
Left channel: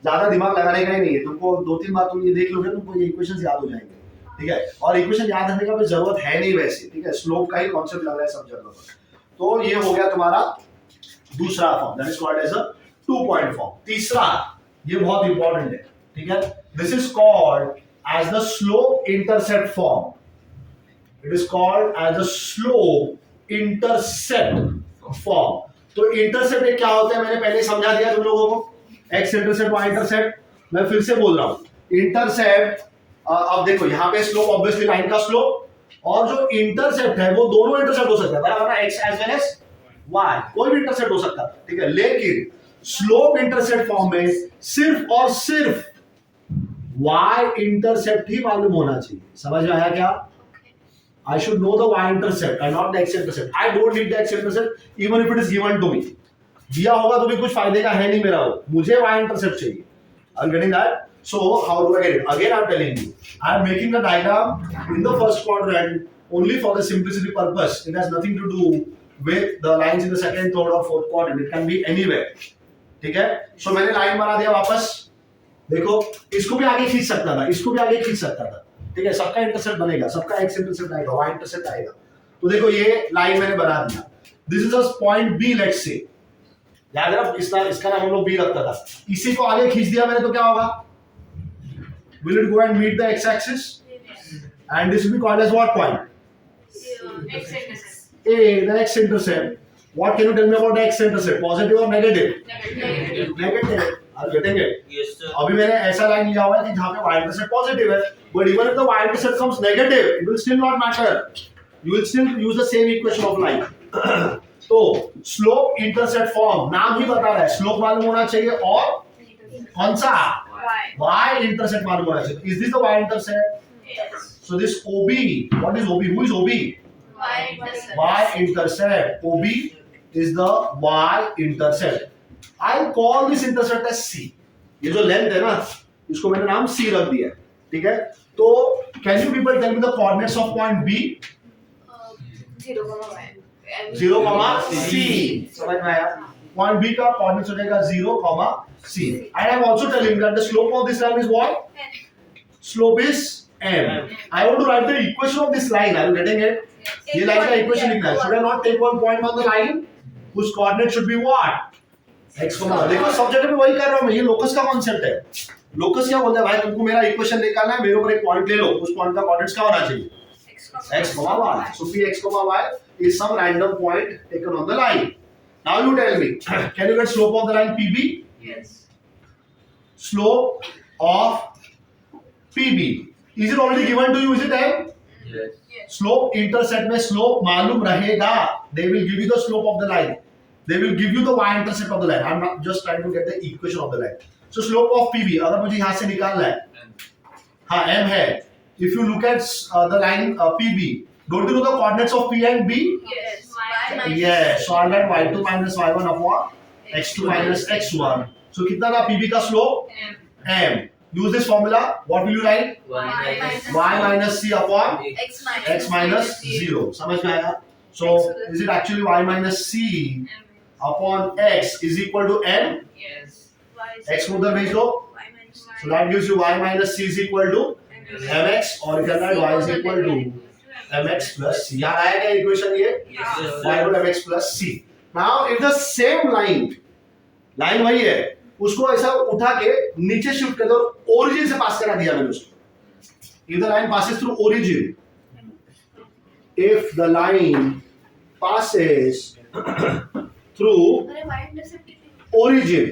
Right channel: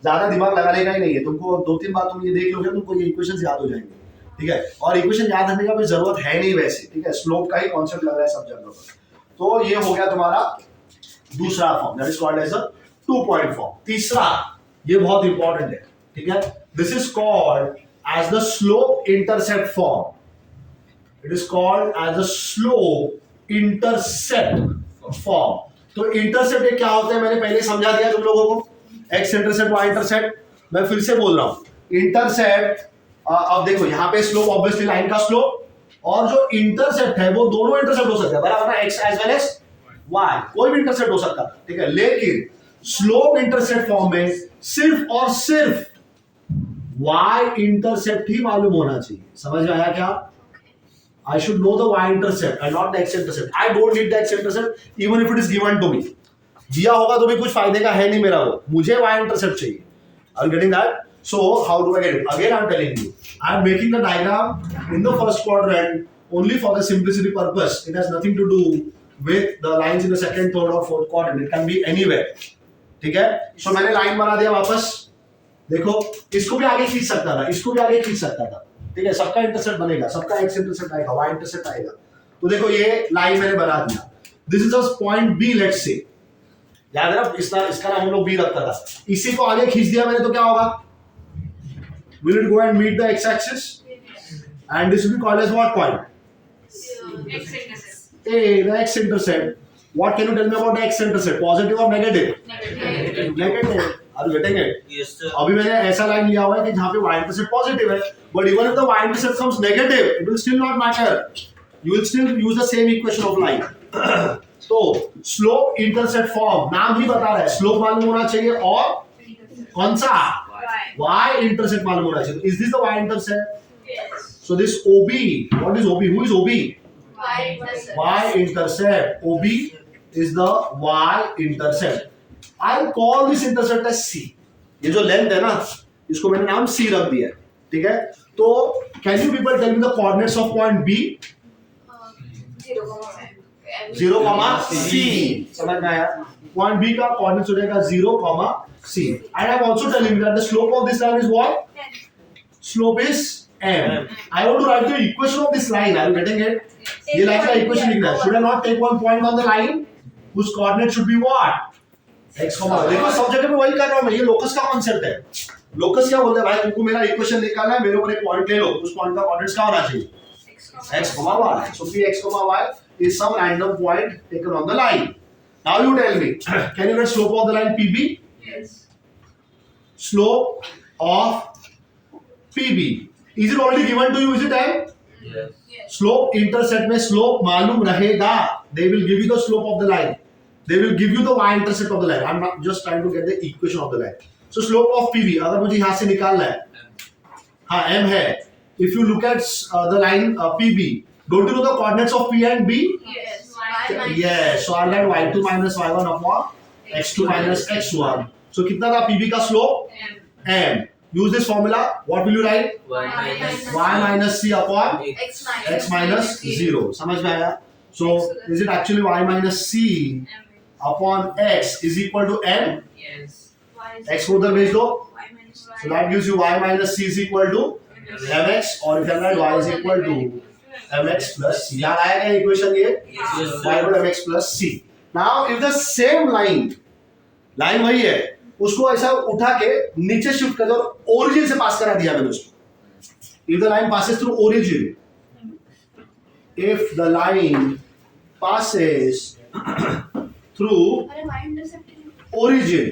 ज्यादा दिमाग लगाने का ही नहीं है तुमको. 2-3 बार तुम ये देख लोगे तुमको ये इक्वेशंस याद हो जाएंगे. ठीक है, और इक्वेशन याद रखने का कोई जरूरत है नहीं वैसे. ठीक है, स्लोप का ही कॉन्सेप्ट लग रहा है सब जगह पर. तो ये हो गया तुम्हारा दूसरा form, that is called as a 2 point form. तीसरा, ये बहुत इंपॉर्टेंट है. ठीक है, this is called as the slope intercept form. It is called as a slope intercept form. तो इंटरसेप्ट क्या होता है मैंने पहले समझा दिया तुम लोगों को. X intercept y intercept. मैं फिर से बोल रहा हूं, इंटरसेप्ट. अब देखो यहाँ पे स्लोप ऑब्वियसली लाइन का स्लोप, और जो इंटरसेप्ट है वो दोनों इंटरसेप्ट हो सकता है बराबर ना, x as well as y, कोई भी इंटरसेप्ट हो सकता है. ठीक है, लेकिन स्लोप इंटरसेप्ट फॉर्म में सिर्फ और सिर्फ वाई इंटरसेप्ट ही मालूम होना चाहिए. समझ में आया क्या? I should know the y-intercept and not the x-intercept. I don't need the x-intercept even if it is given to me. दिया होगा तो भी कुछ फायदे का है नहीं मेरा वो. मुझे y-intercept चाहिए. Are you getting that? So how do I get it? Again I'm telling you. I am making the diagram in the first quadrant only for the simplicity purpose. It has nothing to do with the lines in the second, third or fourth quadrant. It can be anywhere. ठीक है? So मैंने line बना दिया वापस. देखो इसको भी आगे खींच सकता था, इसको भी आगे खींच सकता था. ठीक है, सबका इंटरसेप्ट बनेगा, सबका एक्स इंटरसेप्ट आएगा, वाई इंटरसेप्ट आएगा. तो देखो ये लाइन मैंने बना दिया. This is a point B let's say. याद है इसका नाम हम लोग बी रखता था. इसी को आगे खींच दिया मैंने तो क्या होगा? Will it go and meet the x axis? And this will be called as what point? X-intercept. A, the x intercept. What can you tell me about the x intercept? Positive or negative? Negative. Negative. Are you getting it? Yes, sir. अभी मैंने ऐसा line लिया हुआ है कि जहाँ पे y intercept positive है, but even if the y intercept comes negative, it will still not matter. You will still use the same equation of line. तो स्लोप इंटरसेप्ट फॉर्म नाम ही बता रहा है, स्लोप मालूम होना चाहिए और कौन सा y intercept मालूम होना चाहिए. Is this the y intercept? Yes. So this OB, what is OB? Who is OB? Y-intercept. Y intercept. OB is the y intercept. I'll call this intercept as C. ये जो length है ना, इसको मैंने नाम C रख दिया है. ठीक है, तो can you people tell me the coordinates of point B? 0, y. 0, C. समझ में आया? Point B का coordinates हो जाएगा 0, C. And I'm also telling you that the slope of this line is what? Slope is m. I want to write the equation of this line. Are you getting it? ये line का equation लिखना है. Should I not take one point on the line whose coordinate should be what? x, देखो सब जगह पे वही कर रहा हूँ मैं. ये लोकस का कॉन्सेप्ट है. लोकस क्या बोलता है भाई, तुमको मेरा इक्वेशन निकालना है, मेरे ऊपर एक पॉइंट ले लो, उस पॉइंट का कोऑर्डिनेट्स क्या होना चाहिए? x, y. So Px, y is some random point taken on the line. Now you tell me, can you get slope of the line PB? Yes. Slope of PB. Is it already given to you? Is it time? Yes. Yes. Slope intercept में slope मालूम रहेगा. They will give you the slope of the line. They will give you the y-intercept of the line. I'm not just trying to get the equation of the line. So slope of PB अगर मुझे यहाँ से निकालना है, हाँ m है. If you look at the line PB, don't you know the coordinates of P and B? Yes. Yes. So I'll write y2 minus y1 upon x2 minus x1. So कितना था PB का slope? M. M. Use this formula. What will you write? Y minus Y minus C upon X minus x minus 0. समझ में आया? So is it actually y minus C upon x is equal to m? Yes. X को उधर भेज दो. Y minus So that gives you y minus C is equal to mx, or you can write y is equal to mx plus c. याद आया क्या equation ये? Yes, sir. y equal to mx plus c. Now if the same line वही है, उसको ऐसा उठा के नीचे शिफ्ट कर दो, ओरिजिन से पास करा दिया मैंने उसको. If the line passes through origin, if the line passes through अरे y-intercept ओरिजिन,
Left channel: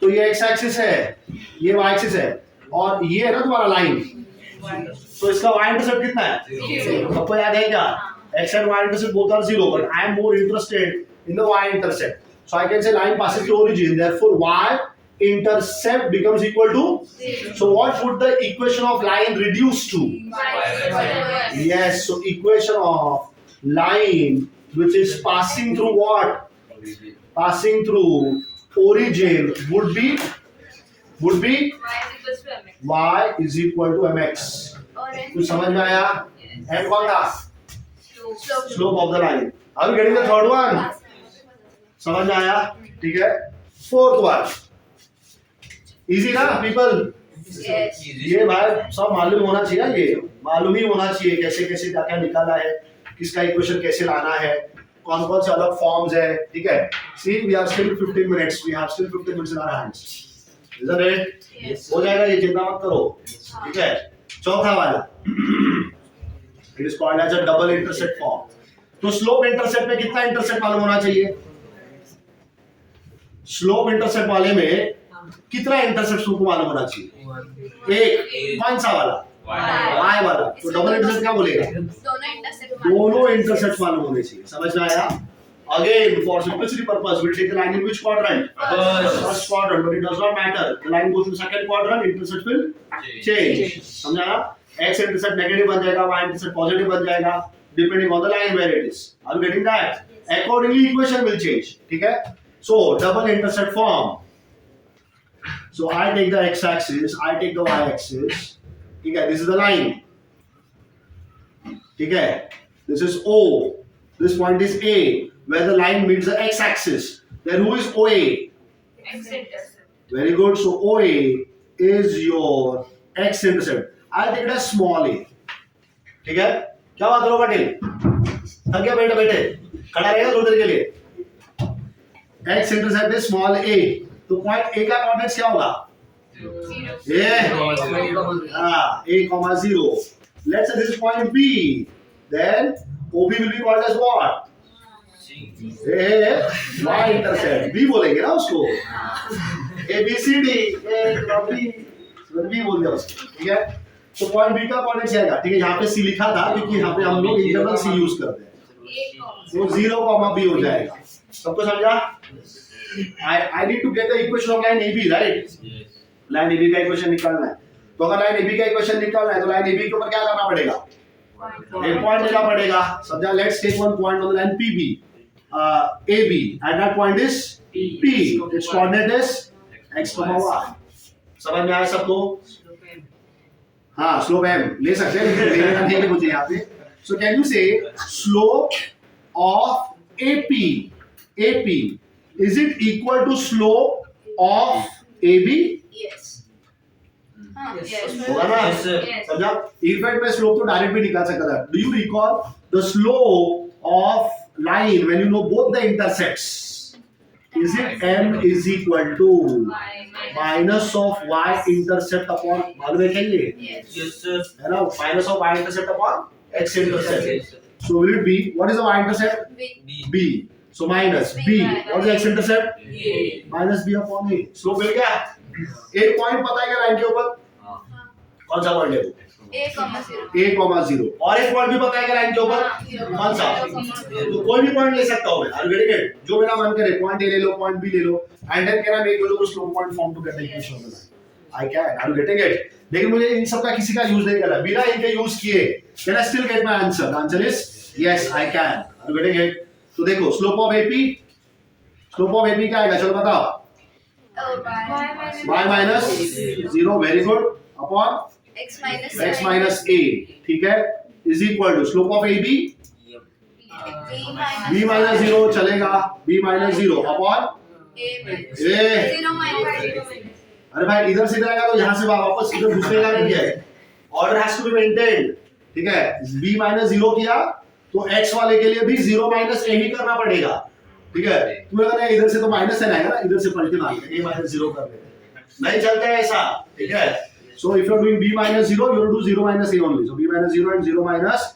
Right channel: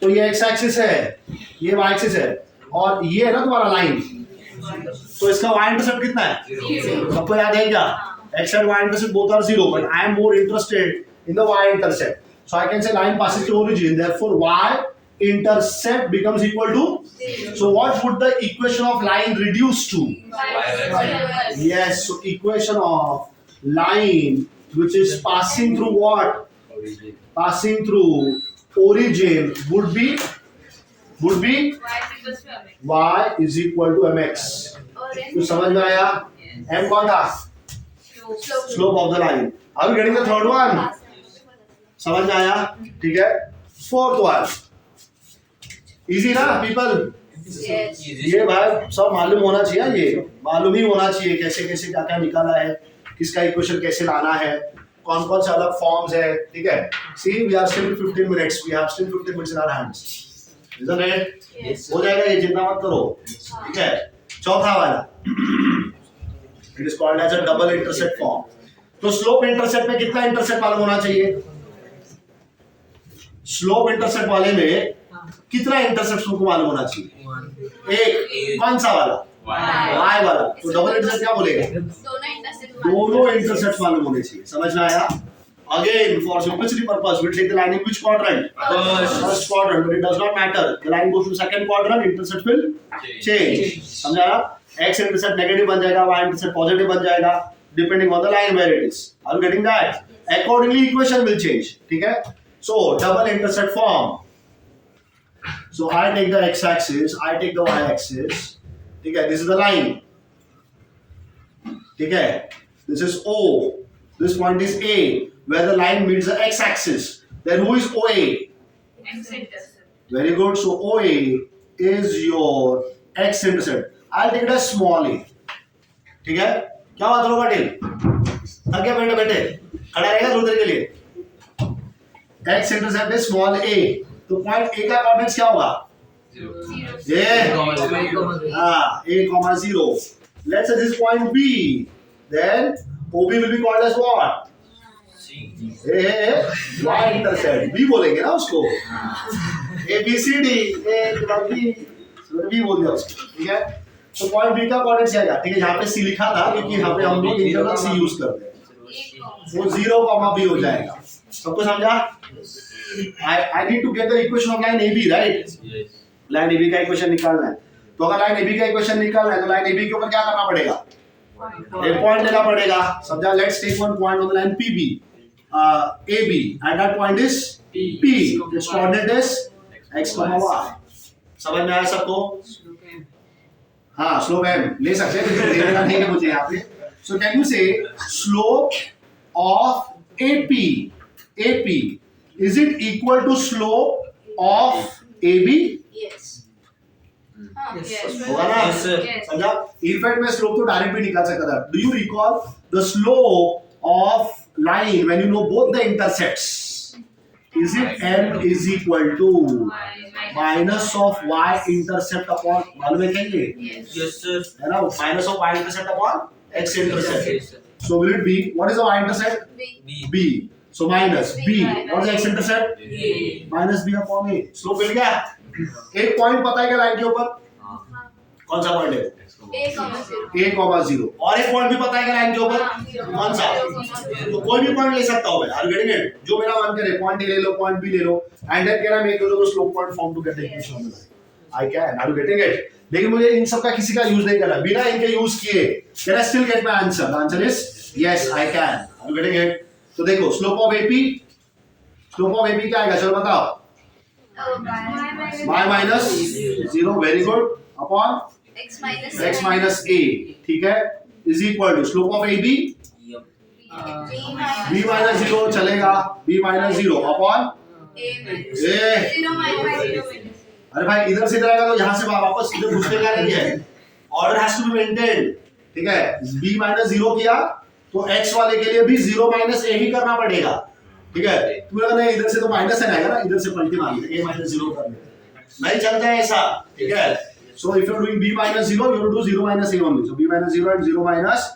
तो ये एक्स एक्सिस है, ये वाई एक्सिस है, और ये है ना तुम्हारा लाइन, तो इसका वाई इंटरसेप्ट कितना है? सबको याद है क्या? X and y intercept both are 0, but I am more interested in the y intercept, so I can say line passes through origin, therefore y intercept becomes equal to, so what would the equation of line reduce to? Yes, so equation of line which is passing through what? Passing through origin would be Y is equals to MX. y is equal to mx. कुछ समझ में आया? m कौन था? Slope of the line. Are you getting the third one? समझ में आया? ठीक है, फोर्थ वन इजी ना पीपल? Yes. ये भाई सब मालूम होना चाहिए, ये मालूम ही होना चाहिए कैसे कैसे क्या क्या निकाला है, किसका इक्वेशन कैसे लाना है, कौन कौन से अलग फॉर्म्स है, ठीक है? See we are still 15 minutes, we have still 15 minutes in our hands, isn't it? Yes. हो जाएगा, ये चिंता मत करो, ठीक है? चौथा वाला it is called as a double intercept form. तो स्लोप इंटरसेप्ट में कितना इंटरसेप्ट मालूम होना चाहिए? स्लोप इंटरसेप्ट वाले में कितना इंटरसेप्ट तुमको मालूम होना चाहिए? एक। कौन सा वाला? y वाला। तो डबल इंटरसेप्ट क्या बोलेगा? दोनों इंटरसेप्ट मालूम होने चाहिए। समझ में आया? Again, for simplicity purpose, we'll take the line in which quadrant? First quadrant, but it does not matter. The line goes to second quadrant, intercept will change. समझ आया? X intercept negative बन जाएगा, Y intercept positive बन जाएगा, depending on the line where it is. Are you getting that? Accordingly, equation will change. ठीक है? So double intercept form. So I take the x-axis, I take the y-axis. ठीक है? This is the line. ठीक है? This is O. This point is A, where the line meets the x-axis. Then who is OA? X-intercept. Very good. So OA is your x-intercept. I'll take it as small a. ठीक है? क्या बात हो पाटिल? थक गया बेटे बेटे? खड़ा रहेगा थोड़ी देर के लिए? x-intercept is small a. तो पॉइंट A का कोऑर्डिनेट्स क्या होगा? A, 0. Let's say this point B. Then OB will be called as what? Y intercept. B बोलेंगे ना उसको? A B C D. B बोल दिया उसको, ठीक है? तो पॉइंट B का कोऑर्डिनेट्स क्या है? ठीक है, यहाँ पे C लिखा था क्योंकि यहाँ पे हम लोग इंटरनल C यूज करते हैं। तो 0, B हो जाएगा। सबको समझा? I need to get the equation of line AB, right? Yes. Line AB का इक्वेशन निकालना है। तो अगर लाइन AB का इक्वेशन निकालना है तो लाइन AB के ऊपर क्या करना पड़ेगा? एक पॉइंट लेना पड़ेगा। समझा? Let's take one point on the line PB, AB, and that point is P. Its coordinate is x, y. समझ में आया सबको? हाँ, स्लोप m ले सकते हैं, लेकिन देने का नहीं है मुझे यहाँ पे। So can you say slope of AP is it equal to slope of AB? Yes. Yes. होगा ना? Yes, sir. Yes. समझा? इनफैक्ट मैं स्लोप तो डायरेक्ट भी निकाल सकता था। Do you recall the slope of line when you know both the intersects? Is it m is equal to minus of y intercept upon, मालूम है क्या ये? Yes. Yes, sir. है ना? Minus of y intercept upon x intercept. Yes, sir. So will it be, what is the y intercept? B. B. b. So minus b, what is x intercept? A. Minus b upon a। स्लोप मिल गया? एक point पता है क्या line के ऊपर? कौन सा पॉइंट है? A, 0. A,0 और एक पॉइंट भी पता है क्या लाइन के ऊपर? कौन सा? तो कोई भी पॉइंट ले सकता हूं मैं। Are you getting it? जो मेरा मन करे, पॉइंट A ले लो, पॉइंट B ले लो, and then can I make the slope point form to get the equation of the line? I can. Are you getting it? लेकिन मुझे इन सब का किसी का यूज नहीं करना। बिना इनके यूज किए can I still get my answer? The answer is yes, I can. Are you getting it? तो देखो, slope of AP, slope of AP क्या आएगा? चलो बताओ। y minus 0, very good, upon X minus x minus a, ठीक है, is equal to slope of AB Yep. b minus 0 चलेगा, b minus 0 अपॉन A minus a। 0 minus अरे भाई इधर से इधर आएगा तो यहाँ से वापस इधर घुसने का नहीं है। Order has to be maintained, ठीक है? b minus 0 किया तो x वाले के लिए भी 0 minus a ही करना पड़ेगा, ठीक है? तू अगर नहीं इधर से तो माइनस है आएगा ना, इधर से पलटी मार ले, a minus 0 कर ले, नहीं चलता है ऐसा, ठीक है? So if you are doing b minus 0, you will do 0 minus a only. So b minus 0 and 0 minus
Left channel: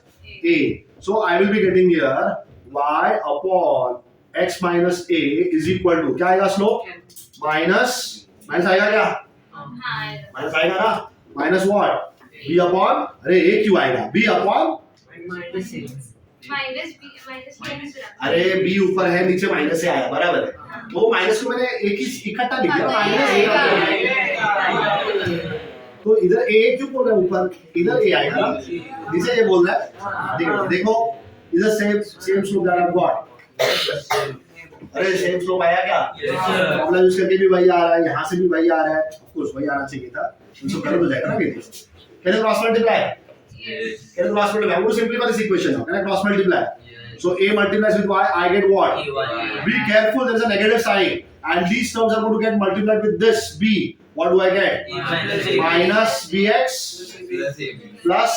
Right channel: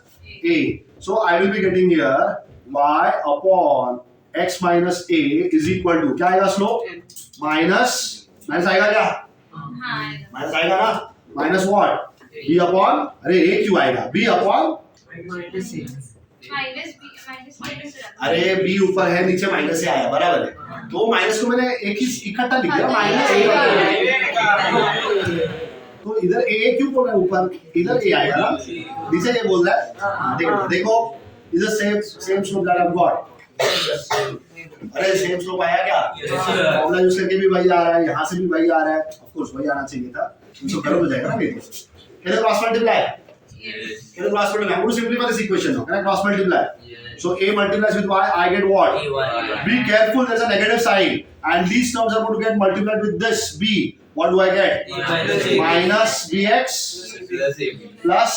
a. So I will be getting here y upon x minus a is equal to क्या आएगा slope minus आएगा क्या हाँ minus आएगा ना minus what b upon अरे a क्यों आएगा b अपॉन माइनस बी अरे b ऊपर है नीचे माइनस से आया बराबर है तो माइनस को मैंने एक ही इकट्ठा लिख दिया माइनस तो इधर a क्यों बोल रहा है ऊपर इधर a आएगा ना नीचे ये बोल रहा है देखो इधर सेम स्लोप जा रहा है गॉड अरे सेम स्लोप आया क्या फॉर्मूला यूज करके भी वही आ रहा है यहाँ से भी वही आ रहा है ऑफ कोर्स वही आना चाहिए था तो कर हो जाएगा ना कैसे क्रॉस मल्टीप्लाई कैसे cross multiply I'm going to simplify this equation now can I cross multiply so a multiplies with y I get what be careful there's a negative sign and these terms are going to get multiplied with this b what do I get minus bx plus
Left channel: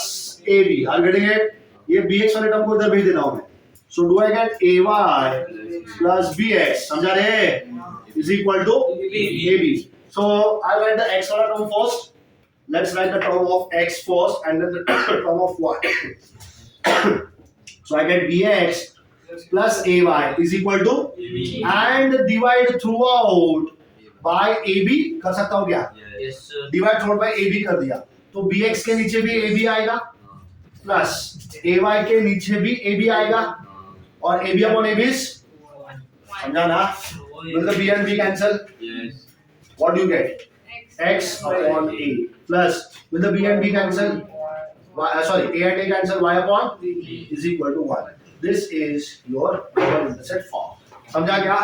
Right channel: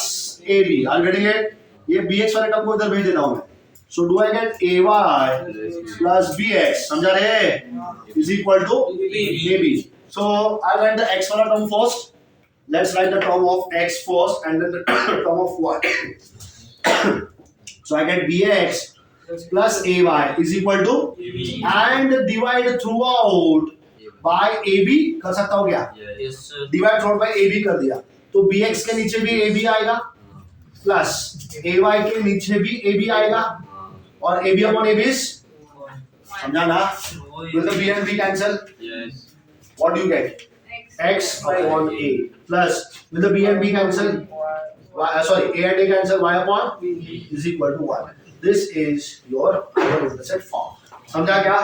ab are you getting it ये bx वाले term को इधर भेज देना हूं मैं so do I get ay plus bx समझा रहे is equal to ab so I'll write the x वाला term first let's write the term of x first and then the term of y so I get bx plus ay is equal to and divide throughout by ab कर सकता हूं क्या Yes, sir. Divide through by ab कर दिया तो bx के नीचे भी ab आएगा प्लस ay के नीचे भी ab आएगा और ab upon ab is समझा ना will the b and b cancel what do you get x upon a plus will the b and b cancel sorry a and a cancel y upon b is equal to 1 this is your intercept form समझा क्या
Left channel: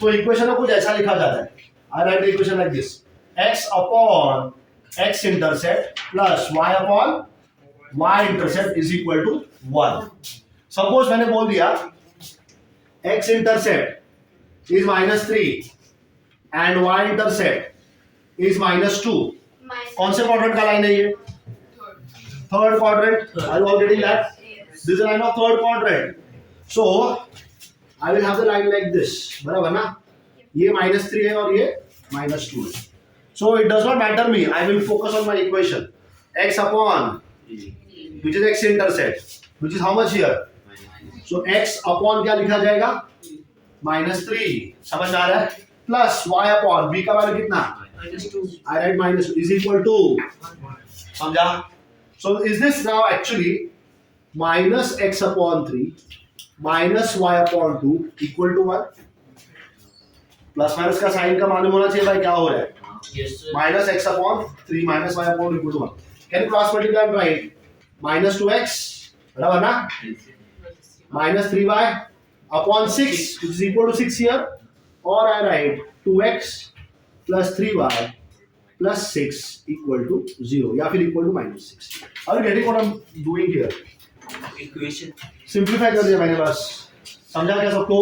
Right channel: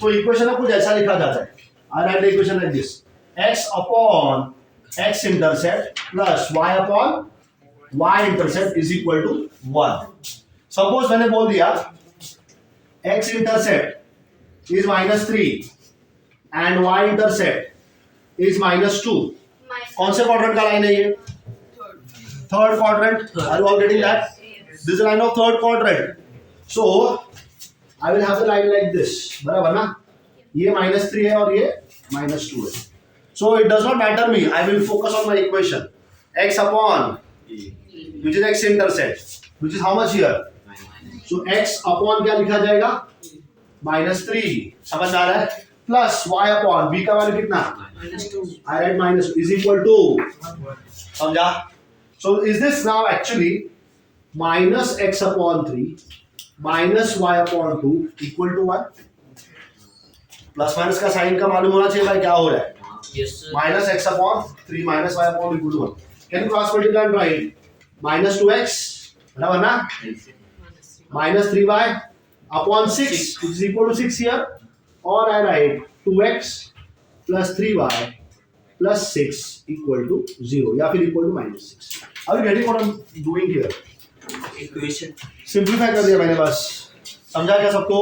तो equation को कुछ ऐसा लिखा जाता है I write the equation like this x upon x intercept plus y upon y intercept is equal to 1 suppose मैंने बोल दिया x intercept is -3 and y intercept is -2 कौन से क्वाड्रेंट का लाइन है ये third quadrant are you all getting that this is a line of third quadrant so I will have the line like this बराबर ना ये -3 है और ये -2 है so it does not matter me I will focus on my equation x upon which is x intercept which is how much here so x upon क्या लिखा जाएगा -3 समझ आ रहा है प्लस y upon b का वैल्यू कितना I write minus is equal to समझा so is this now actually minus x upon 3 minus y upon 2 equal to 1 plus minus का साइन का मालूम होना चाहिए भाई क्या हो रहा है Yes, sir. minus x upon 3 minus y upon equal to 1 can you cross multiply and write minus 2x बराबर ना minus 3y upon 6 which is equal to 6 here or I write 2x plus 3y plus 6 equal to 0 या फिर equal to -6 are you getting what I'm doing here Equation. Simplify कर दिया मैंने बस समझा क्या सबको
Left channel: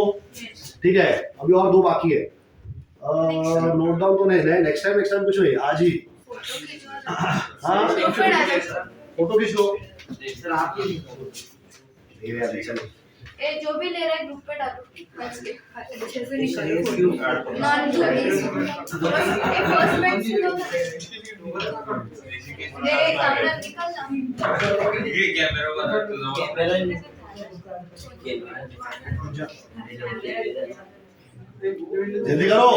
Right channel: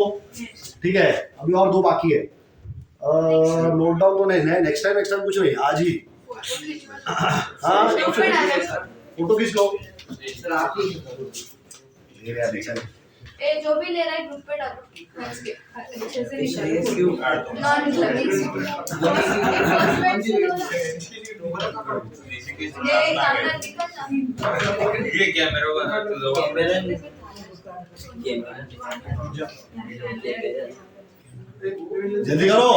ठीक है अभी और दो बाकी है नोट डाउन तो नहीं नेक्स्ट टाइम कुछ नहीं आज ही हाँ फोटो खींच लो सर आप ही ले रहे हैं चल ए जो भी ले रहा है ग्रुप पे डालो अच्छे से Yes, निकालो you non studies first bench से लो ये कागज निकल ना ये कैमरा वाला तो लो जल्दी करो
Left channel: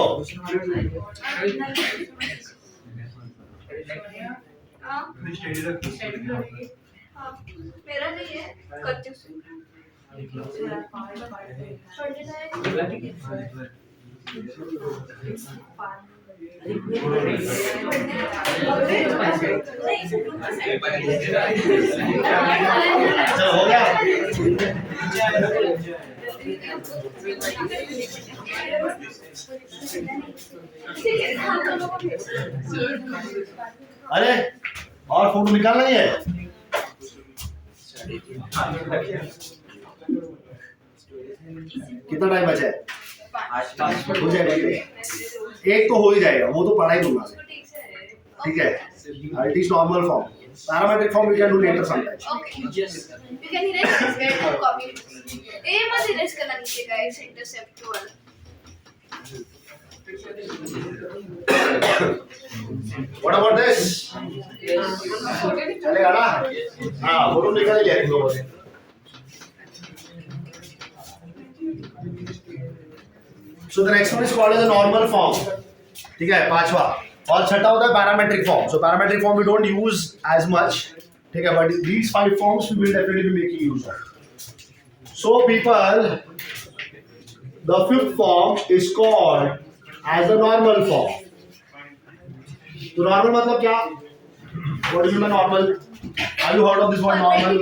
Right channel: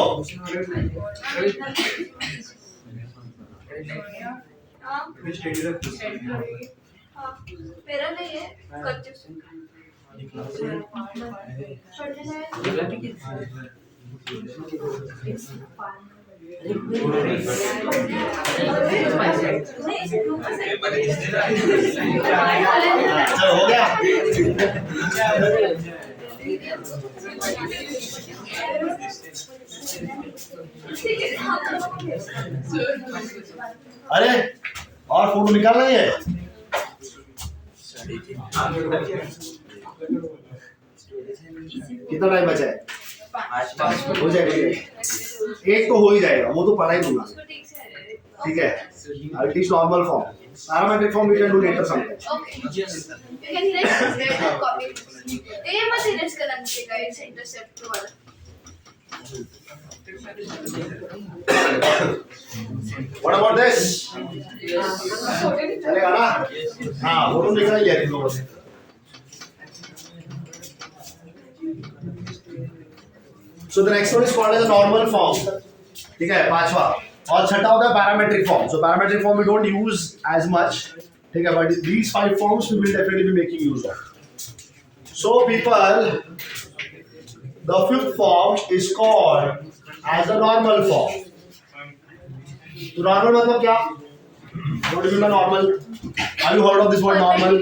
हां मेरा नहीं है करती हूं पढ़ लेना है चल हो गया अरे और फोटो निकालना ही है कितना टाइम बचा है हो जाएगा एक तो हो ही जाएगा वो तो पढ़ाई दूंगा ठीक है I'll teach normal form parametric form we can do later sometime Okay. You can erase this guy and copy it. ए मत erase करना नीचे का इस इंटरसेप्ट वाला. what about this चलेगा ना हाँ फोटो निकाल ही लिया तुम लोगों ने So the next one is called as a normal form. ठीक है, पांचवा. और छठा होता है parametric form. So parametric form we don't use as much. ठीक है, but these 5 forms we will definitely be making use of. So people, the 5th form is called as the normal form. तो normal मतलब क्या? What do you mean by normal? Have you heard of this word normal?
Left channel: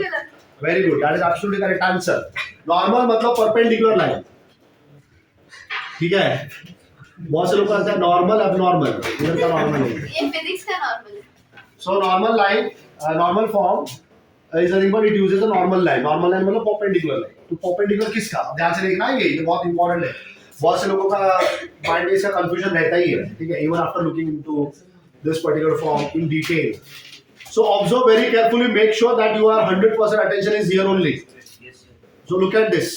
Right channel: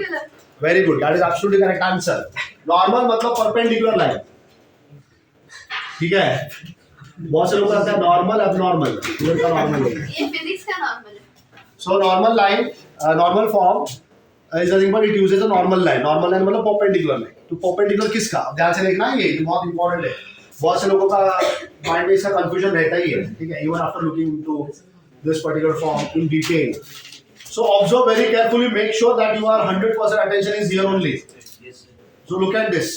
Very good. That is absolutely correct answer. Normal मतलब perpendicular line. ठीक है. बहुत से लोग कहते हैं नॉर्मल एबनॉर्मल. इधर का नॉर्मल है. ये फिजिक्स का नॉर्मल है. So normal line, normal form is nothing but it uses a normal line. Normal line मतलब perpendicular line. तो perpendicular किसका? ध्यान से लिखना है ये बहुत important है. बहुत से लोगों का माइंड में इसका कंफ्यूजन रहता ही है. ठीक है, even after looking into this particular form in detail. So observe very carefully. Make sure that your 100% attention is here only. So look at this.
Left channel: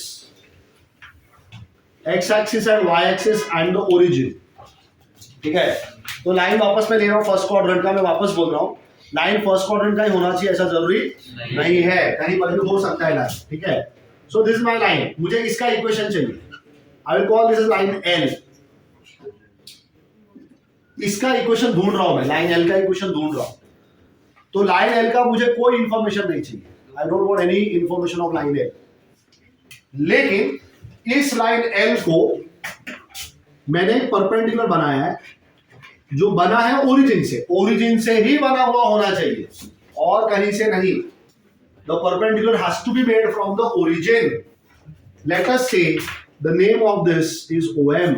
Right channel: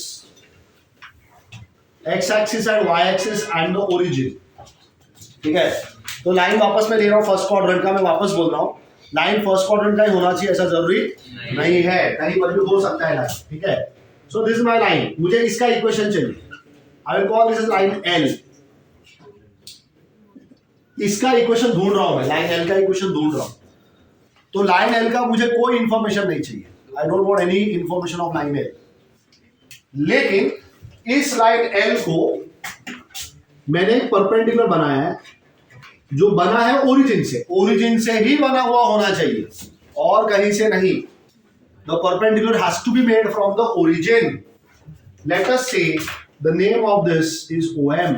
X-axis and Y-axis and the origin. ठीक है, तो line वापस मैं ले रहा हूँ first quadrant का. मैं वापस बोल रहा हूँ, लाइन फर्स्ट क्वाड्रेंट का ही होना चाहिए ऐसा जरूरी नहीं है. कहीं पर भी हो सकता है लाइन. ठीक है, so this is my line. मुझे इसका इक्वेशन चाहिए. I will call this is line L. इसका इक्वेशन ढूंढ रहा हूं मैं. लाइन L का इक्वेशन ढूंढ रहा हूं. तो लाइन L का मुझे कोई इंफॉर्मेशन नहीं चाहिए. I don't want any information of line L. लेकिन इस लाइन L को मैंने एक परपेंडिकुलर बनाया है जो बना है ओरिजिन से. ओरिजिन से ही बना हुआ होना चाहिए और कहीं से नहीं. The perpendicular has to be made from the origin. Let us say the name of this is OM.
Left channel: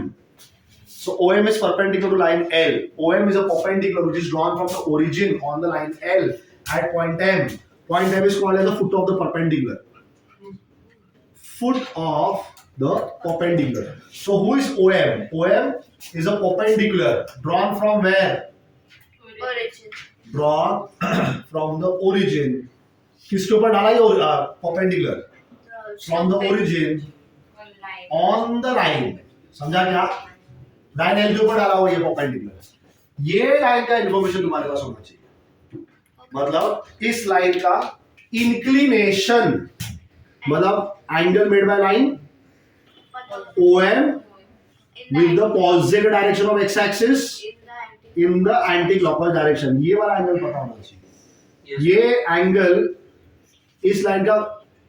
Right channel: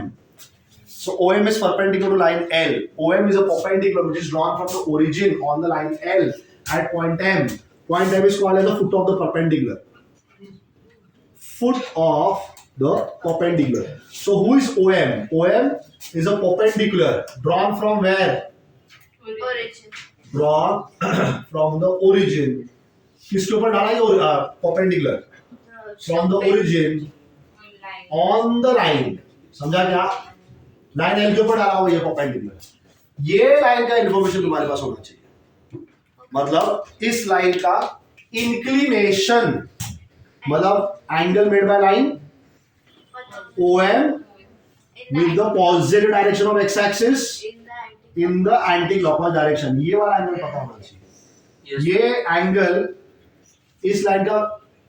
So OM is perpendicular to line L. OM is a perpendicular which is drawn from the origin on the line L at point M. Point M is called as the foot of the perpendicular. Foot of the perpendicular. So who is OM? OM is a perpendicular drawn from where? origin. Drawn from the origin. किसके ऊपर डाला ये perpendicular? From the origin on the line. समझा क्या? Line L के ऊपर डाला हुआ ये perpendicular. ये लाइन का इंफॉर्मेशन तुम्हारे पास होना चाहिए. मतलब इस लाइन का इंक्लिनेशन, मतलब angle made by line OM with the positive direction of x-axis in the anti-clockwise direction. ये वाला एंगल पता होना चाहिए. ये एंगल इस लाइन का,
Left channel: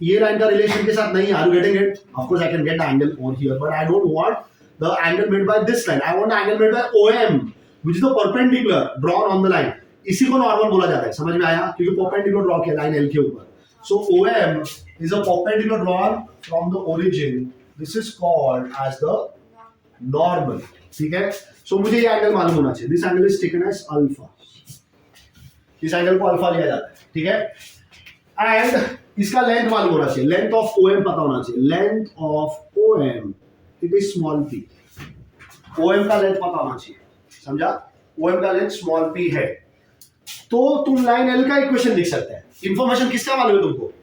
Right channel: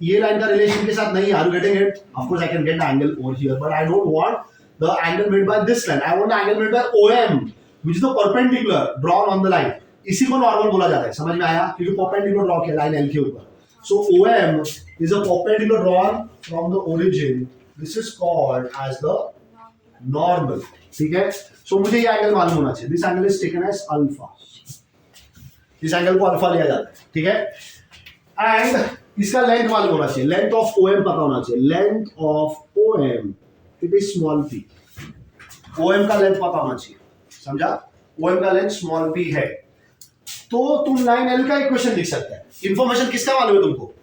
ये लाइन का रिलेशन के साथ नहीं है. Are you getting it? Of course I can get the angle over here, but I don't want the angle made by this line. I want the angle made by OM, which is the perpendicular drawn on the line. इसी को normal बोला जाता है. समझ में आया? क्योंकि perpendicular draw किया लाइन L के ऊपर. So OM is a perpendicular drawn from the origin. This is called as the normal. ठीक है? So मुझे ये एंगल मालूम होना चाहिए. This angle is taken as alpha. इस एंगल को अल्फा लिया जाता है. ठीक है? एंड इसका लेंथ मालूम होना चाहिए. लेंथ ऑफ OM पता होना चाहिए. Length of OM it is small p. OM का लेंथ पता होना चाहिए. समझा? OM का लेंथ स्मॉल p है. तो तुम लाइन L का इक्वेशन लिख सकते हैं. इंफॉर्मेशन किसका मालूम है तुमको?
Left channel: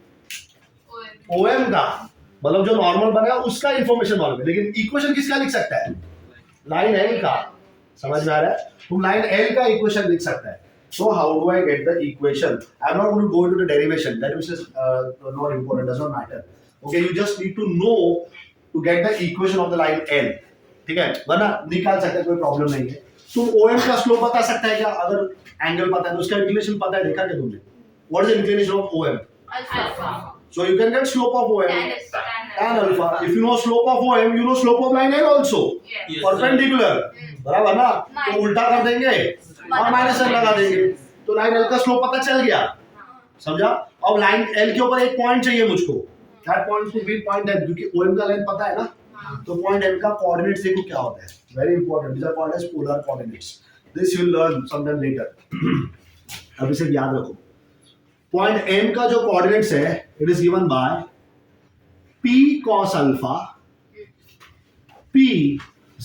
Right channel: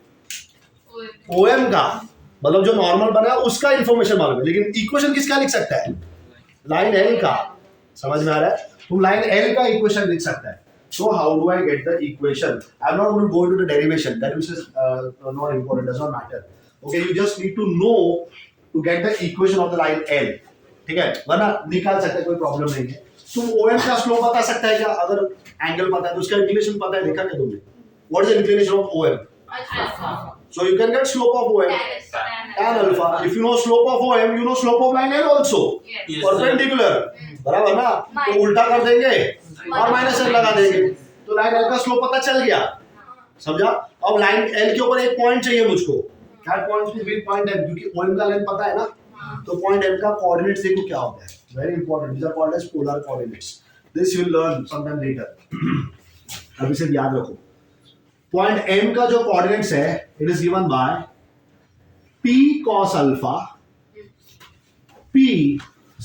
OM का, मतलब जो नॉर्मल बना है उसका इंफॉर्मेशन मालूम है. लेकिन इक्वेशन किसका लिख सकता है? लाइन L का. समझ में आ रहा है? तुम लाइन L का इक्वेशन लिख सकता है. So how do I get the equation? I'm not going to go into the derivation. That is not important. Does not matter. Okay, you just need to know to get the equation of the line L. ठीक है? वरना निकाल सकते हैं, कोई problem नहीं है. तुम OM का स्लोप बता सकता है क्या? अगर एंगल पता है तो उसका इंक्लिनेशन पता है. देखा क्या तुमने? What is the inclination of OM? Alpha. So you can get slope of OM. Tan alpha. If you know slope of OM, you know slope of line L also. Yes. Perpendicular. बराबर ना? तो उल्टा कर देंगे और minus L लगा देंगे. तो लाइन L का स्लोप पता चल गया. समझा? अब लाइन L के ऊपर एक पॉइंट चाहिए मुझको. That point could be point M, क्योंकि OM का लेंथ पता है ना. तो पॉइंट M का कोऑर्डिनेट्स देखो क्या होता है. Very important. These are called as polar coordinates. This you will learn sometime later. अब इसे याद रखो. पॉइंट M का जो कोऑर्डिनेट्स है, it is given by P cos alpha, P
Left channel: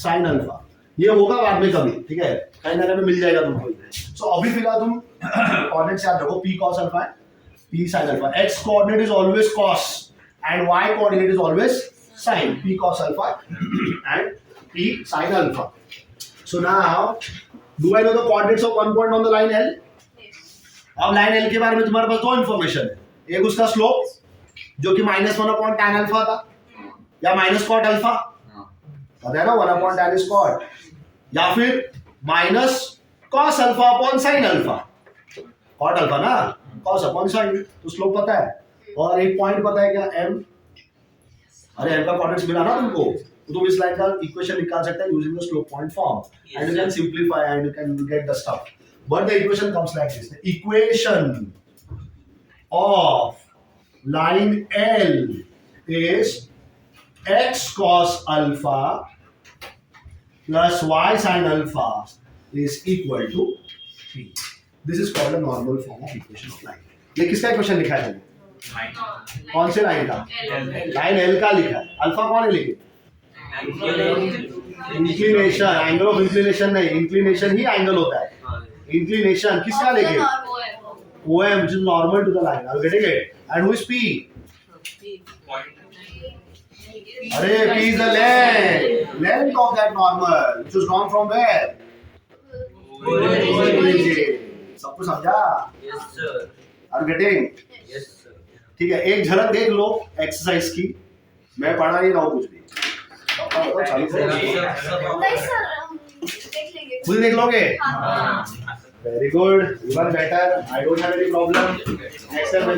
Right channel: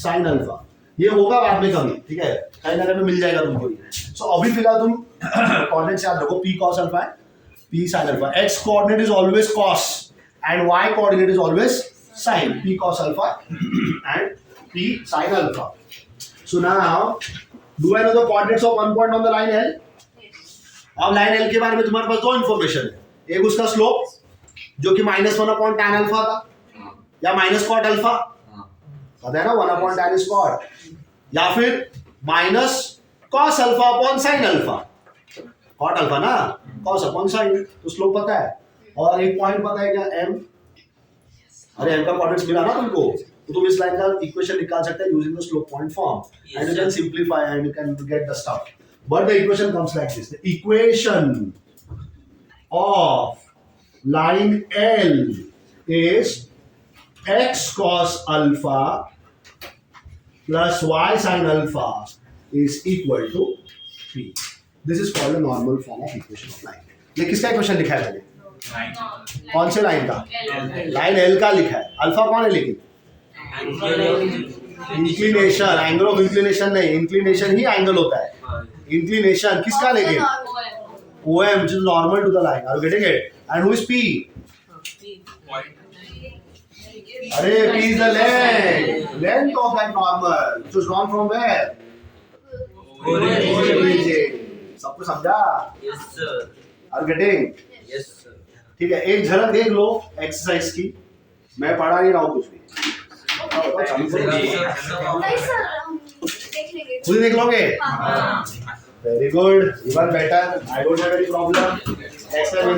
sin alpha. ये होगा बाद में कभी. ठीक है? कहीं ना कहीं मिल जाएगा तुमको. सो अभी फिलहाल तुम कोऑर्डिनेट्स याद रखो. P cos alpha है, P sin alpha. X coordinate is always cos and Y coordinate is always sin. P cos alpha and P sin alpha. So now, do I know the coordinates of one point on the line L? अब line L के बारे में तुम्हारे पास दो information है. एक उसका slope जो कि -1/tan अल्फा था या -cot अल्फा. पता है ना 1/tan is cot, या फिर minus cos alpha upon sin alpha, cot alpha ना cos अपॉन sin, तो स्लोप पता है और एक पॉइंट पता है क्या m, अरे m का कोऑर्डिनेट्स मिला ना तुमको, तो तुम इस लाइन का इक्वेशन निकाल सकते हैं using the slope point form and you can simplify and you can get the stuff, but the equation comes like this, the equation of line L is x cos alpha plus y sin alpha is equal to p. This is called a normal form of equation of line. ये किसका equation लिखा है मैंने? कौन से line का? Line L का लिखा है. अल्फा कौन है लेकिन? इंक्लिनेशन, एंगल ऑफ इंक्लिनेशन नहीं, इंक्लिनेशन ही एंगल होता है. इंक्लिनेशन किसका लेकिन? OM, which is normal to the line. Are you getting it? And who is P? अरे P is the length of that normal, which was drawn from where? Origin. सबको समझा? Yes sir. Are you getting? Yes sir. ठीक है, एक झलक देख लो exercise की, मैं पढ़ा नहीं रहा हूँ कुछ भी. चालू करो. नहीं सर, हम देख लेंगे. खुद देख लोगे? हाँ. Very good, even better. I don't have any problem. Next time